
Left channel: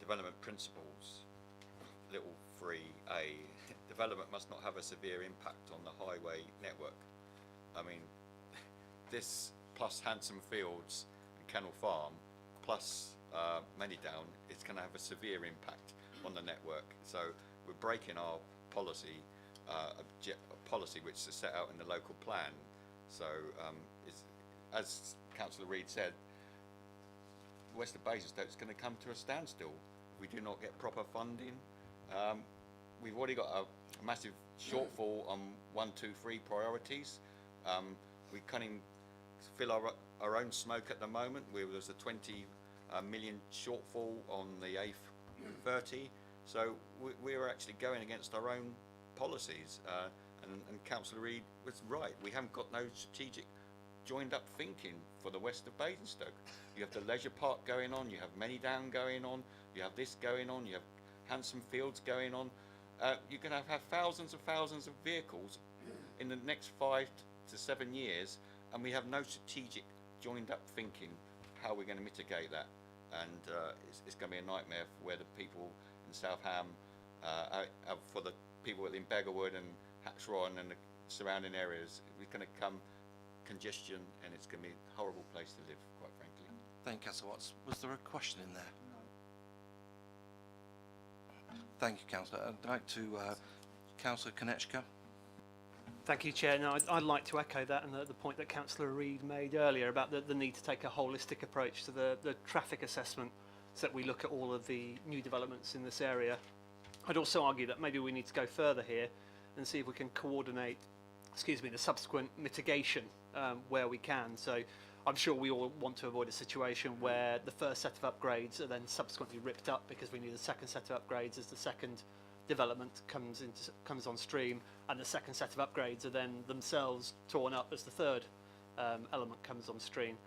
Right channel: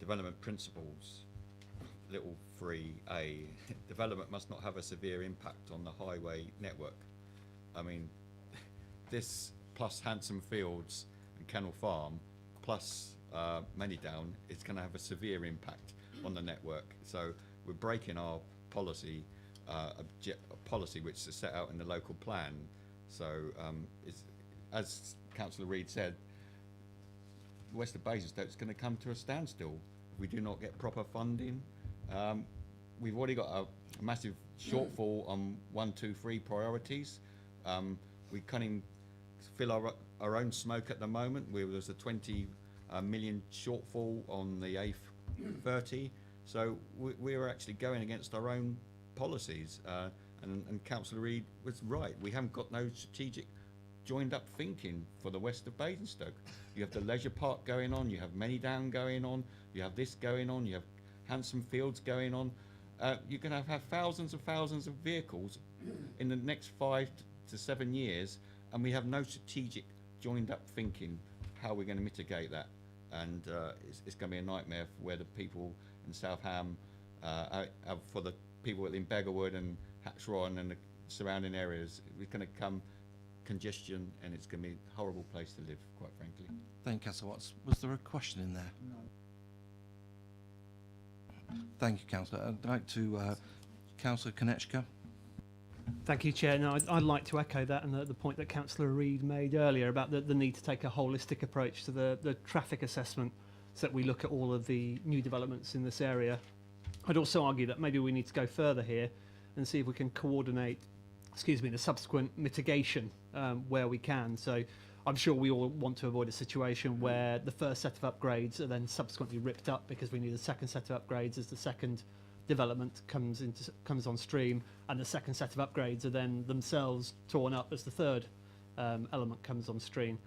Development principles, little 3A, development must not have a severe impact on the highway network. I mean, this plus Handsome Fields and Kennel Farm plus Manydown is going to have a severe impact on the network. So we're breaking our policy, policy which is set out in the local plan. So as Councillor Reid said, west of Basingstoke is going to come to a standstill. We do not get proper funding. We've already got a massive shortfall on 1, 2, 3 priorities. We can't even fill our own smoke at the moment. There's a 20 million shortfall on the A30. So we're actually going against our own policies. And Councillor Reid was right. We haven't got no strategic joined up thinking for the west of Basingstoke. You have the leisure park going on, you have Manydown going on, you have this going on, you have Handsome Fields going on. You're going to have thousands and thousands of vehicles in the next 5 to 7 years, and we have no strategic joined up thinking how we're going to mitigate that. And it's going to be a nightmare for where the people in Southam, for the people in Beggarwood and Hatchron and the surrounding areas, it's going to come congestion, and it's going to be a horrible place to live, quite frankly. Thank you, Councillor Watts. Was there a question in there? No. Thank you, Councillor. I'd like to Councillor Konechka. Thank you, Chair. No, I'd like to echo that and the point that Councillor Reid made earlier about the need to take a holistic approach to the traffic assessment so that we look at all of the new developments in this area. I'd also argue that maybe we need to go further here and see if we can coordinate, the subsequent mitigation where we can. So I'm sure we all want to avoid a situation where the first set of upgrades are then subsequently ripped up because we need a second set of upgrades as the second development comes on stream, and the second set of upgrades are then themselves torn up as the third element comes on stream.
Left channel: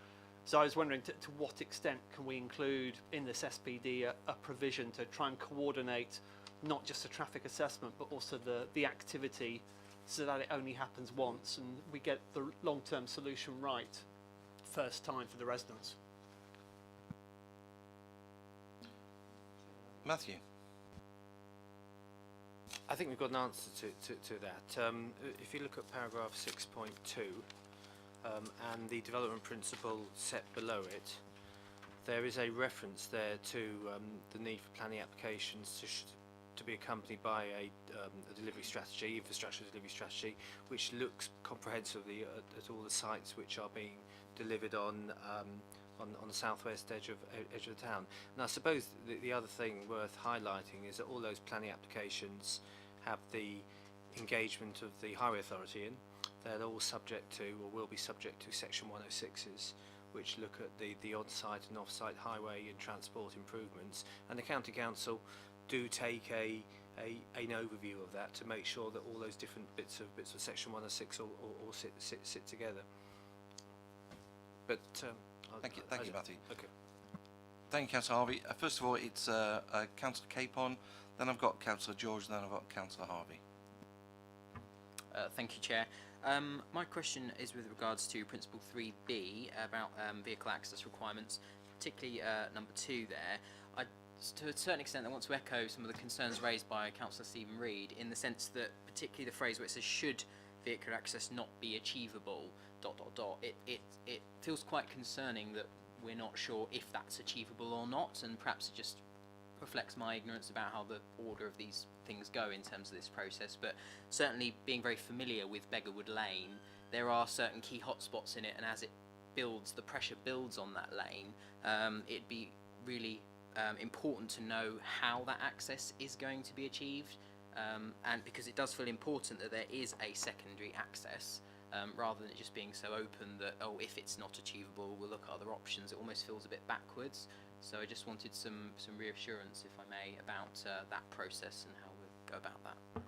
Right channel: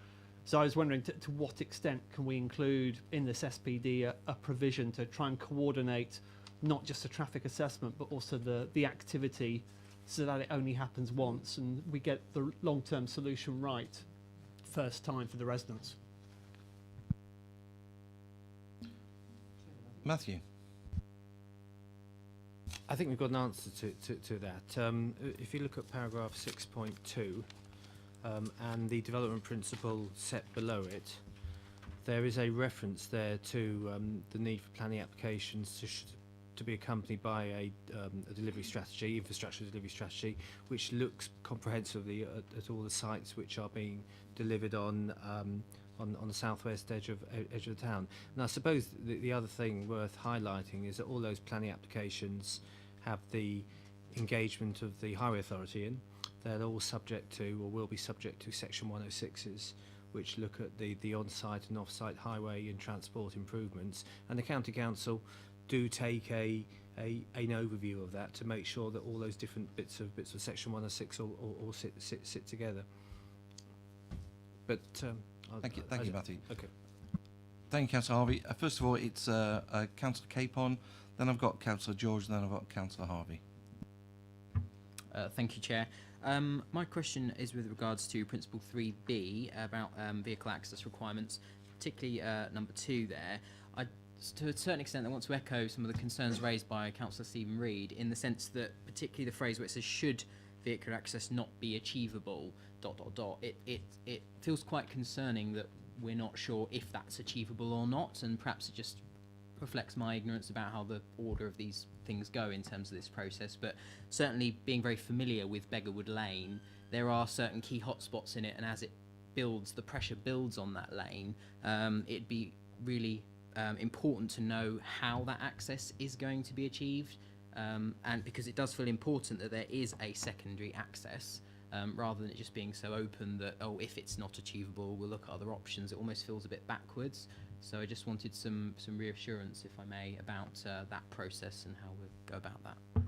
So I was wondering to what extent can we include in this SPD a provision to try and coordinate not just a traffic assessment but also the activity, so that it only happens once and we get the long-term solution right first time for the residents. Matthew. I think we've got an answer to that. If you look at paragraph 6.2 and the development principle set below it, there is a reference there to the need for planning applications to be accompanied by a delivery strategy, infrastructure delivery strategy, which looks comprehensively at all the sites which are being delivered on the southwest edge of the town. And I suppose the other thing worth highlighting is that all those planning applications have the engagement of the highway authority in. They're all subject to, or will be subject to, section 106s, which look at the on-site and off-site highway and transport improvements. And the county council do take an overview of that to make sure that all those different bits of section 106 all sit together. But Thank you, Matthew. Okay. Thank you, Councillor Harvey. First of all, it's Councillor Capon, then I've got Councillor George, then I've got Councillor Harvey. Thank you, Chair. My question is with regards to Principle 3B about vehicle access requirements, particularly number 2 there. To a certain extent, I want to echo some of the concerns raised by Councillor Stephen Reid, in the sense that particularly the phrase where it says, should vehicle access not be achievable, ... It feels quite concerning that we're not sure if that's achievable or not, and perhaps it just reflects my ignorance about how the order of these things go in terms of this process. But certainly, being very familiar with Beggarwood Lane, there are certain key hotspots in it, and as it builds, the pressure builds on that lane, it'd be really important to know how that access is going to be achieved, and because it does feel important that there is a secondary access, rather than it just being so open that, oh, if it's not achievable, we'll look at other options. It almost feels a bit backwards. So I just wanted some reassurance, if I may, about that process and how we'll go about that.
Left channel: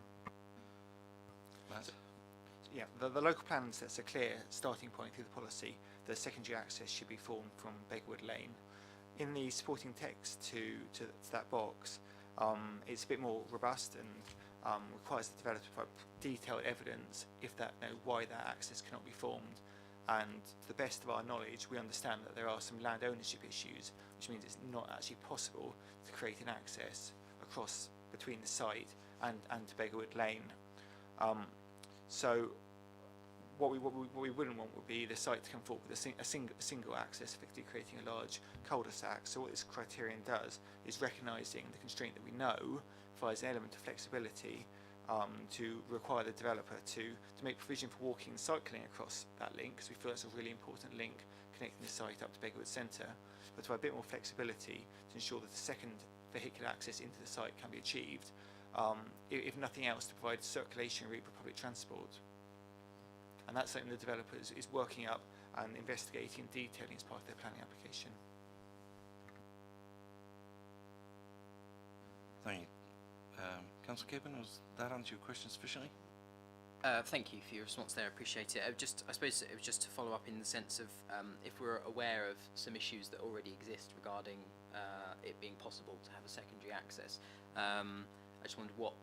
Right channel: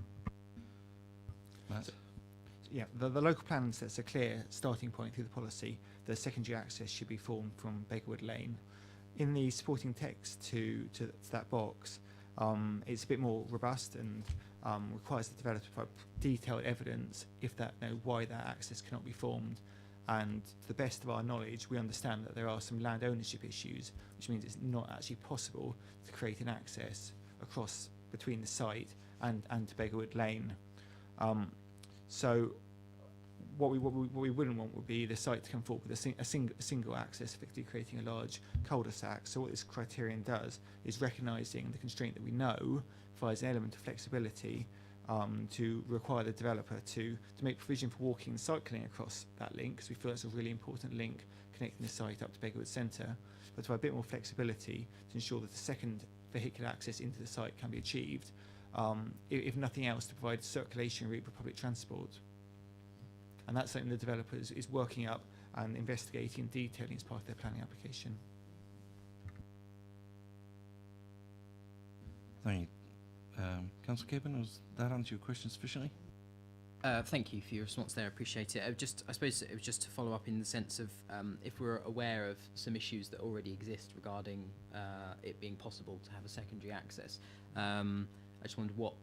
Matt? Yeah, the local plan sets a clear starting point through the policy. The secondary access should be formed from Beggarwood Lane. In the supporting text to that box, it's a bit more robust and requires the developer to provide detailed evidence why that access cannot be formed. And to the best of our knowledge, we understand that there are some land ownership issues, which means it's not actually possible to create an access across between the site and to Beggarwood Lane. So what we wouldn't want would be the site to come forward with a single access, effectively creating a large cul-de-sac. So what this criterion does is recognising the constraint that we know provides an element of flexibility to require the developer to make provision for walking and cycling across that link, because we feel that's a really important link connecting the site up to Beggarwood Centre, but to provide a bit more flexibility to ensure that the second vehicular access into the site can be achieved, if nothing else, to provide a circulation route for public transport. And that's something the developer is working up and investigating and detailing as part of their planning application. Thank you. Councillor Capon, does that answer your question sufficiently? Thank you for your response there. I appreciate it. I suppose it was just to follow up in the sense of if we're aware of some issues that already exist regarding it being possible to have a secondary access. I just wondered what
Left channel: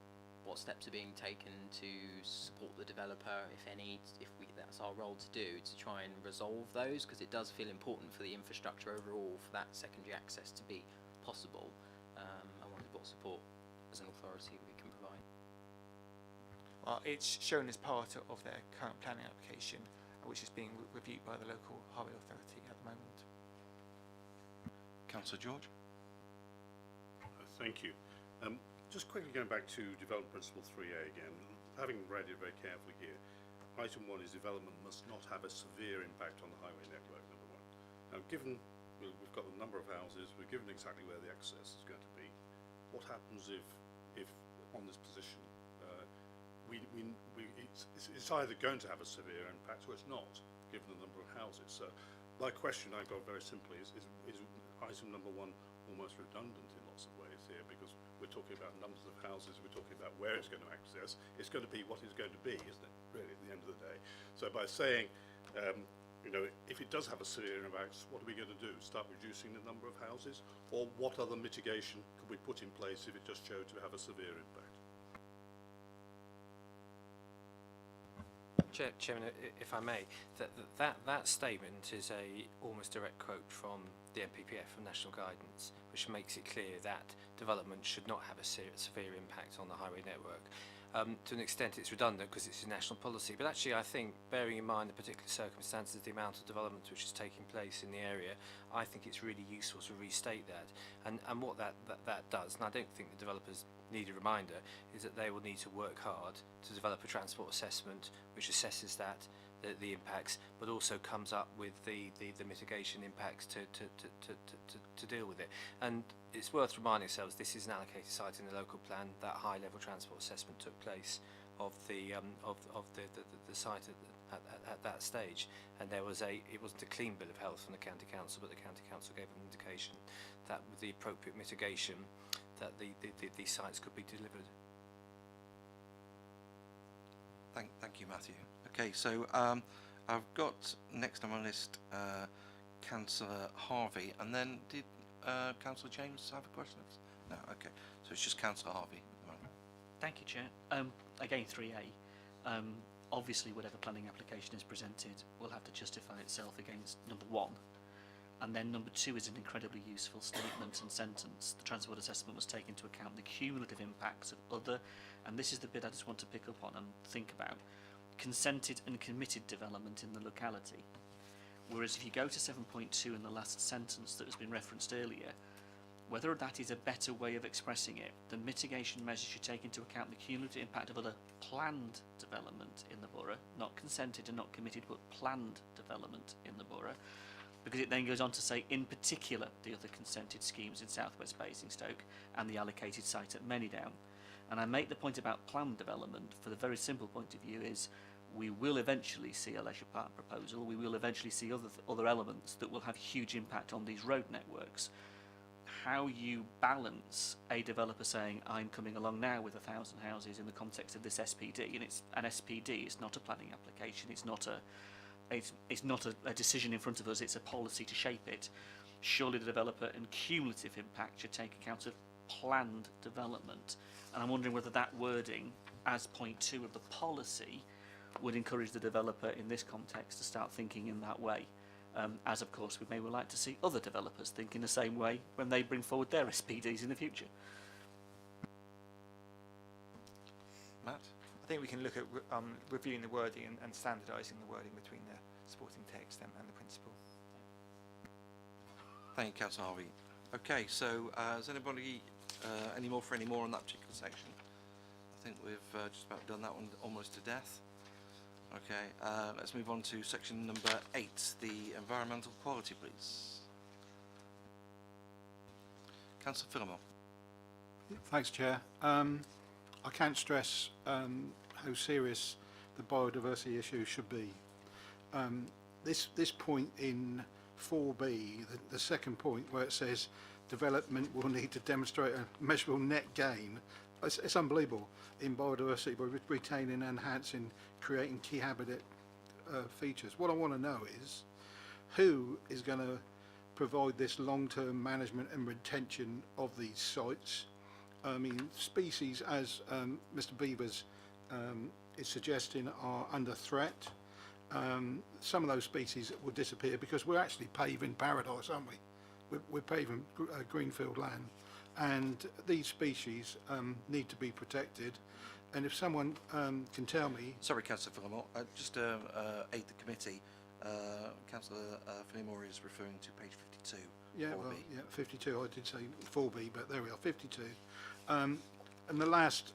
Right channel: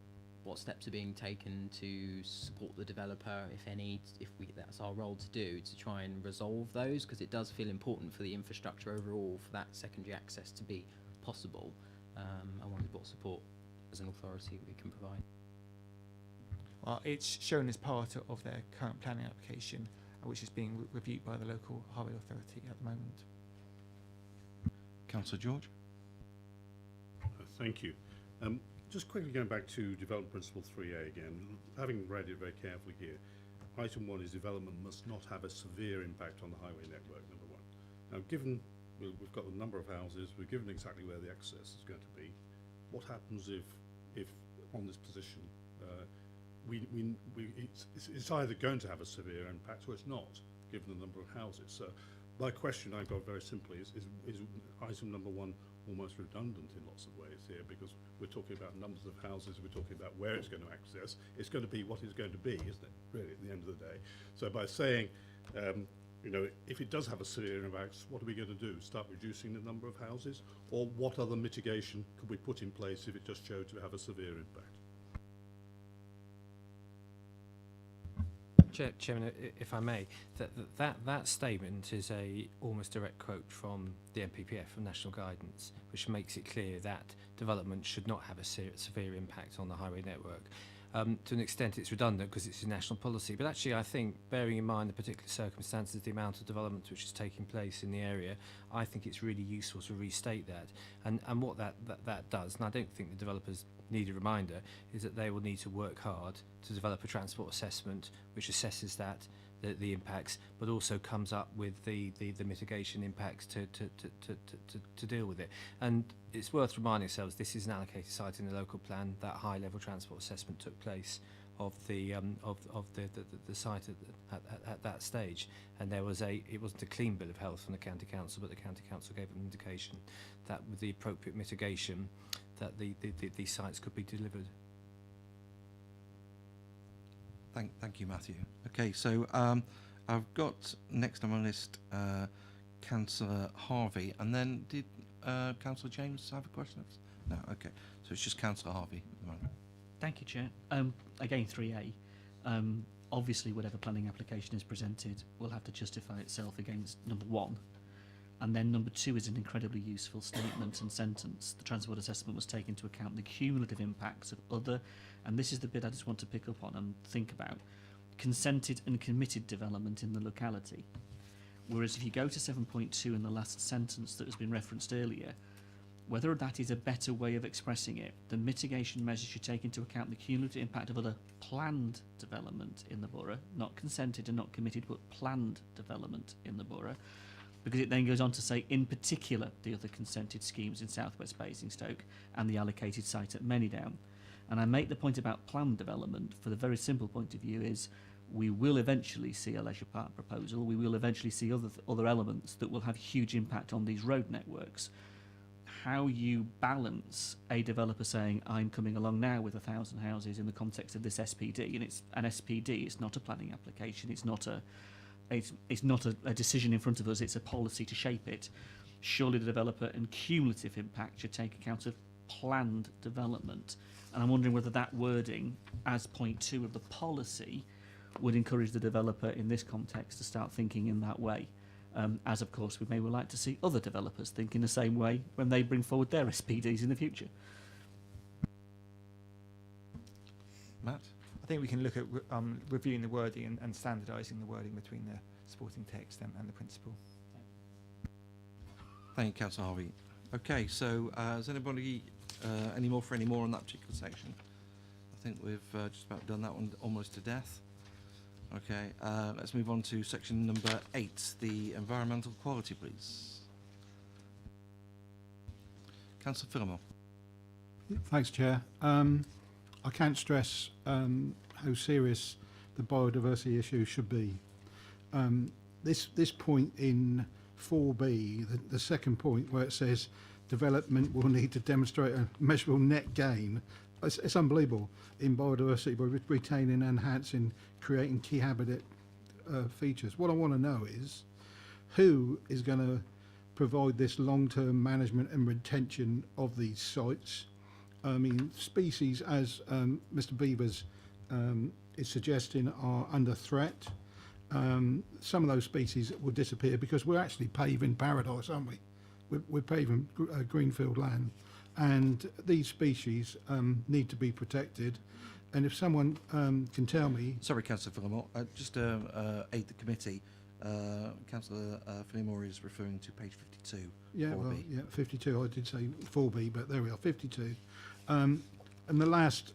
steps are being taken to support the developer, if any, that's our role to do, to try and resolve those, because it does feel important for the infrastructure overall for that secondary access to be possible. I wondered what support as an authority we can provide. Well, it's shown as part of their current planning application, which is being reviewed by the local highway authority at the moment. Councillor George? Thank you. Just quickly going back to Development Principle 3A again, having read it very carefully here, item 1 is development must not have a severe impact on the highway network, number 1. Now, given we've got a number of houses, we're given exactly where the access is going to be, what happens if on this position it's either going to have a severe impact or it's not, given the number of houses? So my question I've got very simply is item number 1 almost redundant in lots of ways here, because we're talking about numbers of houses, we're talking about where it's going to access. It's going to be what it's going to be, isn't it, really, at the end of the day? So by saying, if it does have a severe impact, what are we going to do? Start reducing the number of houses? Or what other mitigation could we put in place if it just showed to have a severe impact? Chairman, if I may, that statement is a almost direct quote from the NPPF, from National Guidance, which makes it clear that development should not have a severe impact on the highway network. To an extent, it's redundant because it's a national policy, but actually, I think, bearing in mind the particular circumstances, the amount of development which is taking place in the area, I think it's really useful to restate that. And what that does, and I don't think the developers need a reminder, is that they will need to work hard to develop a transport assessment which assesses the impacts, but also comes up with the mitigation impacts to deal with it. And it's worth reminding ourselves this is an allocated site in the local plan. That high level transport assessment took place of the site at that stage, and it wasn't a clean bill of health from the county council, but the county council gave an indication that with the appropriate mitigation that these sites could be delivered. Thank you, Matthew. Okay, so I've got next on my list Councillor Harvey, and then did Councillor James have a question? No, okay. So it's just Councillor Harvey at the moment. Thank you, Chair. Again, 3A. Obviously, whatever planning application is presented will have to justify itself against number 1. And then number 2 is an incredibly useful statement and sentence. The transport assessment must take into account the cumulative impacts of other, and this is the bit I just want to pick up on and think about, consented and committed development in the locality. Whereas if you go to 7.2 in the last sentence that has been referenced earlier, whether that is a better way of expressing it, the mitigation measures should take into account the cumulative impact of other planned development in the borough, not consented and not committed, but planned development in the borough. Because it then goes on to say, in particular, the other consented schemes in southwest Basingstoke and the allocated site at Manydown. And I make the point about planned development for the very simple point of view is we will eventually see a leisure park proposal, we will eventually see other elements that will have huge impact on these road networks. How you balance a developer saying, I'm coming along now with 1,000 houses in the context of this SPD, and it's an SPD, it's not a planning application, it's not a decision in front of us, it's a policy to shape it. Surely the developer and cumulative impact should take account of planned development. And I'm wondering whether that wording, as point 2 of the policy, would encourage the developer in this context to start thinking in that way. As of course we may well like to see other developers think in the same way when they bring forward their SPDs in the future. Matt? I think we can look at reviewing the wording and standardising the wording between the supporting text and the principle. Thank you, Councillor Harvey. Okay, so has anybody any more on that particular section? I think we've just about done that one almost to death. Okay, let's move on to section number 8, the environmental quality, please. Councillor Phillimore. Thanks, Chair. I can't stress how serious the biodiversity issue should be. This point in 4B, the second point where it says development will need to demonstrate a measurable net gain, it's unbelievable in biodiversity by retaining, enhancing, creating key habitat features. What I want to know is who is going to provide this long-term management and retention of these sites. I mean, species, as Mr. Beavers is suggesting, are under threat. Some of those species will disappear because we're actually paving paradise, aren't we? We're paving greenfield land, and these species need to be protected. And if someone can tell me... Sorry, Councillor Phillimore, just to aid the committee, Councillor Phillimore is referring to page 52. Yeah, 4B. well, yeah, 52. I did say 4B, but there we are, 52. And the last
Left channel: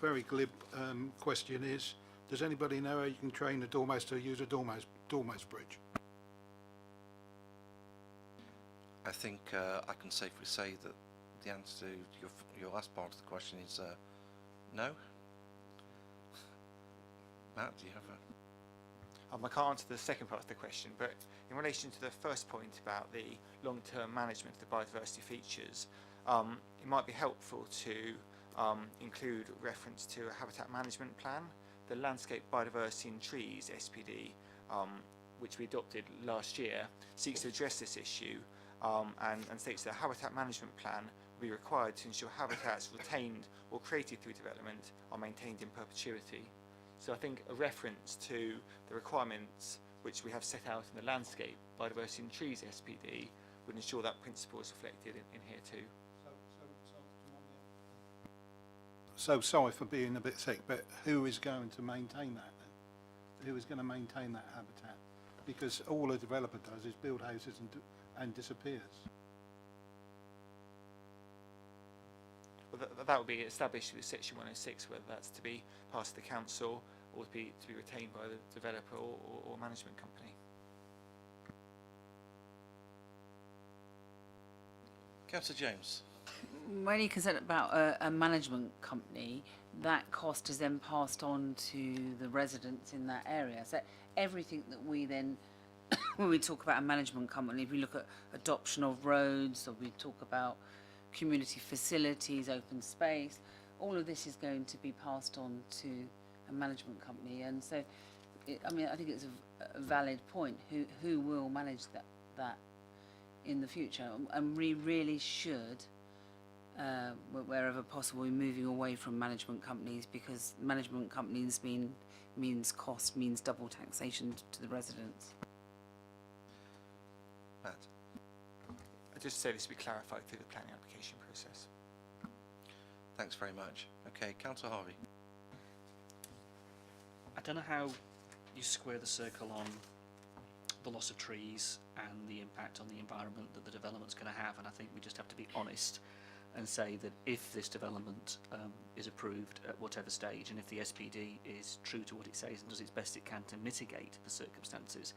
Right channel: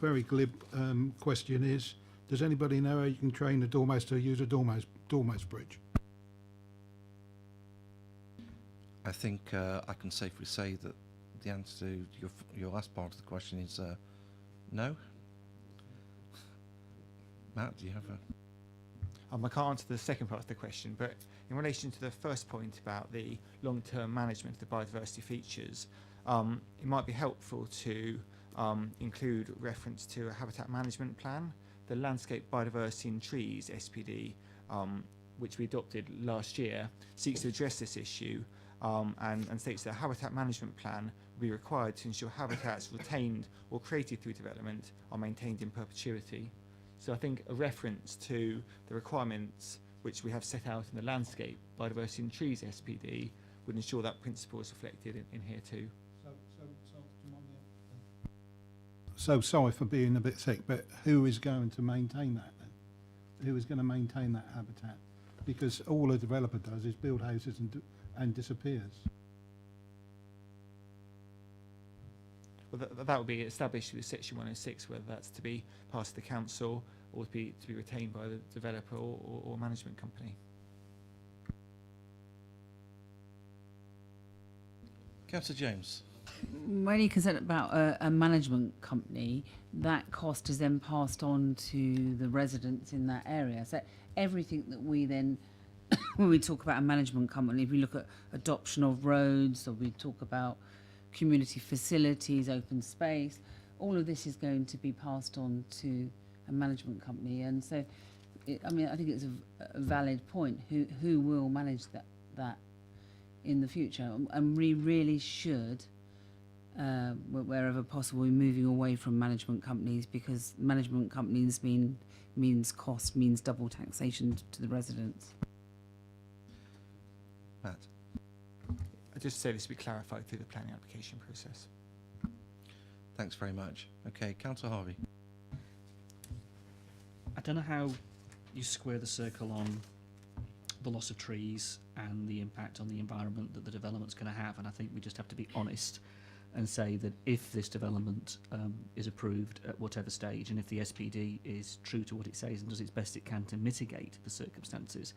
very glib question is, does anybody know how you can train a dormouse to use a dormouse bridge? I think I can safely say that the answer to your last part of the question is no. Matt, do you have a... I can't answer the second part of the question, but in relation to the first point about the long-term management of the biodiversity features, it might be helpful to include reference to a habitat management plan. The Landscape Biodiversity in Trees, SPD, which we adopted last year, seeks to address this issue and states that a habitat management plan will be required to ensure habitats retained or created through development are maintained in perpetuity. So I think a reference to the requirements which we have set out in the landscape biodiversity and trees SPD would ensure that principle is reflected in here too. So sorry for being a bit thick, but who is going to maintain that then? Who is going to maintain that habitat? Because all a developer does is build houses and disappears. Well, that would be established with Section 106, whether that's to be part of the council or to be retained by the developer or management company. Councillor James. When you're concerned about a management company, that cost is then passed on to the residents in that area. So everything that we then, when we talk about a management company, if we look at adoption of roads, or we talk about community facilities, open space, all of this is going to be passed on to a management company. And so, I mean, I think it's a valid point. Who will manage that in the future? And we really should, wherever possible, be moving away from management companies, because management companies means cost, means double taxation to the residents. Matt. I just say this will be clarified through the planning application process. Thanks very much. Okay, Councillor Harvey. I don't know how you square the circle on the loss of trees and the impact on the environment that the development's going to have, and I think we just have to be honest and say that if this development is approved at whatever stage, and if the SPD is true to what it says and does its best it can to mitigate the circumstances,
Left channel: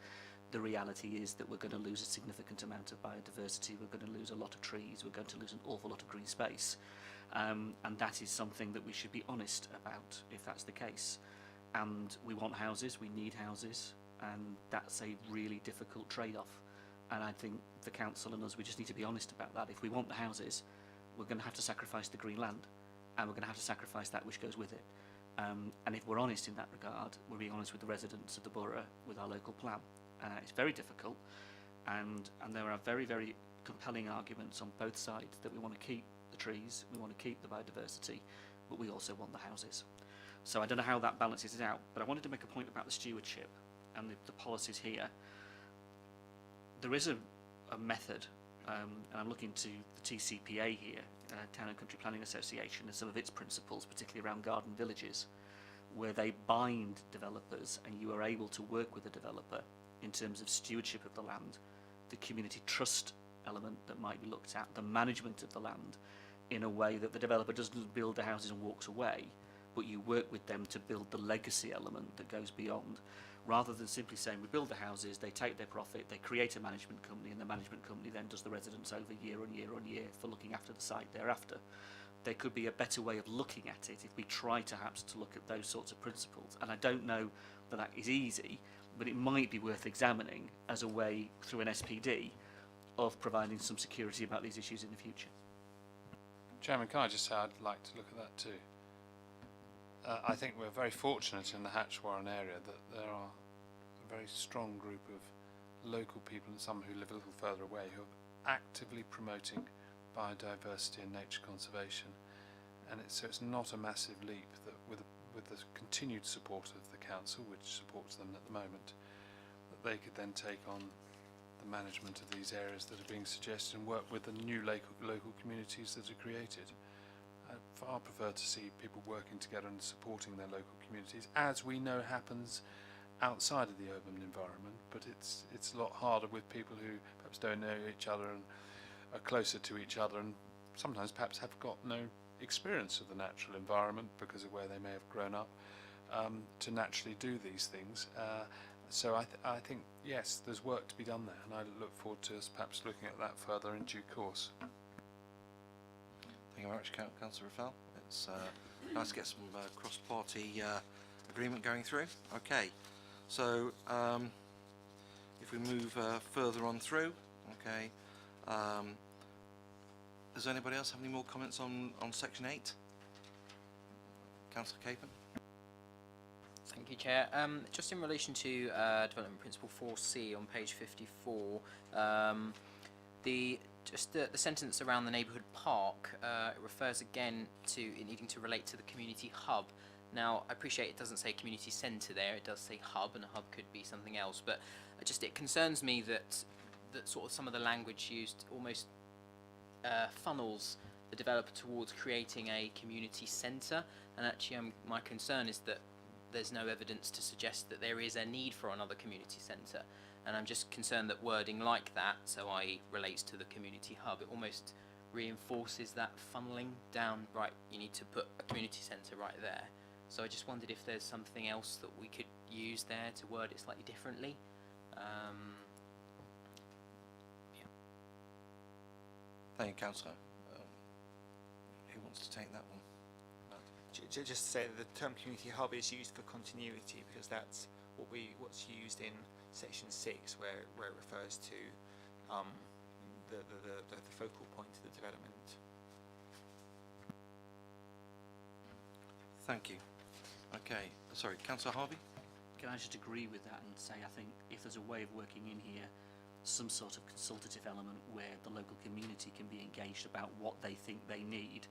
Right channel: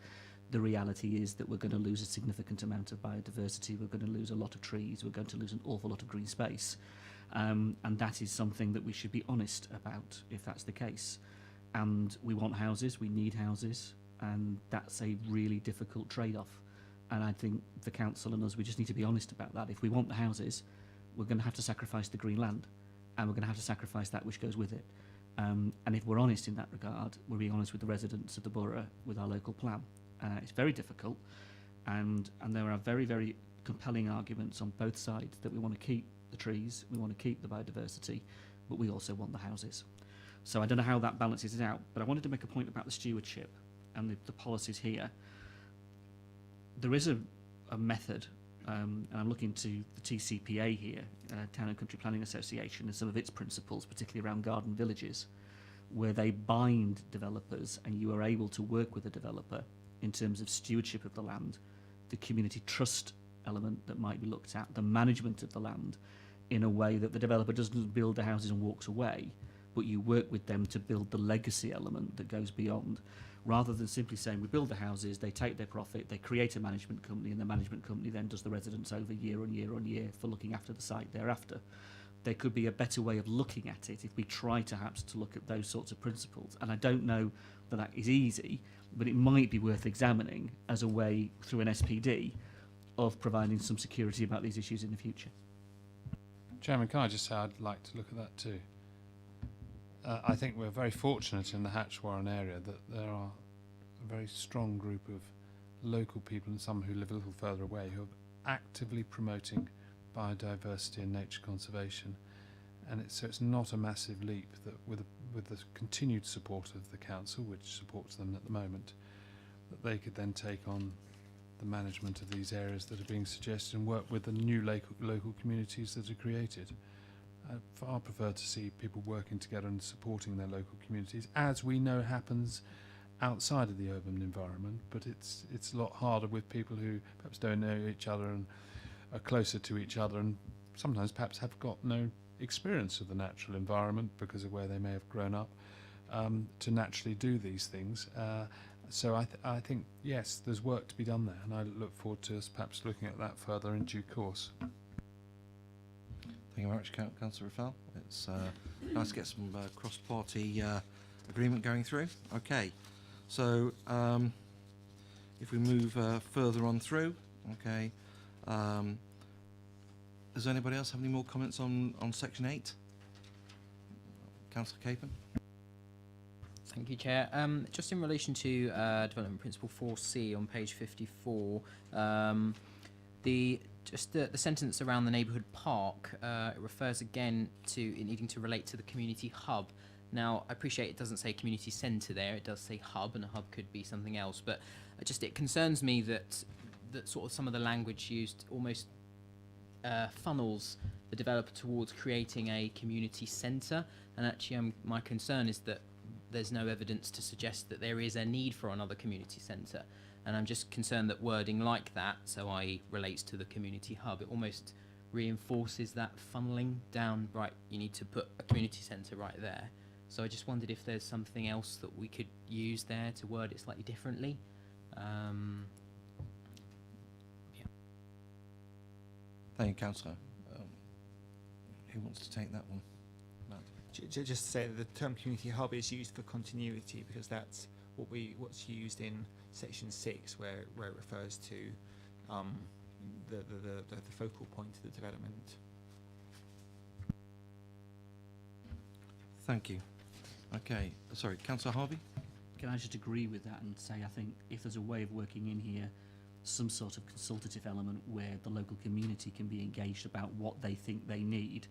the reality is that we're going to lose a significant amount of biodiversity, we're going to lose a lot of trees, we're going to lose an awful lot of green space. And that is something that we should be honest about if that's the case. And we want houses, we need houses, and that's a really difficult trade-off. And I think the council and us, we just need to be honest about that. If we want the houses, we're going to have to sacrifice the green land, and we're going to have to sacrifice that which goes with it. And if we're honest in that regard, we're being honest with the residents of the borough, with our local plan. It's very difficult, and there are very, very compelling arguments on both sides that we want to keep the trees, we want to keep the biodiversity, but we also want the houses. So I don't know how that balances it out, but I wanted to make a point about the stewardship and the policies here. There is a method, and I'm looking to the TCPA here, Town and Country Planning Association, and some of its principles, particularly around garden villages, where they bind developers, and you are able to work with a developer in terms of stewardship of the land, the community trust element that might be looked at, the management of the land, in a way that the developer doesn't build the houses and walks away, but you work with them to build the legacy element that goes beyond, rather than simply saying we build the houses, they take their profit, they create a management company, and the management company then does the residents over year on year on year for looking after the site thereafter. There could be a better way of looking at it if we try perhaps to look at those sorts of principles. And I don't know that is easy, but it might be worth examining as a way through an SPD of providing some security about these issues in the future. Chairman, can I just say I'd like to look at that too. I think we're very fortunate in the Hatch-Warren area that there are a very strong group of local people, and some who live a little further away, who are actively promoting biodiversity and nature conservation. And so it's not a massive leap that with the continued support of the council, which supports them at the moment, that they could then take on the management of these areas that are being suggested and work with the new local communities that are created. I far prefer to see people working together and supporting their local communities, as we know happens outside of the urban environment, but it's a lot harder with people who perhaps don't know each other and are closer to each other, and sometimes perhaps have got no experience of the natural environment because of where they may have grown up, to naturally do these things. So I think, yes, there's work to be done there, and I look forward to us perhaps looking at that further in due course. Thank you very much, Councillor Raffel. It's nice to get some cross-party agreement going through. Okay, so if we move further on through, okay, does anybody else have any more comments on Section 8? Councillor Capon. Thank you, Chair. Just in relation to Development Principle 4C on page 54, the sentence around the neighbourhood park, it refers again to it needing to relate to the community hub. Now, I appreciate it doesn't say community centre there, it does say hub, and a hub could be something else, but it concerns me that sort of some of the language used almost funnels the developer towards creating a community centre, and actually my concern is that there's no evidence to suggest that there is a need for another community centre, and I'm just concerned that wording like that, so i.e. relates to the community hub, it almost reinforces that funneling down, right, you need to put a community centre right there. So I just wondered if there's something else that we could use there to word it slightly differently. Thank you, Councillor. Who wants to take that one? Matt? Just to say that the term community hub is used for continuity because that's what's used in section 6 where it refers to the focal point of the development. Thank you. Okay, sorry, Councillor Harvey? Can I just agree with that and say I think if there's a way of working in here some sort of consultative element where the local community can be engaged about what they think they need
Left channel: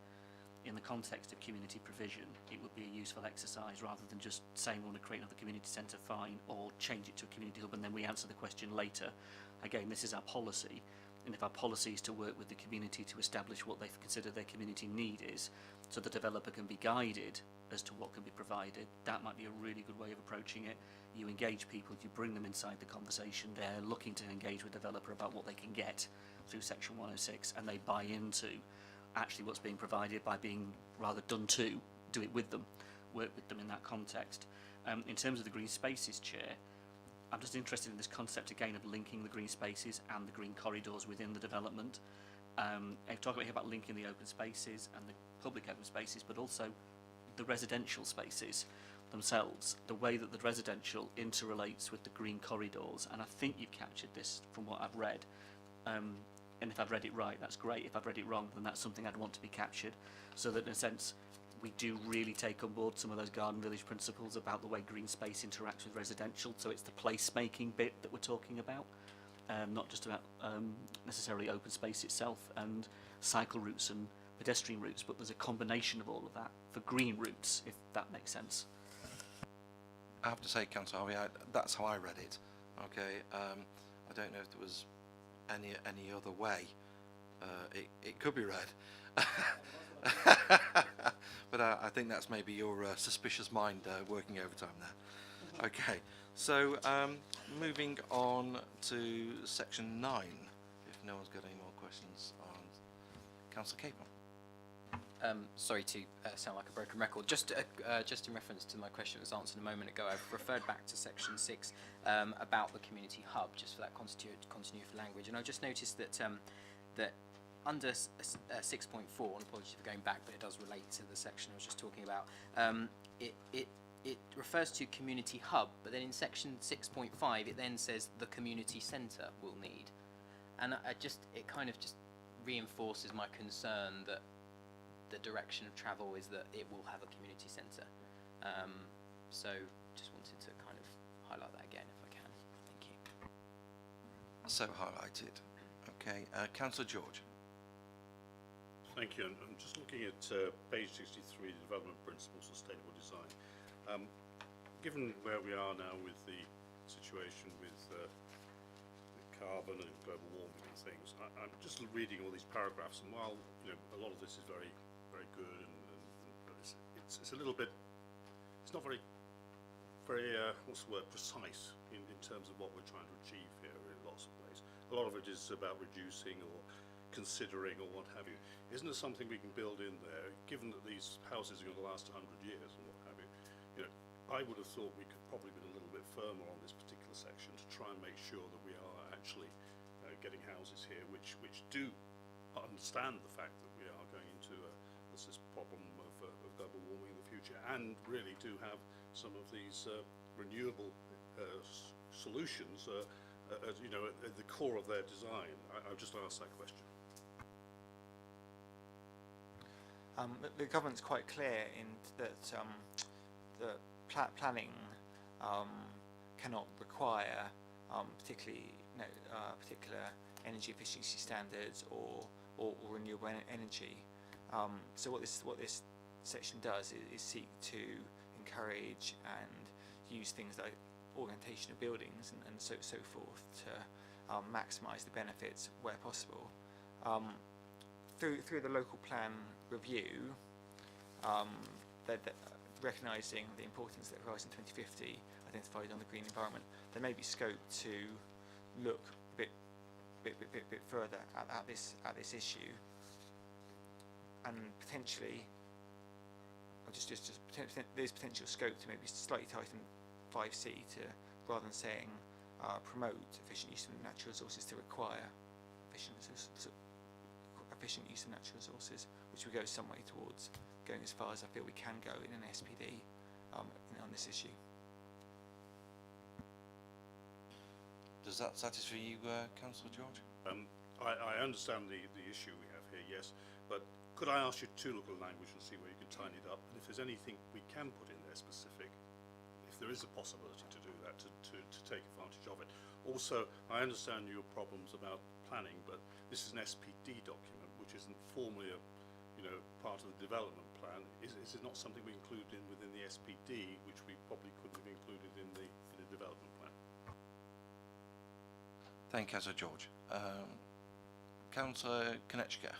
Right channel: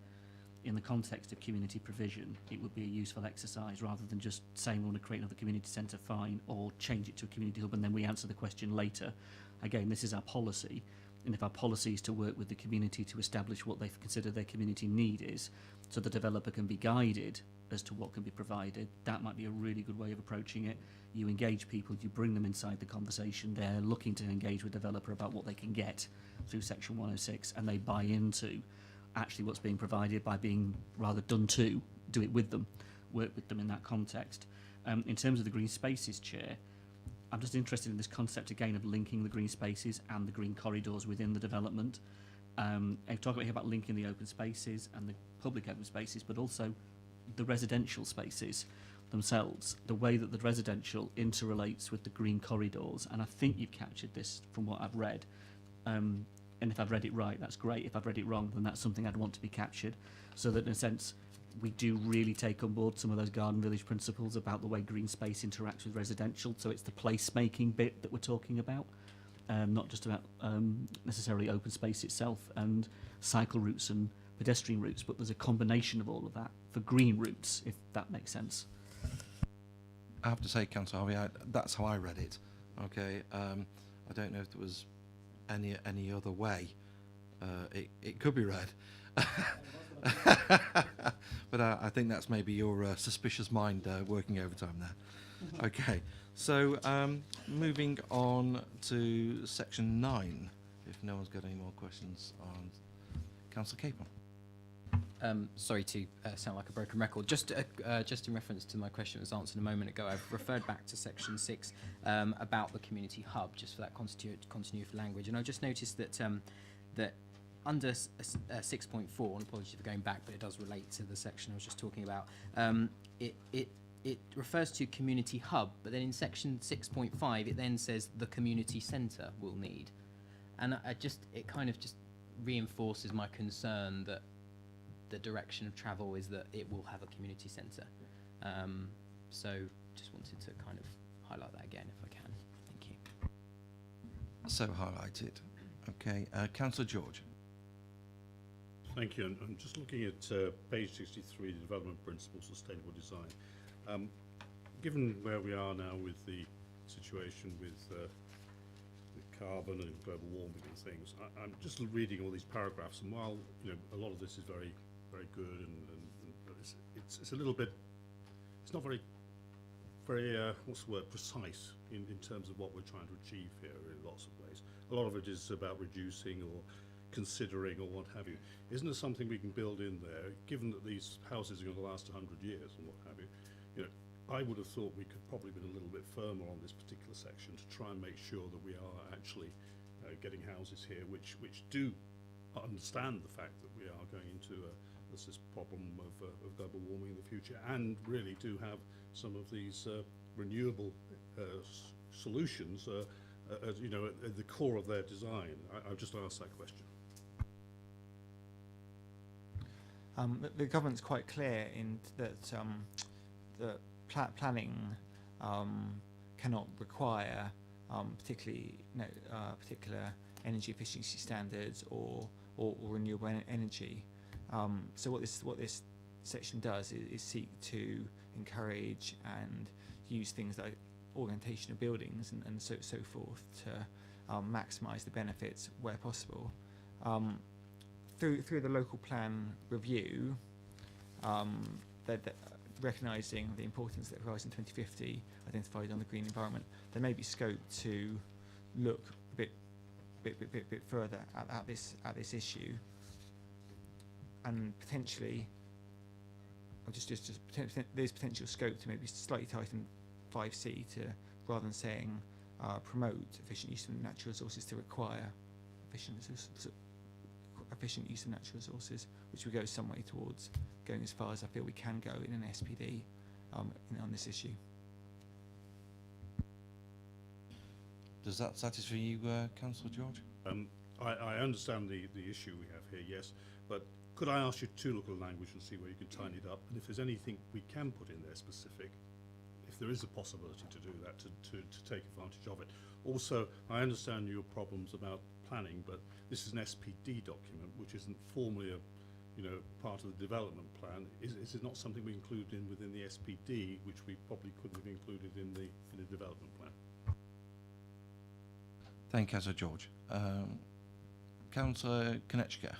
in the context of community provision, it would be a useful exercise rather than just saying we want to create another community centre, fine, or change it to a community hub and then we answer the question later. Again, this is our policy, and if our policy is to work with the community to establish what they consider their community need is, so the developer can be guided as to what can be provided, that might be a really good way of approaching it. You engage people, you bring them inside the conversation, they're looking to engage with the developer about what they can get through section 106, and they buy into actually what's being provided by being rather done to, do it with them, work with them in that context. In terms of the green spaces, Chair, I'm just interested in this concept again of linking the green spaces and the green corridors within the development. I talk about linking the open spaces and the public open spaces, but also the residential spaces themselves, the way that the residential interrelates with the green corridors, and I think you've captured this from what I've read, and if I've read it right, that's great. If I've read it wrong, then that's something I'd want to be captured, so that in a sense we do really take on board some of those garden village principles about the way green space interacts with residential, so it's the place-making bit that we're talking about, not just about necessarily open space itself and cycle routes and pedestrian routes, but there's a combination of all of that for green routes, if that makes sense. I have to say, Councillor Harvey, that's how I read it. Okay, I don't know if there was any other way it could be read. But I think that's maybe your suspicious mind working overtime there. Okay, so moving on to section 9, if no one's got any more questions on Councillor Capel. Sorry to sound like a broken record. Just in reference to my question that was answered a moment ago, I've referred back to section 6 about the community hub, just for that continuity for language. And I've just noticed that that under 6.4, and apologies for going back, but it does relate to the section I was just talking about, it refers to community hub, but then in section 6.5 it then says the community centre will need. And it kind of just reinforces my concern that the direction of travel is that it will have a community centre. So just wanted to kind of highlight that again if I can. Thank you. So highlighted. Okay, Councillor George. Thank you. And I'm just looking at page 63, the Development Principles, Sustainable Design. Given where we are now with the situation with carbon and global warming and things, I'm just reading all these paragraphs, and while a lot of this is very, very good, and it's a little bit, it's not very, what's the word, precise in terms of what we're trying to achieve here in lots of ways. A lot of it is about reducing or considering or what have you. Isn't there something we can build in there, given that these houses are going to last 100 years and what have you? I would have thought we could probably been a little bit firmer on this particular section to try and make sure that we are actually getting houses here which do understand the fact that we are going into this problem of global warming in the future, and really do have some of these renewable solutions at the core of their design. I'll just ask that question. The government's quite clear in that the planning cannot require particular energy efficiency standards or renewable energy. So what this section does is seek to encourage and use things like orientation of buildings and so forth to maximise the benefits where possible. Through the local plan review, recognising the importance that Horizon 2050 identified on the green environment, there may be scope to look a bit further at this issue, and potentially, there's potential scope to maybe slightly tighten 5C to, rather than saying promote efficient use of natural resources, to require efficient use of natural resources, which would go some way towards going as far as I feel we can go in an SPD on this issue. Does that satisfy you, Councillor George? I understand the issue we have here, yes, but could I ask you to look at the language and see where you can tighten it up, and if there's anything we can put in there specific, if there is a possibility to do that, to take advantage of it. Also, I understand your problems about planning, but this is an SPD document, which isn't formally a part of the development plan. Is it not something we include within the SPD, which we probably couldn't have included in the development plan? Thank you, Councillor George. Councillor Konechka.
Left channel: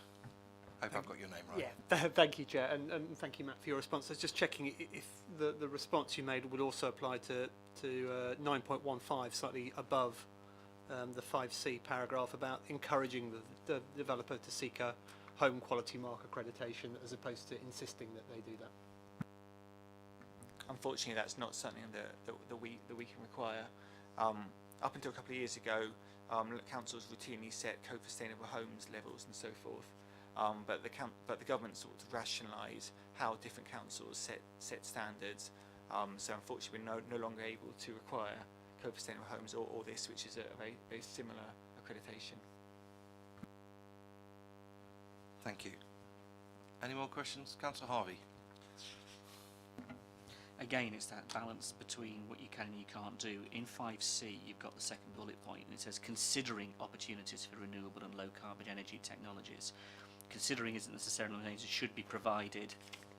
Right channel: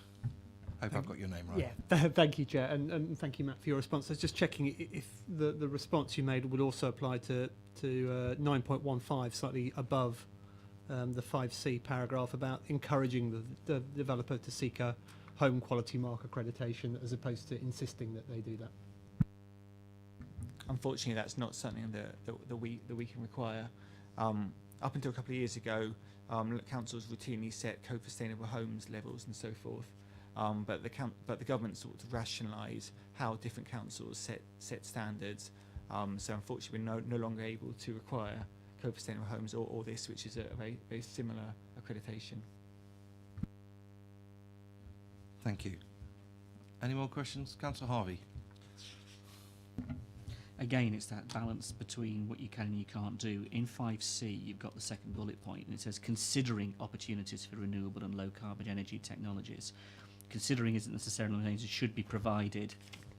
I hope I've got your name right. Yeah, thank you, Chair, and thank you, Matt, for your response. I was just checking if the response you made would also apply to 9.15, slightly above the 5C paragraph about encouraging the developer to seek a home quality mark accreditation as opposed to insisting that they do that. Unfortunately, that's not something that we can require. Up until a couple of years ago, councils routinely set co-sustainable homes levels and so forth. But the government sort of rationalise how different councils set standards. So unfortunately, we're no longer able to require co-sustainable homes or this, which is a very similar accreditation. Thank you. Any more questions? Councillor Harvey. Again, it's that balance between what you can and you can't do. In 5C, you've got the second bullet point, and it says considering opportunities for renewable and low carbon energy technologies. Considering isn't necessarily means it should be provided.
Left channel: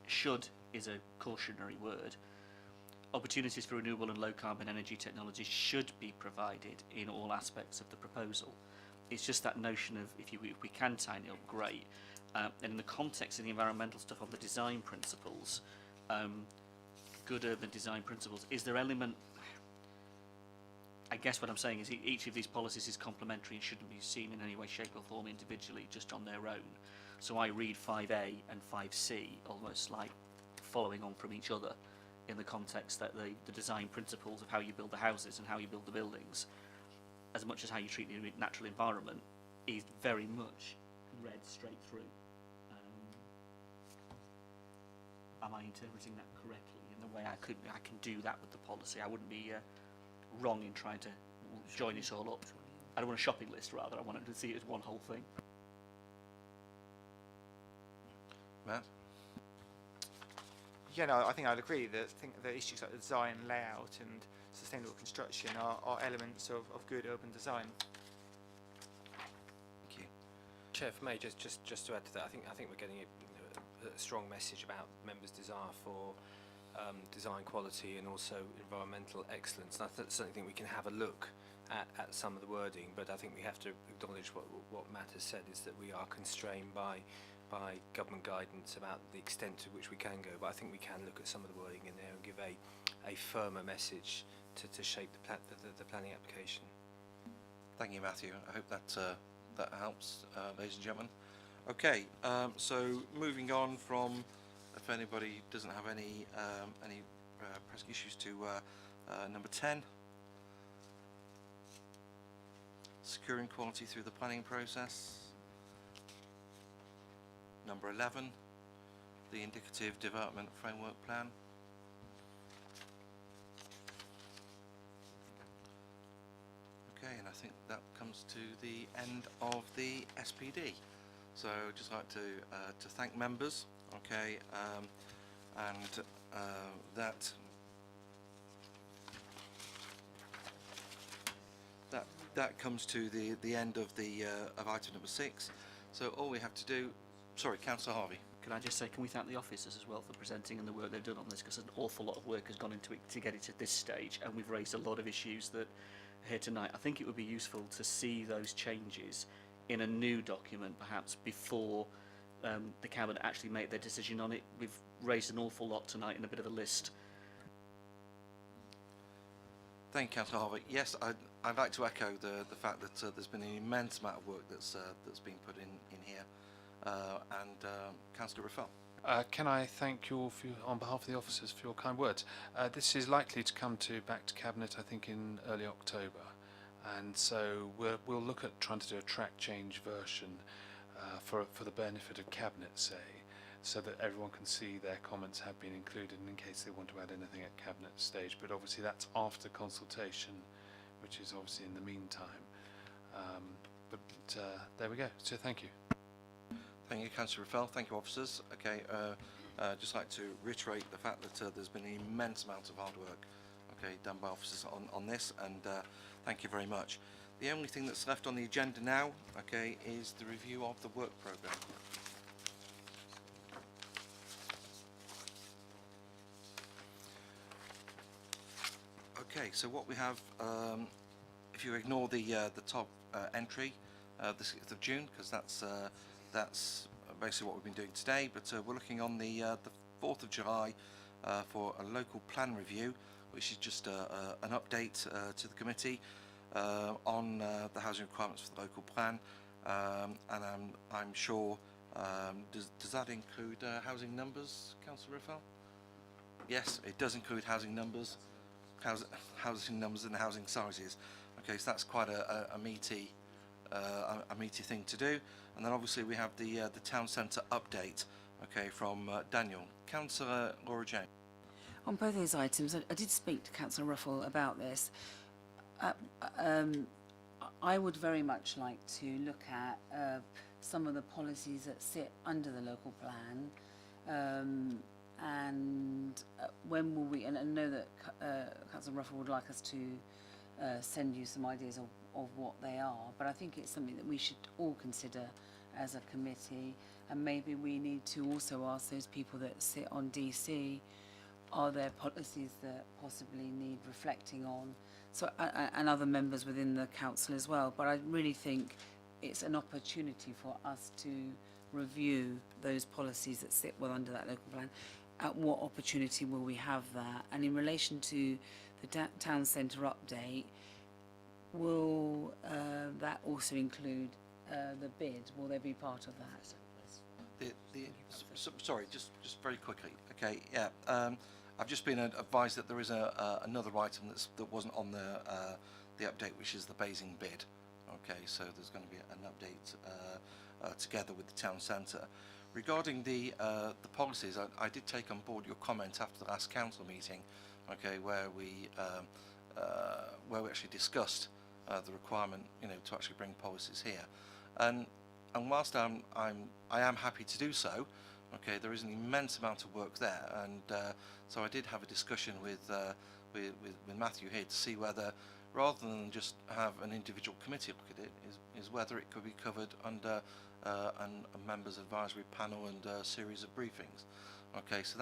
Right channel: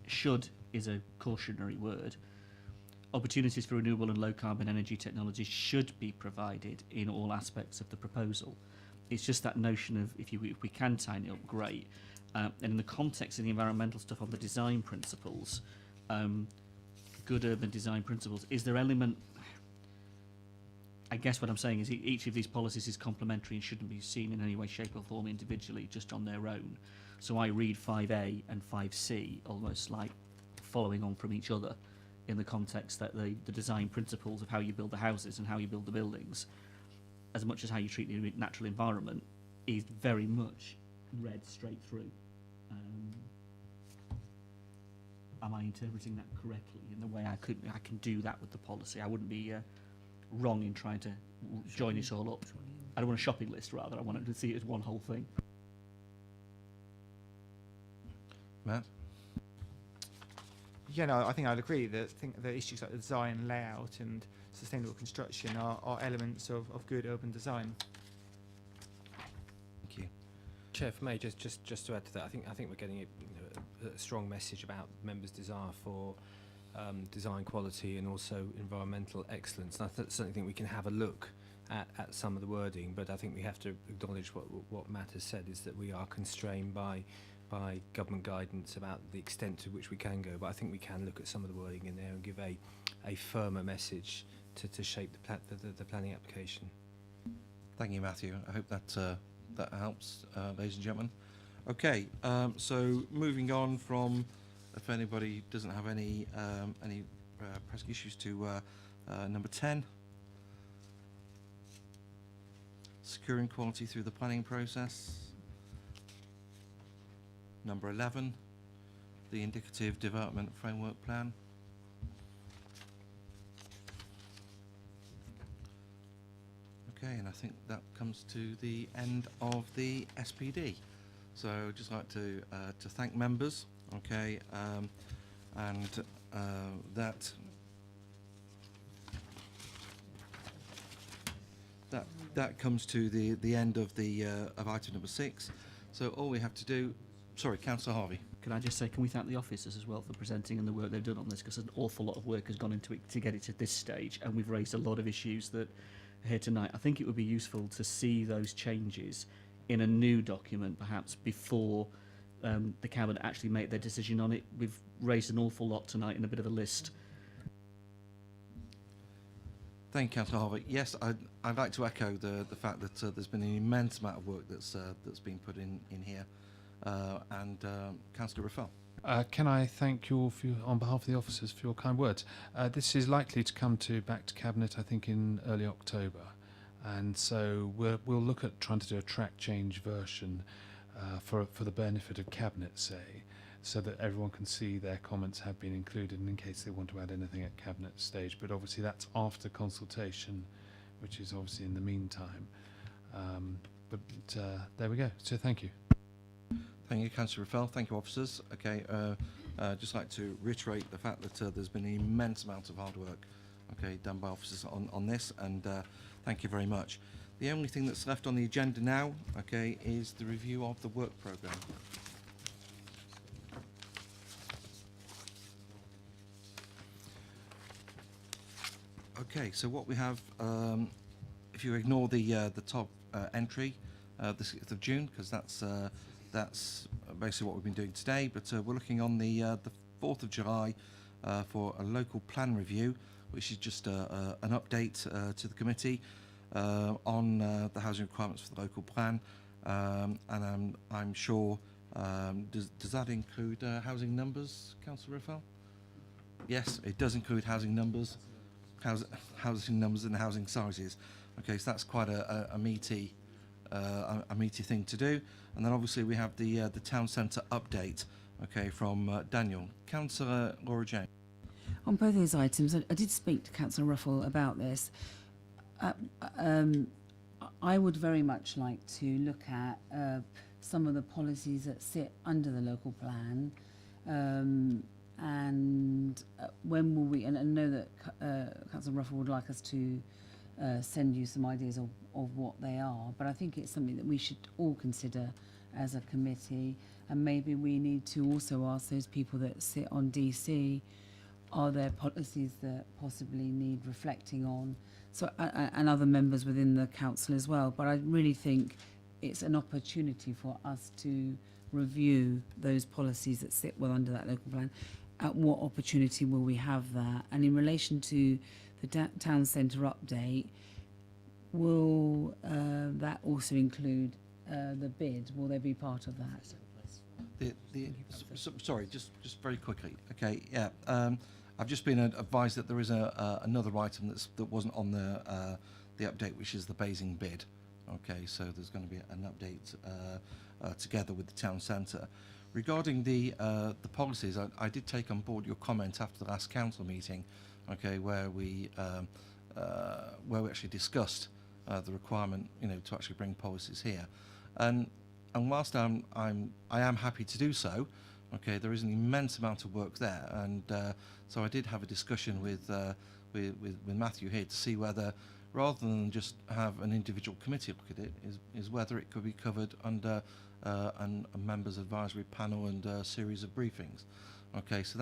Should is a cautionary word. Opportunities for renewable and low carbon energy technologies should be provided in all aspects of the proposal. It's just that notion of if we can tighten it up, great. And in the context of the environmental stuff on the design principles, good urban design principles, is there element? I guess what I'm saying is each of these policies is complementary and shouldn't be seen in any way, shape or form individually, just on their own. So I read 5A and 5C almost like following on from each other in the context that the design principles of how you build the houses and how you build the buildings, as much as how you treat the natural environment, is very much read straight through. Am I interpreting that correctly in the way I can do that with the policy? I wouldn't be wrong in trying to join it all up. I don't want a shopping list, rather. I want to see it as one whole thing. Matt? Yeah, no, I think I'd agree that the issues like the design, layout and sustainable construction are elements of good urban design. Thank you. Chair, for me, just to add to that, I think we're getting a strong message about members' desire for design quality and also environmental excellence. And I certainly think we can have a look at some of the wording, but I think we have to acknowledge what Matt has said, is that we are constrained by government guidance about the extent to which we can go. But I think we can look at some of the wording in there and give a firmer message to shape the planning application. Thank you, Matthew. I hope that helps, ladies and gentlemen. Okay, so moving on from, if anybody doesn't have any pressing issues, to number 10, securing quality through the planning process. Number 11, the indicative development framework plan. Okay, and I think that comes to the end of the SPD. So I'd just like to thank members, okay, and that comes to the end of the of item number 6. So all we have to do sorry, Councillor Harvey. Can I just say, can we thank the officers as well for presenting and the work they've done on this, because an awful lot of work has gone into it to get it to this stage, and we've raised a lot of issues that are here tonight. I think it would be useful to see those changes in a new document, perhaps before the Cabinet actually make their decision on it. We've raised an awful lot tonight in a bit of a list. Thank you, Councillor Harvey. Yes, I'd like to echo the fact that there's been an immense amount of work that's been put in here. Councillor Raffel. Can I thank you all on behalf of the officers for your kind words? This is likely to come back to Cabinet, I think, in early October, and so we'll look at trying to do a track change version for the benefit of Cabinet, say, so that everyone can see their comments have been included, and in case they want to add anything at Cabinet stage. But obviously that's after consultation, which is obviously in the meantime. There we go. So thank you. Thank you, Councillor Raffel. Thank you, officers. Okay, just like to reiterate the fact that there's been an immense amount of hard work, done by officers on this, and thank you very much. The only thing that's left on the agenda now, is the review of the work programme. Okay, so what we have, if you ignore the top entry, the 6th of June, because that's basically what we've been doing today, but we're looking on the 4th of July for a local plan review, which is just an update to the committee on the housing requirements for the local plan, and I'm sure, does that include housing numbers, Councillor Raffel? Yes, it does include housing numbers, housing numbers and housing sizes. Okay, so that's quite a meaty thing to do. And then obviously we have the town centre update, from Daniel. Councillor Laura Jane. On both those items, I did speak to Councillor Ruffell about this. I would very much like to look at some of the policies that sit under the local plan, and when will we? And I know that Councillor Ruffell would like us to send you some ideas of what they are, but I think it's something that we should all consider as a committee, and maybe we need to also ask those people that sit on DC, are there policies that possibly need reflecting on? So, and other members within the council as well. But I really think it's an opportunity for us to review those policies that sit well under that local plan. At what opportunity will we have that? And in relation to the town centre update, will that also include the bid? Will they be part of that? Sorry, just very quickly. Okay, yeah. I've just been advised that there is another item that wasn't on the update, which is the Basing bid. Okay, so there's going to be an update together with the town centre. Regarding the policies, I did take on board your comment after the last council meeting, where we actually discussed the requirement, to actually bring policies here, and whilst I am happy to do so, there is an immense amount of work there, and so I did have a discussion with Matthew here to see whether, rather than just have an individual committee look at it, is whether it could be covered under a members advisory panel and a series of briefings. So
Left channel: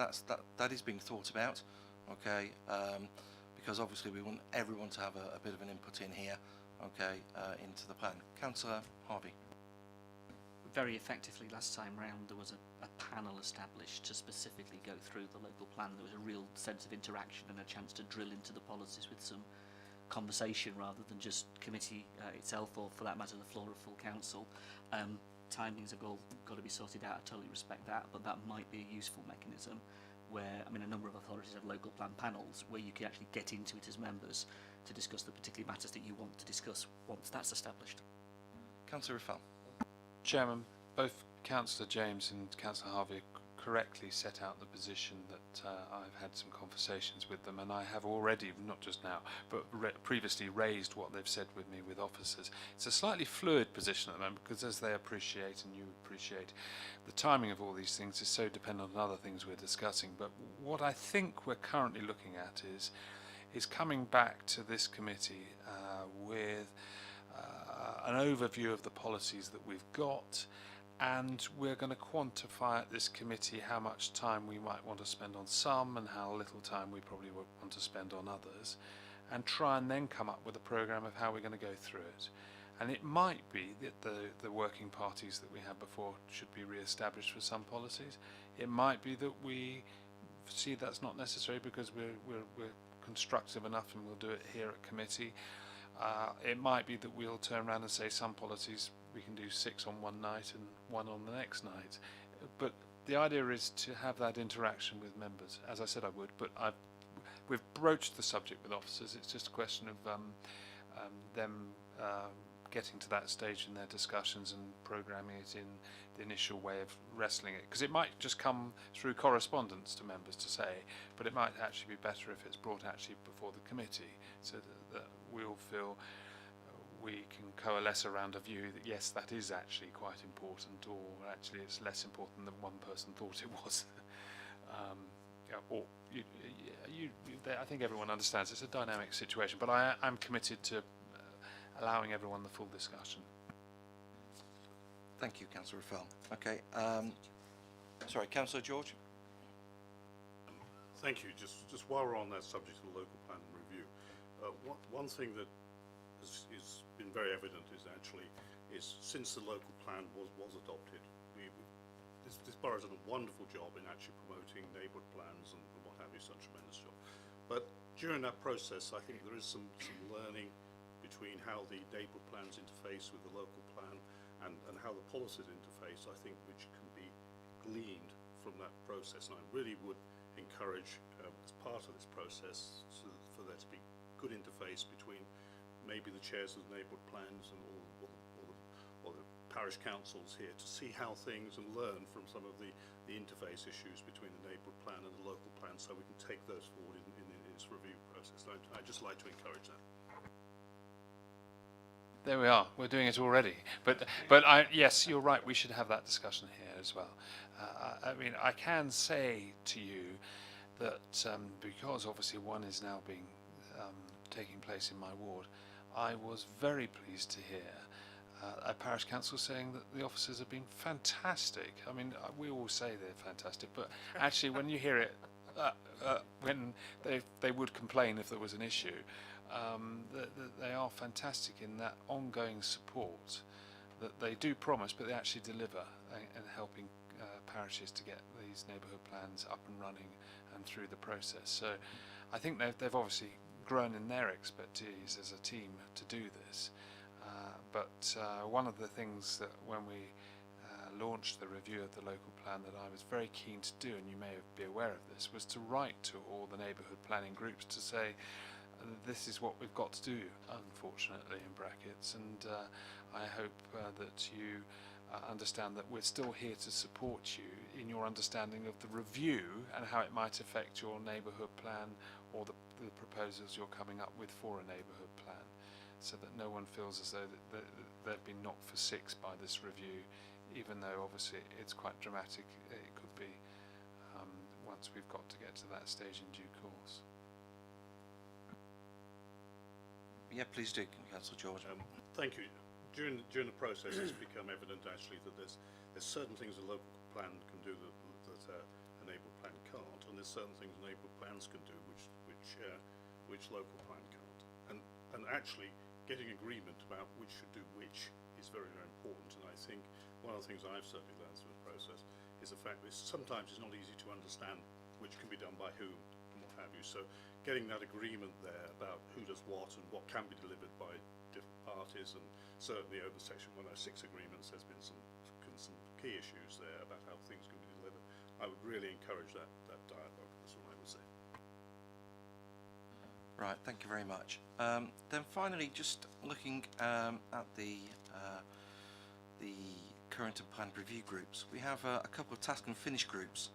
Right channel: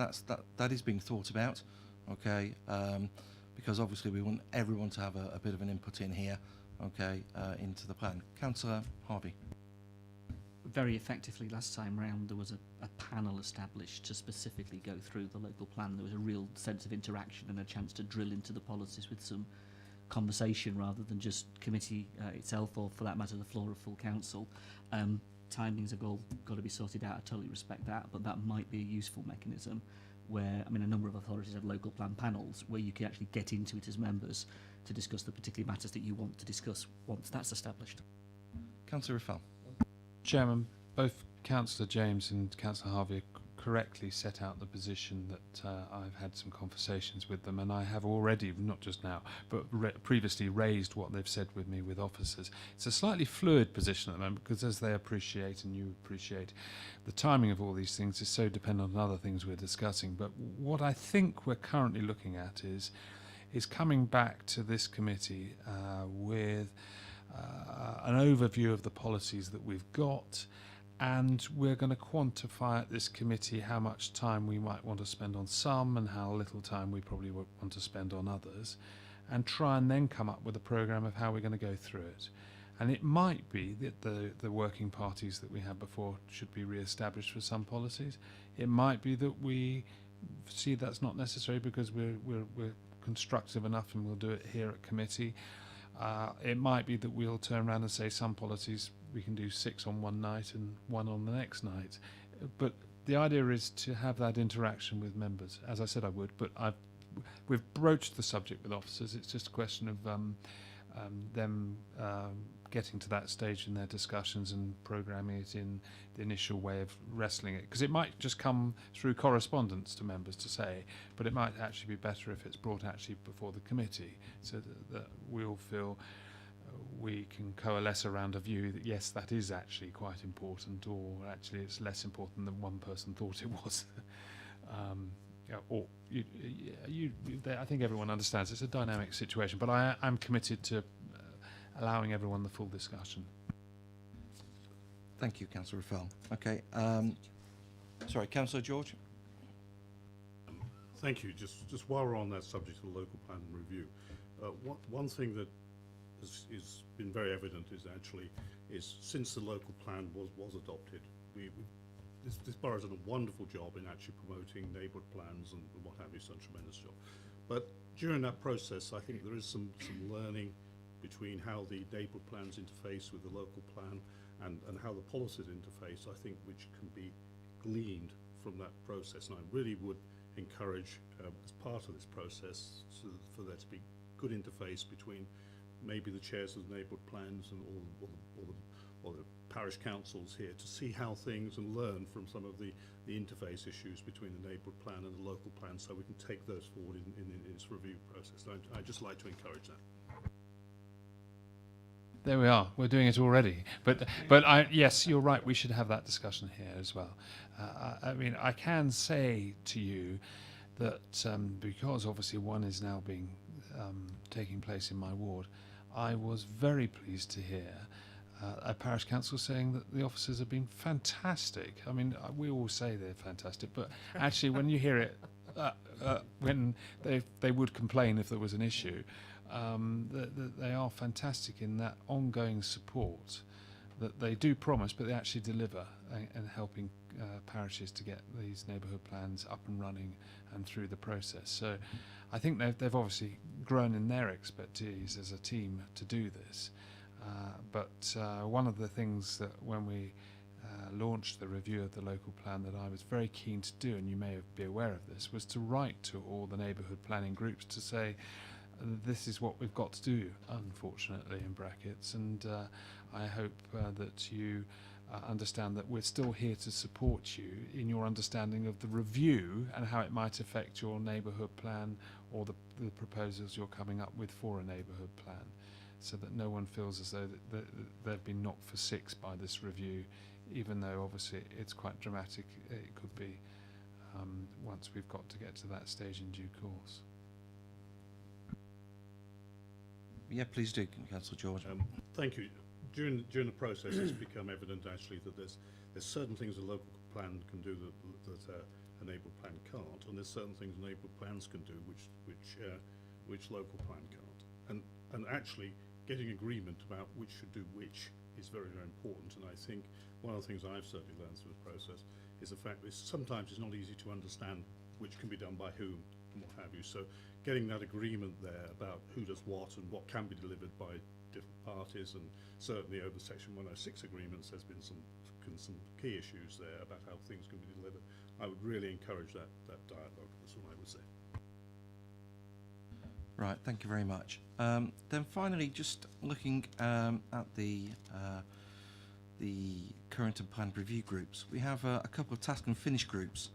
that is being thought about. Because obviously we want everyone to have a bit of an input in here, into the plan. Councillor Harvey. Very effectively last time round there was a panel established to specifically go through the local plan. There was a real sense of interaction and a chance to drill into the policies with some conversation rather than just committee itself, or for that matter the floor of full council. Timings have all got to be sorted out. I totally respect that, but that might be a useful mechanism where, a number of authorities have local plan panels where you can actually get into it as members to discuss the particular matters that you want to discuss once that's established. Councillor Raffel. Chairman, both Councillor James and Councillor Harvey correctly set out the position that I've had some conversations with them, and I have already, not just now, but previously raised what they've said with me with officers. It's a slightly fluid position at the moment because, as they appreciate and you appreciate, the timing of all these things is so dependent on other things we're discussing. But what I think we're currently looking at is coming back to this committee with an overview of the policies that we've got, and we're going to quantify at this committee how much time we might want to spend on some and how little time we probably would want to spend on others, and try and then come up with a programme of how we're going to go through it. And it might be that the working parties that we had before should be re-established for some policies. It might be that we see that's not necessary because we're constructive enough and we'll do it here at committee. It might be that we'll turn around and say some policies we can do 6 on one night and 1 on the next night. But the idea is to have that interaction with members. As I said I would, but we've broached the subject with officers. It's just a question of them getting to that stage in their discussions and programming it in the initial way of wrestling it. Because it might just come through correspondence to members to say, but it might actually be better if it's brought actually before the committee, so that we all feel we can coalesce around a view that yes, that is actually quite important, or actually it's less important than one person thought it was. I think everyone understands it's a dynamic situation, but I'm committed to allowing everyone the full discussion. Thank you, Councillor Raffel. Okay. Sorry, Councillor George. Thank you. Just while we're on that subject of the local plan and review, one thing that is been very evident is since the local plan was adopted, this borough's done a wonderful job in actually promoting neighbourhood plans and what have you, such a tremendous job. But during that process, I think there is some learning between how the neighbourhood plans interface with the local plan and how the policies interface, I think, which can be gleaned from that process. And I really would encourage, as part of this process, for there to be good interface between maybe the chairs of the neighbourhood plans and all the parish councils here, to see how things and learn from some of the interface issues between the neighbourhood plan and the local plan, so we can take those forward in this review process. And I'd just like to encourage that. There we are. We're doing it already. But yes, you're right. We should have that discussion here as well. I mean, I can say to you that because obviously one is now being taking place in my ward, I was very pleased to hear a parish council saying that the officers have been fantastic. I mean, we all say they're fantastic, but actually when you hear it, when they would complain if there was an issue, they are fantastic in that ongoing support that they do promise, but they actually deliver, and helping parishes to get these neighbourhood plans up and running and through the process. So I think they've obviously grown in their expertise as a team to do this. But one of the things that when we launched the review of the local plan that I was very keen to do, and you may be aware of this, was to write to all the neighbourhood planning groups to say, this is what we've got to do, unfortunately, in brackets, and I hope that you understand that we're still here to support you in your understanding of the review and how it might affect your neighbourhood plan or the proposals you're coming up with for a neighbourhood plan, so that no one feels as though that they've been knocked for six by this review, even though obviously it's quite dramatic. It could be once we've got to get to that stage in due course. Yeah, please do, Councillor George. Thank you. During the process, it's become evident actually that there's certain things a local plan can do that a neighbourhood plan can't, and there's certain things neighbourhood plans can do which local plan can't. And actually getting agreement about which should do which is very, very important. And I think one of the things I've certainly learned through the process is the fact that sometimes it's not easy to understand which can be done by whom and what have you. So getting that agreement there about who does what and what can be delivered by different parties, and certainly over Section 106 agreements there's been some key issues there about how things can be delivered. I would really encourage that dialogue. That's what I would say. Right, thank you very much. Then finally, just looking at the current and planned review groups, we have a couple of task and finish groups.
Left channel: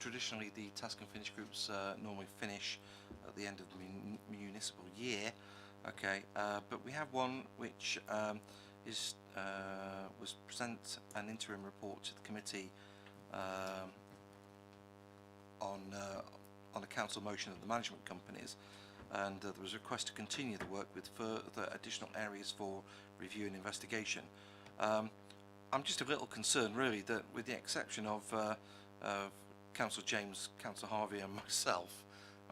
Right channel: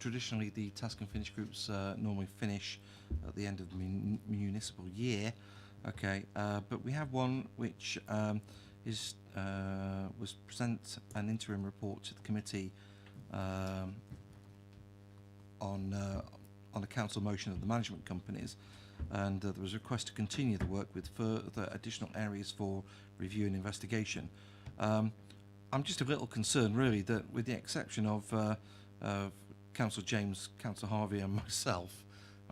Traditionally, the task and finish groups normally finish at the end of the municipal year. Okay, but we have one which was present an interim report to the committee on a council motion of the management companies, and there was a request to continue the work with further additional areas for review and investigation. I'm just a little concerned, really, that with the exception of Councillor James, Councillor Harvey, and myself,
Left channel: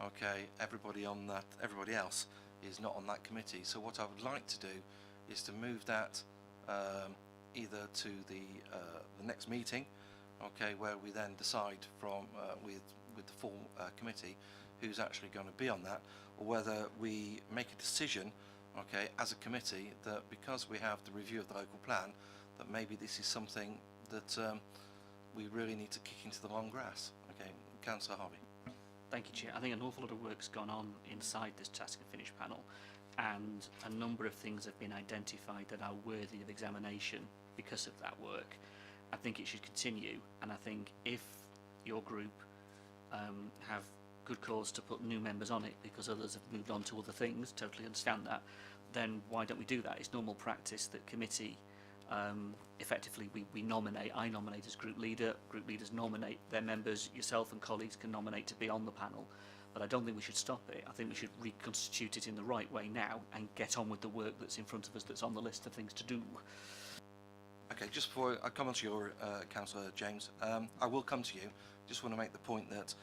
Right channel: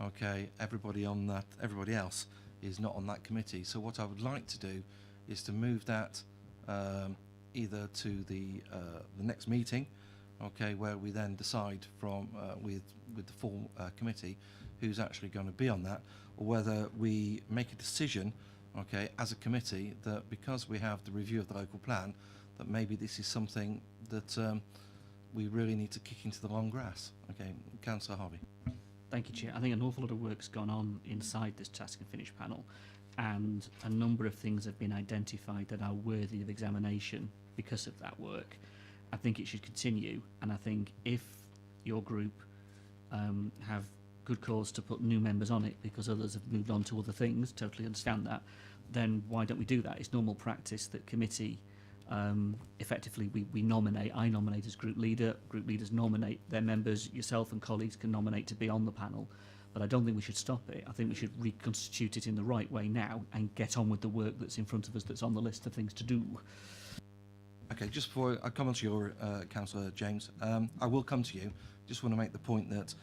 okay, everybody else is not on that committee. So what I would like to do is to move that either to the next meeting, okay, where we then decide from with the full committee who's actually going to be on that, or whether we make a decision, okay, as a committee, that because we have the review of the local plan, that maybe this is something that we really need to kick into the long grass. Okay, Councillor Harvey. Thank you, Chair. I think an awful lot of work's gone on inside this task and finish panel, and a number of things have been identified that are worthy of examination because of that work. I think it should continue, and I think if your group have good cause to put new members on it because others have moved on to other things, totally understand that, then why don't we do that? It's normal practice that committee, effectively I nominate as group leaders nominate their members, yourself and colleagues can nominate to be on the panel, but I don't think we should stop it. I think we should reconstitute it in the right way now and get on with the work that's in front of us, that's on the list of things to do. Okay, just before I come on to your Councillor James, I will come to you. Just want to make the point that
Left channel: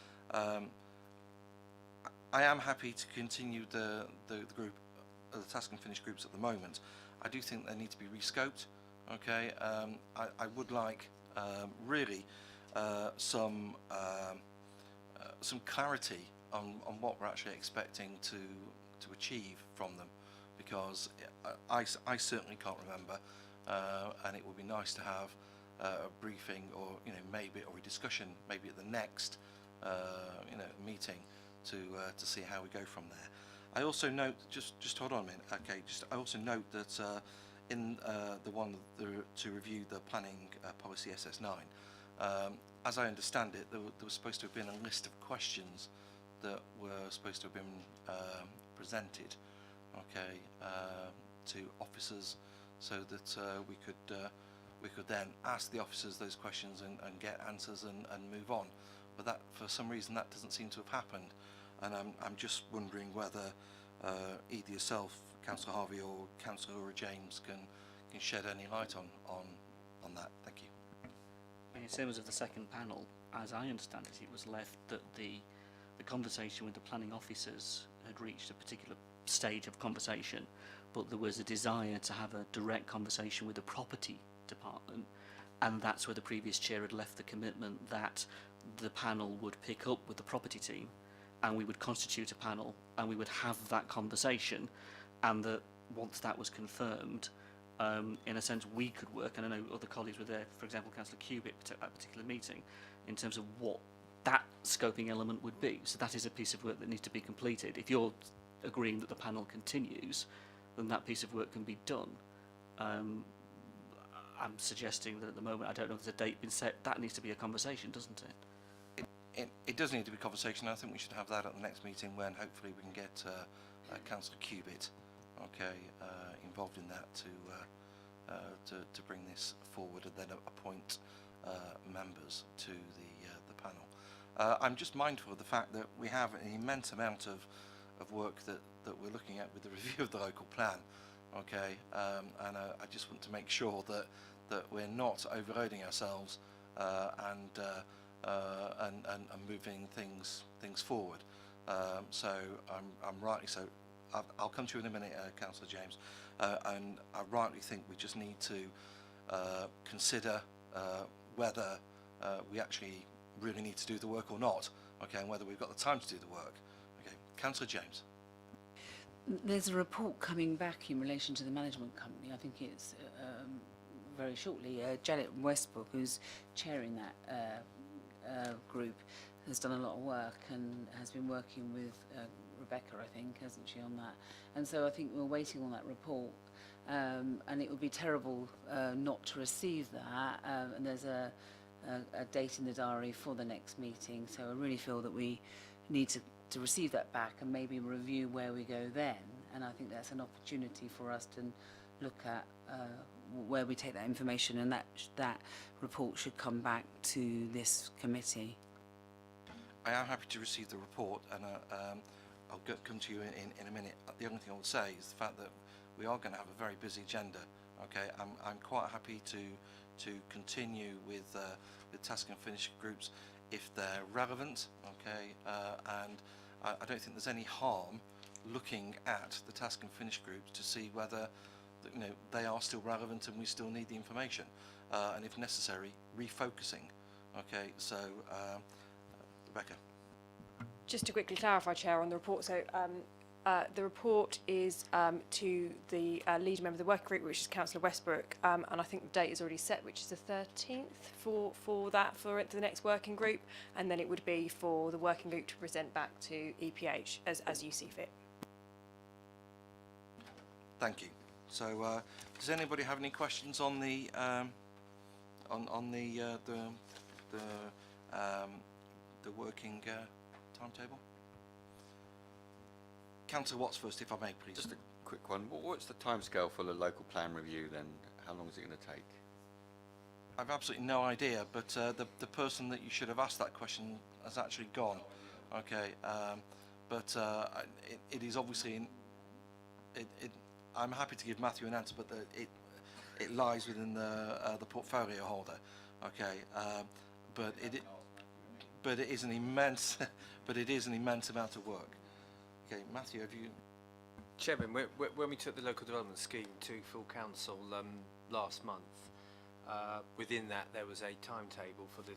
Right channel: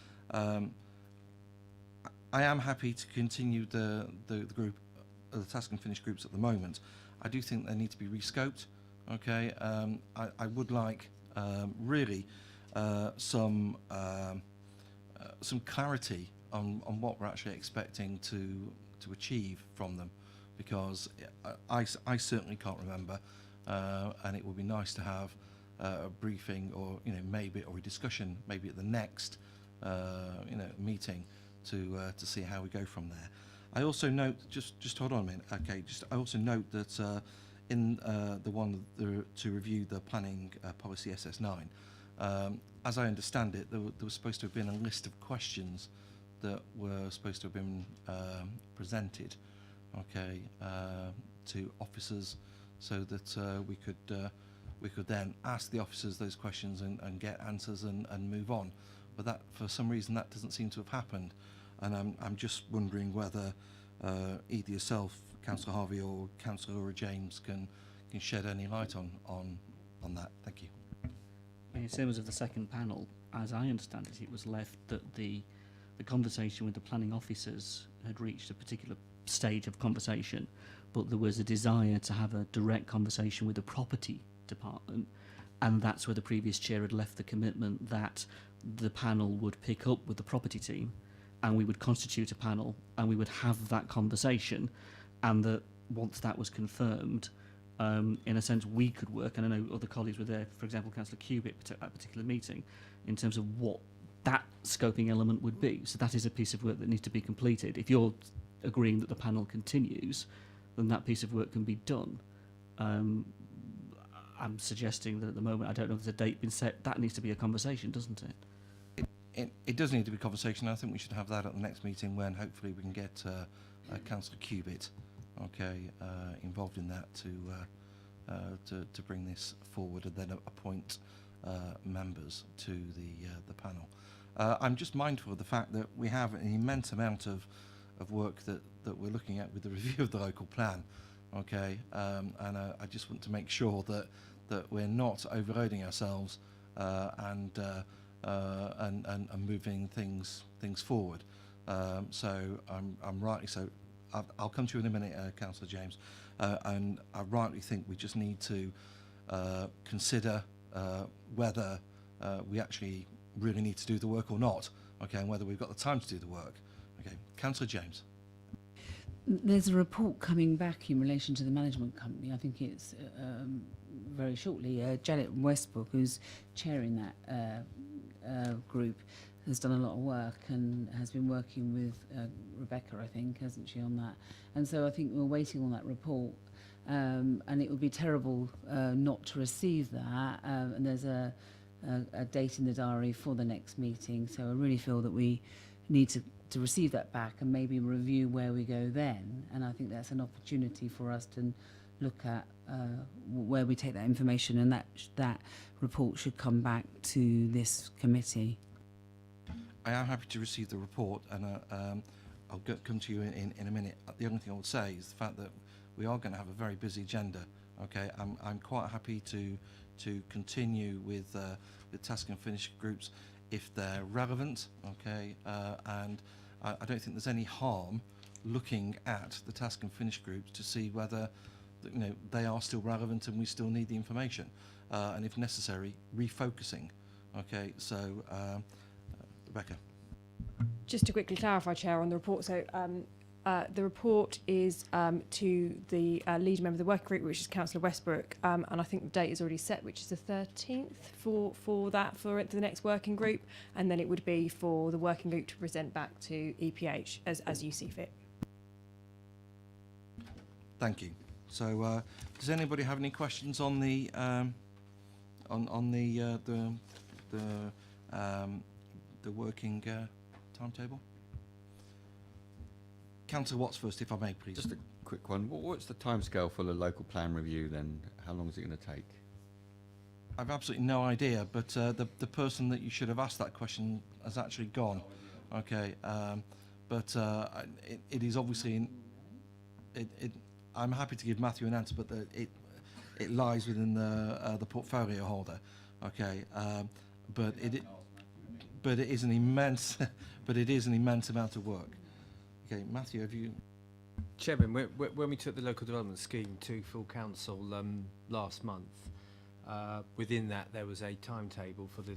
I am happy to continue the group, the task and finish groups at the moment. I do think they need to be rescoped. Okay, I would like really some clarity on what we're actually expecting to achieve from them, because I certainly can't remember, and it would be nice to have a briefing, or maybe, or a discussion maybe at the next meeting to see how we go from there. I also note, just hold on a minute, okay, I also note that in the one to review the planning policy SS9, as I understand it, there was supposed to have been a list of questions that were supposed to have been presented, okay, to officers, so that we could then ask the officers those questions and get answers and move on. But that, for some reason, that doesn't seem to have happened, and I'm just wondering whether either yourself, Councillor Harvey, or Councillor Laura James can shed any light on that. Thank you. In terms of the second panel, as I understand it, it was left that the conversation with the planning officers had reached a particular stage of conversation, but there was a desire to have a direct conversation with the property department, and that's where the previous chair had left the commitment that the panel would pick up with the property team, and we would constitute a panel, and we would have that conversation, and that once that was confirmed, in a sense, we could work, and I know other colleagues were there, for example, Councillor Cubitt at that particular meeting, in terms of what that scoping element would be. So that is a piece of work that needs to be completed. If you're agreeing that the panel continues, then that piece of work can be done. I'm suggesting that at the moment, I don't know if there's a date been set, that needs to be a conversation, doesn't it? It does need to be a conversation. I think we should have that at the next meeting, when hopefully we can get Councillor Cubitt, okay, involved in that to bring this forward, and then appoint members to the panel. I'm just mindful of the fact that we have an immense amount of work that we're looking at with the review of the local plan, okay, and I just want to make sure that we're not overloading ourselves and moving things forward. So I'm rightly so. I'll come to you in a minute, Councillor James, and I rightly think we just need to consider whether we actually really need to do the work or not, okay, and whether we've got the time to do the work. Okay, Councillor James. There's a report coming back in relation to the management company. I think it's very shortly. Janet Westbrook, who's chairing that group, has done a lot of work and has been working with Rebecca, I think, hasn't she, on that? And so I think we're waiting on that report, and it would be terrible not to receive that. And there's a date in the diary for the next meeting, so I really feel that we need to receive that back and maybe review where we go then. And I think that's an opportunity for us to look at where we take that information, and that report should come back to this committee. I am happy to receive the report, and I'll come to you in a minute. The only thing I would say is the fact that we are going to have a very busy agenda Okay, I'm quite happy to continue with the task and finish groups if they're relevant. Okay, and I don't think there's any harm looking at the task and finish groups to see whether they are still relevant and we still need the information, and if necessary, refocusing. Okay, so Rebecca. Just to quickly clarify, Chair, on the report. So the report is to the lead member of the working group, which is Councillor Westbrook, and I think the date is already set, which is the 13th for the next working group, and then it would be for the working group to present back to EPH as you see fit. Thank you. So, does anybody have any questions on the working timetable? Councillor Watts first, if I may, please. Just a quick one. What's the timescale for the local plan review then? How long is it going to take? I've absolutely no idea, but the person that you should have asked that question has actually gone. Okay, but it is obviously I'm happy to give Matthew an answer, but it lies within the portfolio holder. Okay, but it is an immense amount of work. Okay, Matthew, have you? Chairman, when we took the local development scheme to full council last month, within that there was a timetable for the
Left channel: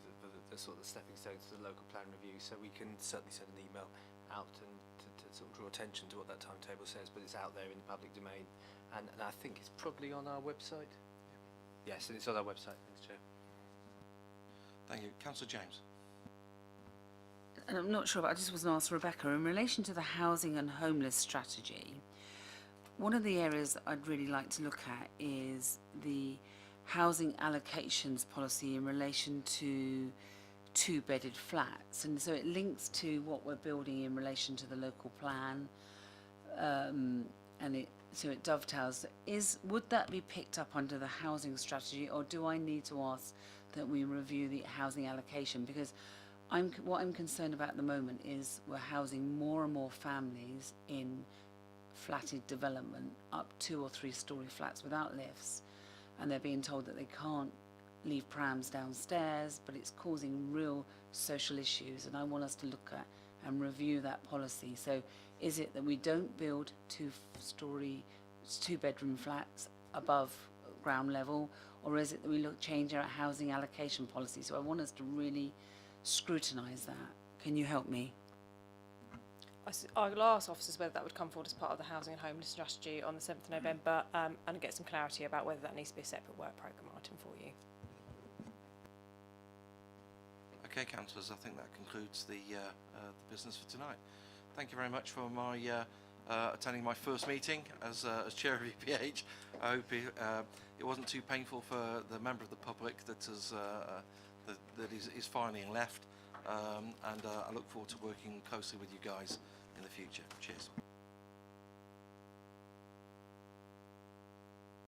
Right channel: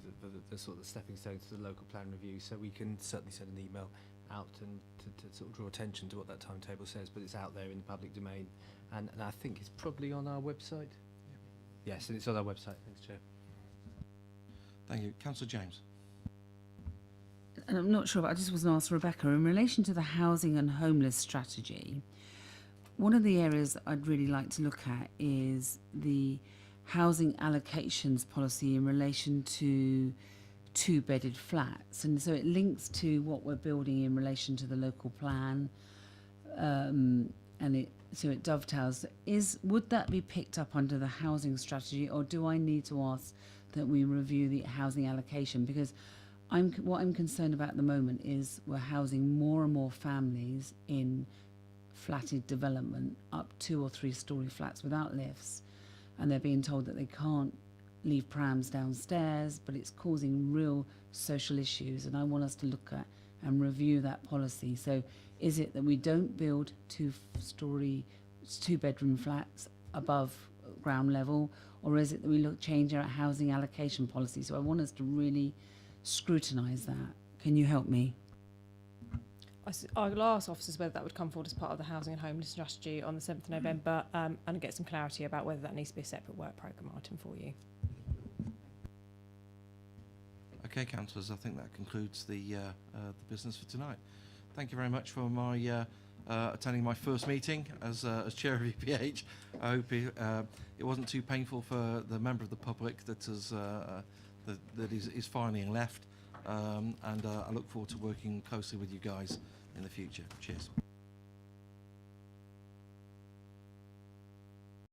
sort of stepping stones to the local plan review. So we can certainly send an email out and to sort of draw attention to what that timetable says, but it's out there in the public domain, and I think it's probably on our website. Yes, and it's on our website. Thanks, Chair. Thank you, Councillor James. And I'm not sure, but I just was going to ask Rebecca, in relation to the housing and homeless strategy, one of the areas I'd really like to look at is the housing allocations policy in relation to two-bedded flats. And so it links to what we're building in relation to the local plan, and so it dovetails. Would that be picked up under the housing strategy, or do I need to ask that we review the housing allocation? Because what I'm concerned about at the moment is we're housing more and more families in flatted development, up 2 or 3 story flats without lifts, and they're being told that they can't leave prams downstairs, but it's causing real social issues, and I want us to look at and review that policy. So is it that we don't build 2-bedroom flats above ground level, or is it that we change our housing allocation policy? So I want us to really scrutinise that. Can you help me? I'll ask officers whether that would come forward as part of the housing and homeless strategy on the 7th of November, and get some clarity about whether that needs to be a separate work programme item for you. Okay, councillors, I think that concludes the business for tonight. Thank you very much for attending my first meeting as chair of EPH. I hope it wasn't too painful for the member of the public that is finally left, and I look forward to working closely with you guys in the future. Cheers.